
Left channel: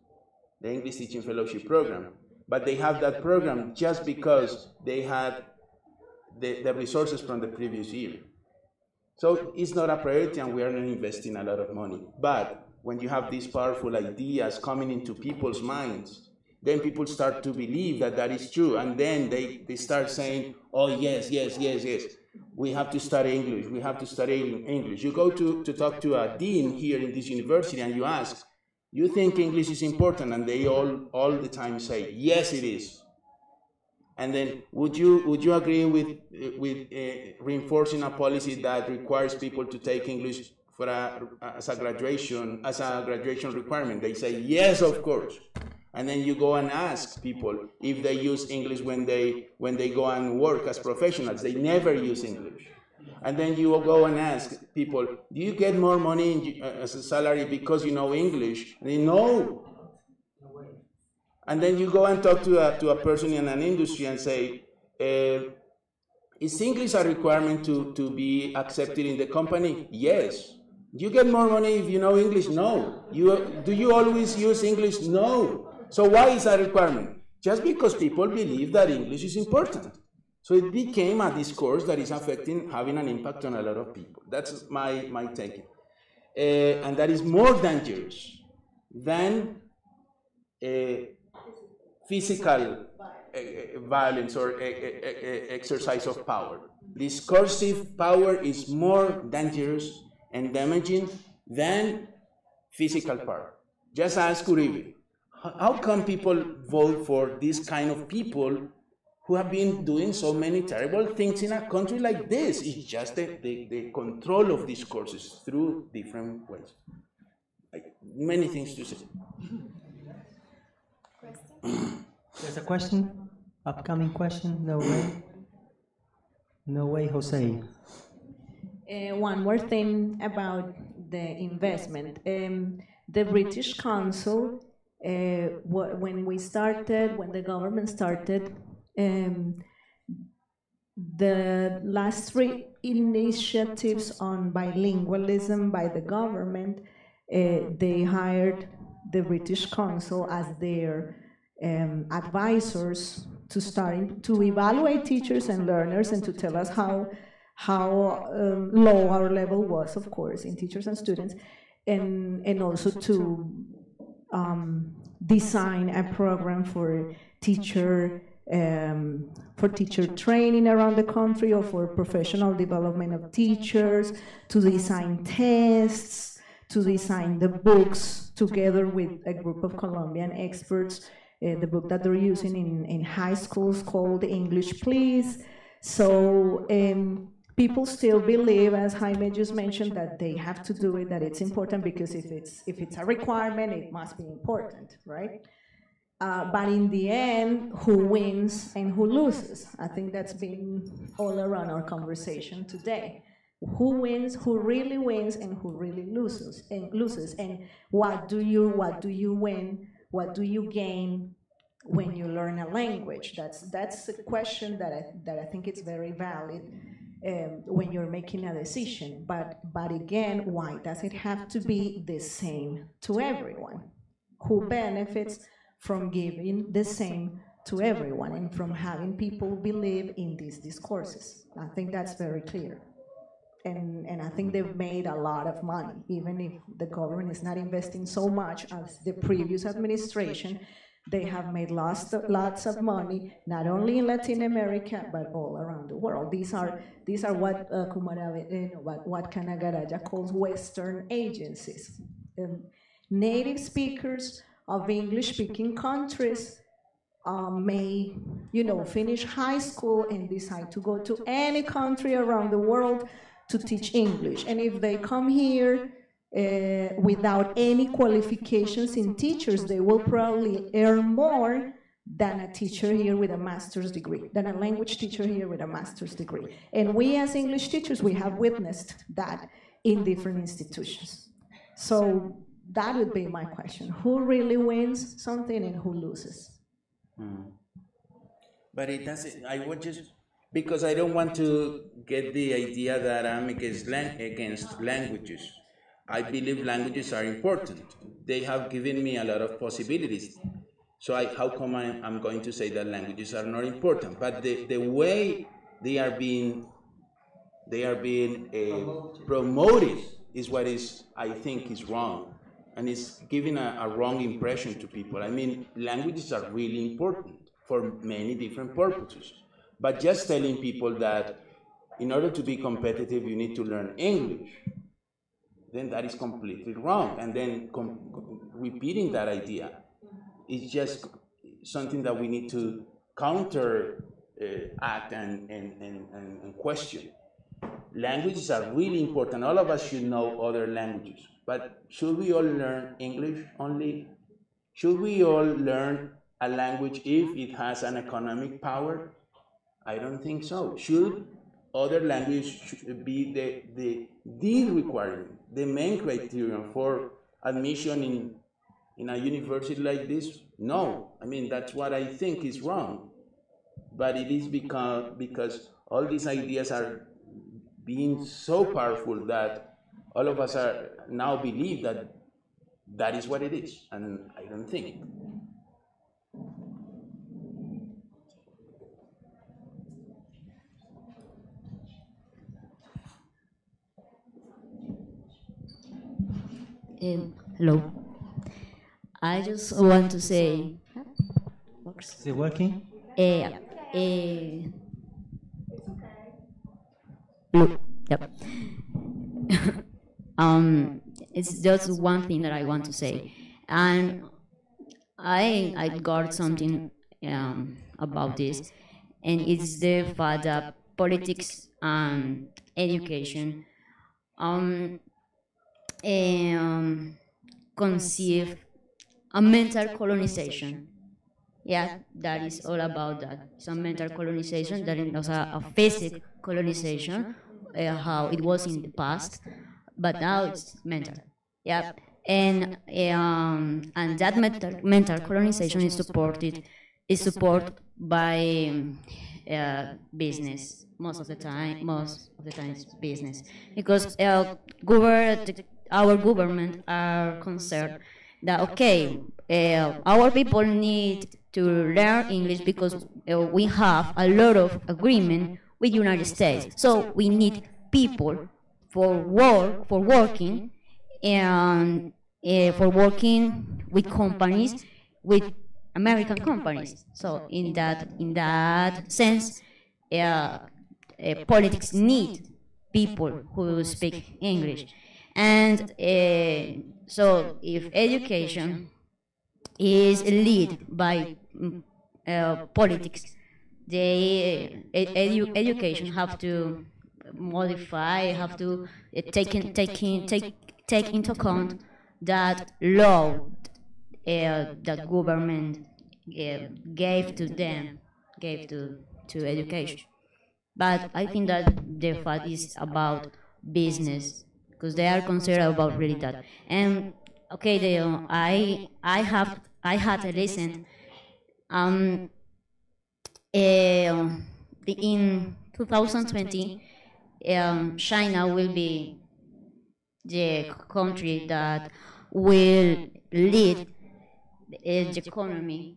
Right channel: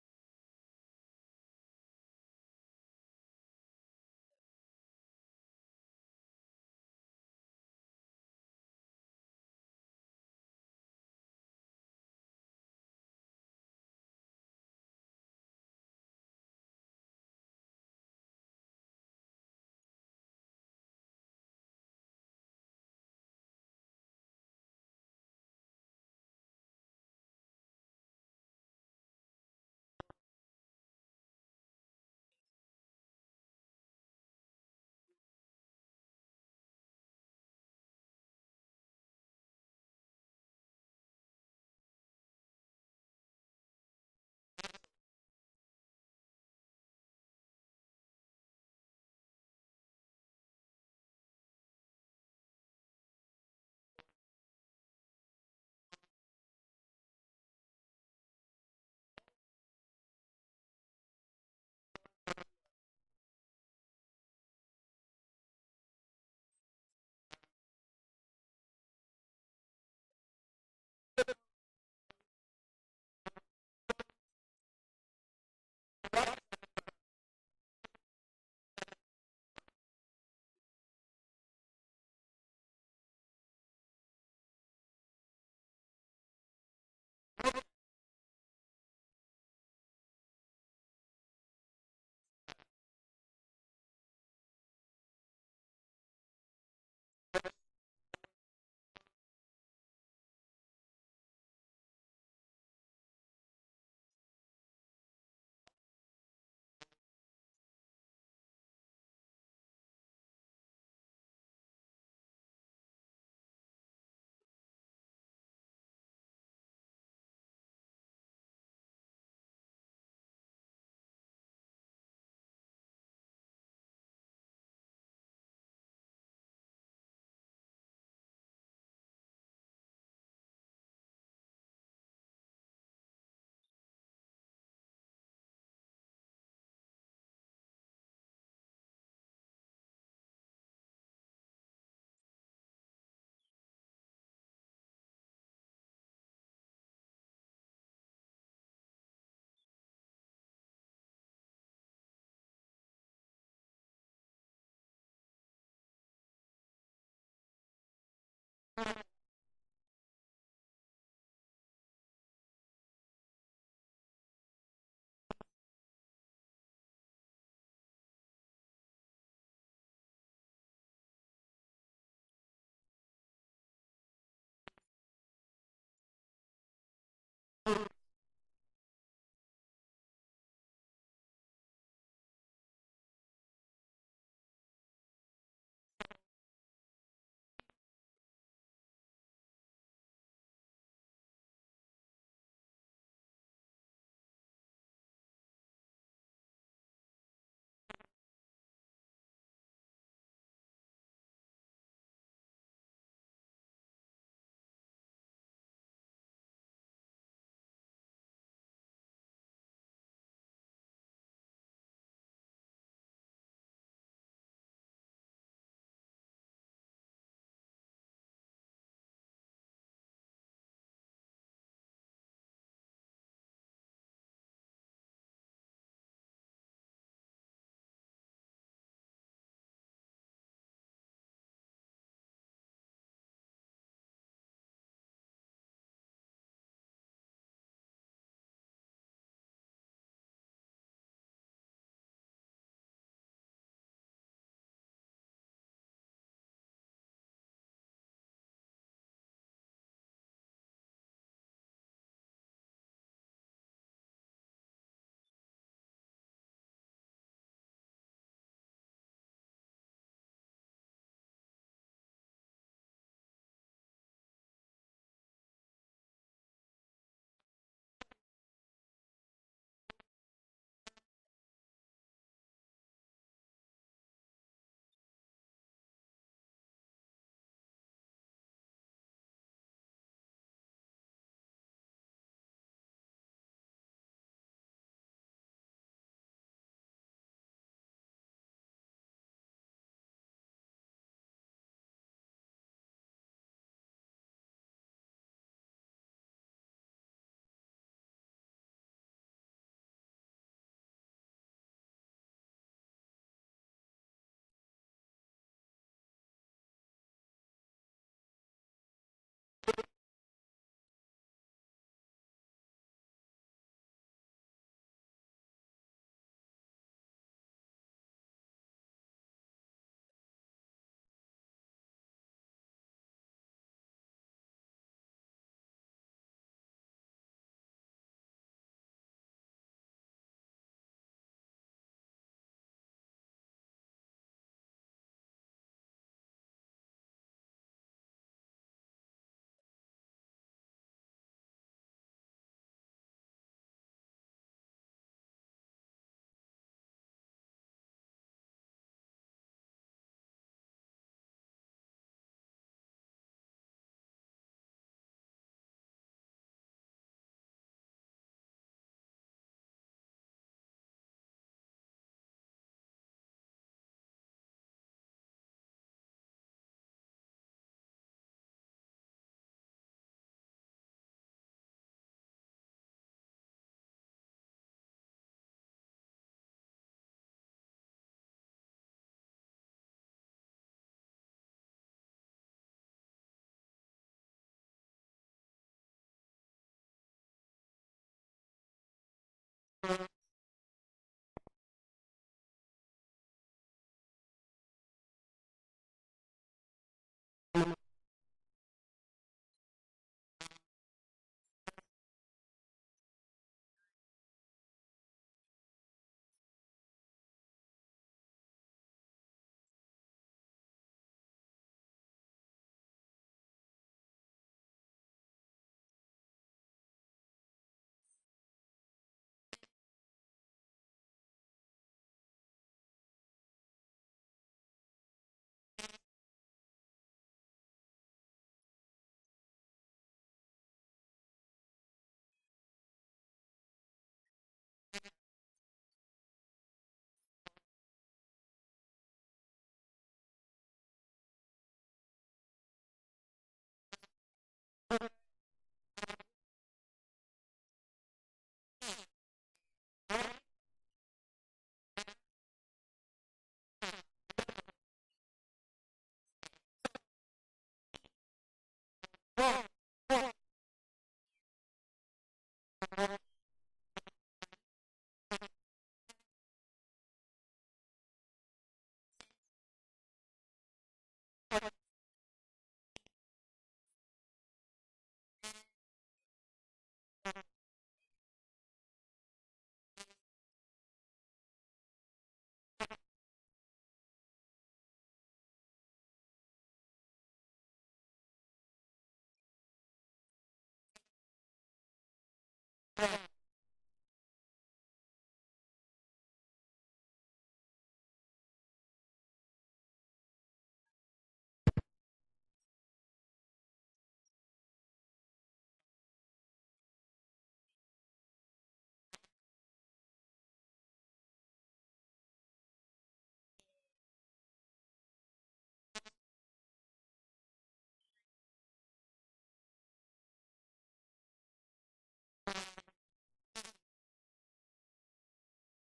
the English Teaching Fellowship program. But they have that program just because they had the resources from the previous year. So it's not a priority, and we are not investing a lot of money. But when you have these powerful ideas coming into people's minds, then people start to believe that that is true, and then they start saying, oh, yes, we have to study English, we have to study English. You go to talk to a dean here in this university, and you ask, you think English is important? And they all the time say, yes, it is. And then, would you agree with reinforcing a policy that requires people to take English as a graduation requirement? They say yes, of course. And then you go and ask people if they use English when they go and work as professionals. They never use English. And then you will go and ask people, do you get more money as a salary because you know English? They no. And then you go and talk to a person in an industry and say, is English a requirement to be accepted in the company? Yes. Do you get more money if you know English? No. Do you always use English? No. So why is that a requirement? Just because people believe that English is important. So it became a discourse that is having an impact on a lot of people. That's my take. And that is more dangerous than physical violence or exercise of power. Discursive power is more dangerous and damaging than physical power. Just ask Uribe. How come people vote for this kind of people who have been doing so many terrible things in a country like this? It's just the control of discourses through different ways. Like, many things to say. There's a question? Upcoming question? No way? No way, Jose. One more thing about the investment. The British Council, when the government started, the last 3 initiatives on bilingualism by the government, they hired the British Council as their advisors to evaluate teachers and learners and to tell us how low our level was, of course, in teachers and students, and also to design a program for teacher training around the country or for professional development of teachers, to design tests, to design the books together with a group of Colombian experts, the book that they're using in high schools called English Please. So people still believe, as Jaime just mentioned, that they have to do it, that it's important, because if it's a requirement, it must be important, right? But in the end, who wins and who loses? I think that's been all around our conversation today. Who wins, who really wins, and who really loses, and what do you win what do you gain when you learn a language? That's a question that I think it's very valid when you're making a decision. But again, why does it have to be the same to everyone? Who benefits from giving the same to everyone and from having people believe in these discourses? I think that's very clear. And I think they've made a lot of money, even if the government is not investing so much as the previous administration. They have made lots of money, not only in Latin America, but all around the world. These are what what Kanagaraja calls Western agencies. Native speakers of English-speaking countries may, finish high school and decide to go to any country around the world to teach English. And if they come here without any qualifications in teachers, they will probably earn more than a teacher here with a master's degree, than a language teacher here with a master's degree. And we as English teachers, we have witnessed that in different institutions. So that would be my question. Who really wins something and who loses? But it doesn't, I would just, because I don't want to get the idea that I'm against languages. I believe languages are important. They have given me a lot of possibilities. So how come I'm going to say that languages are not important? But the way they are being promoted is what I think is wrong. And it's giving a wrong impression to people. I mean, languages are really important for many different purposes. But just telling people that in order to be competitive, you need to learn English, then that is completely wrong. And then repeating that idea is just something that we need to counteract and question. Languages are really important. All of us should know other languages. But should we all learn English only? Should we all learn a language if it has an economic power? I don't think so. Should other languages be the requirement, the main criterion for admission in a university like this? No. I mean, that's what I think is wrong. But it is because all these ideas are being so powerful that all of us are now believe that that is what it is, and I don't think it. Hello. I just want to say. Is it working? Look, yep. It's just one thing that I want to say, and I got something about this, and it's the fact that politics and education conceive a mental colonization. Yeah, that is all about that. Some mental colonization, that is a physical colonization, how it was in the past, but now it's mental. Yeah, and that mental colonization is supported by business most of the time. Most of the time, it's business because our government are concerned that our people need to learn English because we have a lot of agreement with United States. So we need people for working and for working with companies, with American companies. So in that sense, politics need people who speak English. And so if education is led by politics, education have to modify, have to take into account that law that government gave to them, gave to education. But I think that the fact is about business, because they are concerned about really that. And I have I had to listen. In 2020, China will be the country that will lead the economy.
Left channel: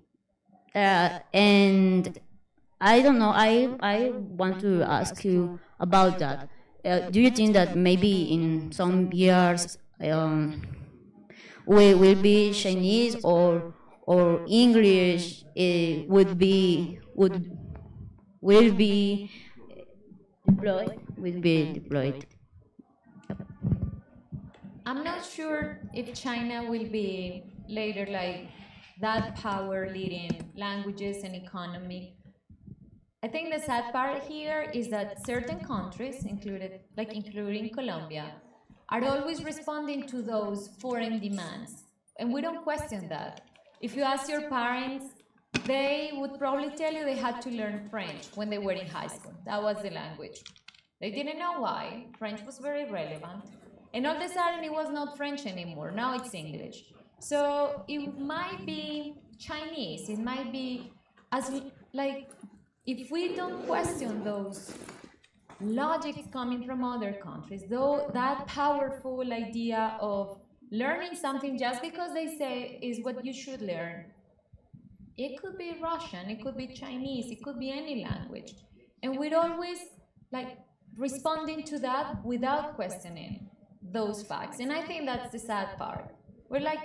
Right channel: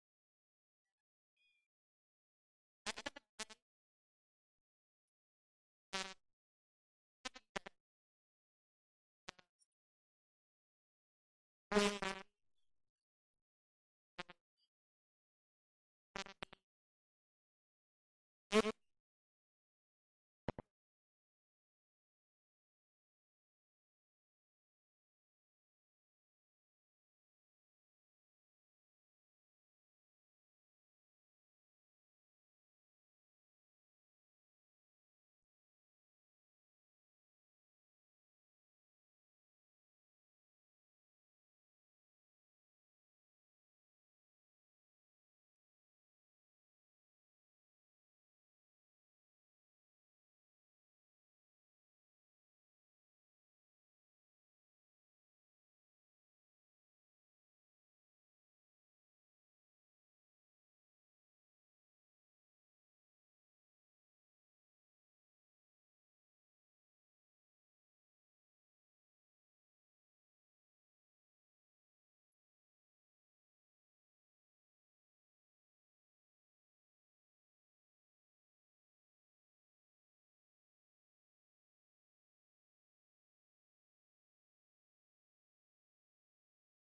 And I don't know, I want to ask you about that. Do you think that maybe in some years we will be Chinese or English will be deployed? Will be deployed. I'm not sure if China will be later like that power leading languages and economy. I think the sad part here is that certain countries, including Colombia, are always responding to those foreign demands, and we don't question that. If you ask your parents, they would probably tell you they had to learn French when they were in high school. That was the language. They didn't know why. French was very relevant. And all of a sudden, it was not French anymore. Now it's English. So it might be Chinese. It might be as like if we don't question those logics coming from other countries, though that powerful idea of learning something just because they say is what you should learn. It could be Russian, it could be Chinese, it could be any language. And we're always like responding to that without questioning those facts. And I think that's the sad part. We're like,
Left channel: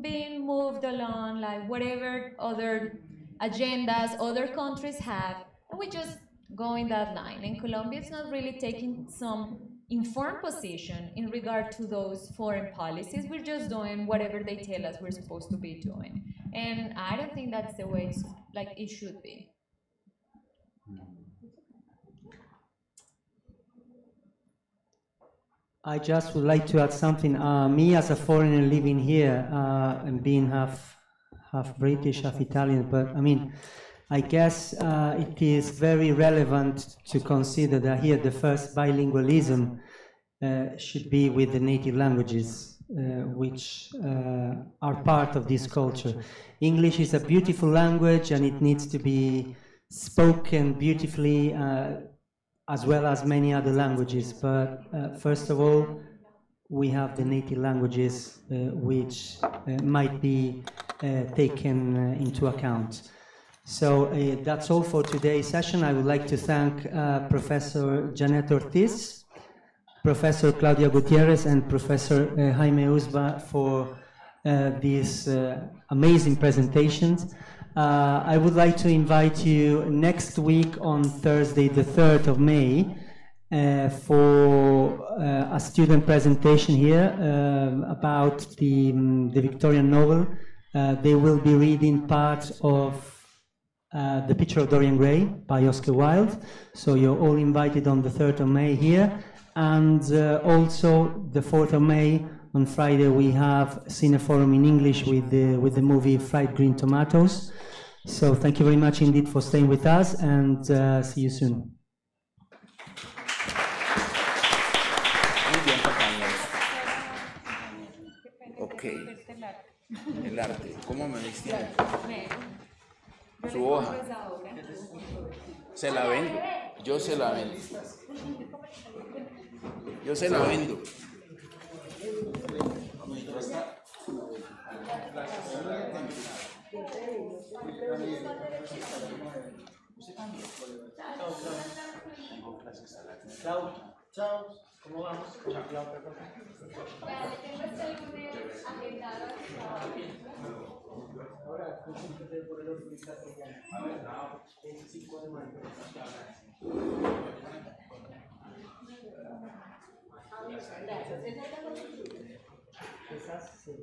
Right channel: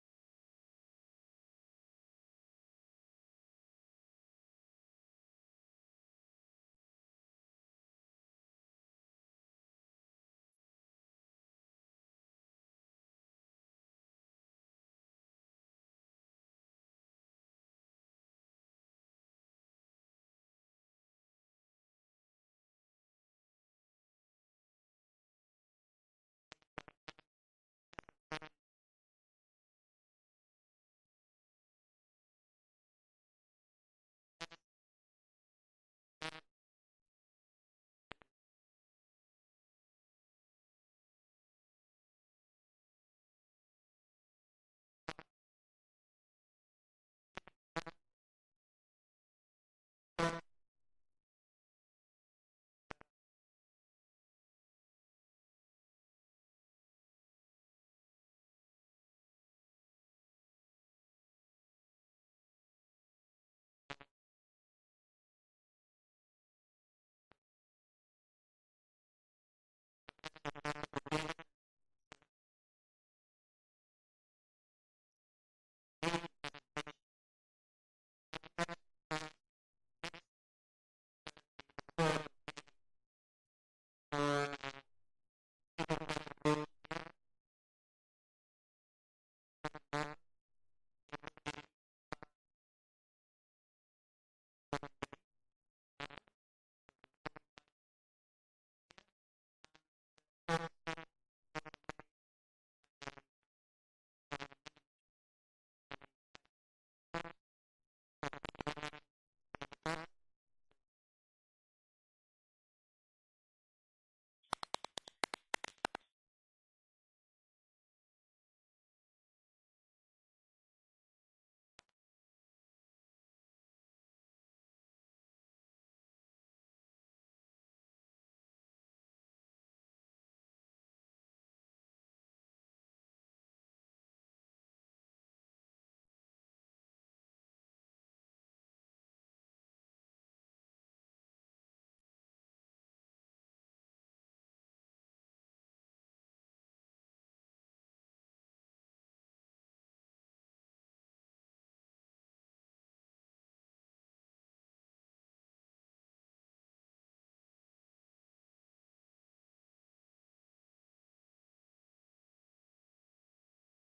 being moved along, like whatever other agendas other countries have, and we just go in that line. And Colombia is not really taking some informed position in regard to those foreign policies. We're just doing whatever they tell us we're supposed to be doing. And I don't think that's the way it should be. I just would like to add something. Me as a foreigner living here and being half British, half Italian, but I mean, I guess it is very relevant to consider that here the first bilingualism should be with the native languages, which are part of this culture. English is a beautiful language and it needs to be spoken beautifully as well as many other languages. But first of all, we have the native languages which might be taken into account. So that's all for today's session. I would like to thank Professor Janet Ortiz, Professor Claudia Gutierrez, and Professor Jaime Uzba for these amazing presentations. I would like to invite you next week on Thursday, the 3rd of May, for a student presentation here about the Victorian novel. They will be reading part of The Picture of Dorian Gray by Oscar Wilde. So you're all invited on the 3rd of May here. And also the 4th of May, on Friday, we have Cineforum in English with the movie Fried Green Tomatoes. So thank you very much indeed for staying with us, and see you soon. Ok. El arte. ¿Cómo me vestía? Su hoja. Se la vendo. Yo se la vendo. Yo se la vendo. Chao. Chao. ¿Cómo vamos? Chao. Ahora, por el otro esas sí.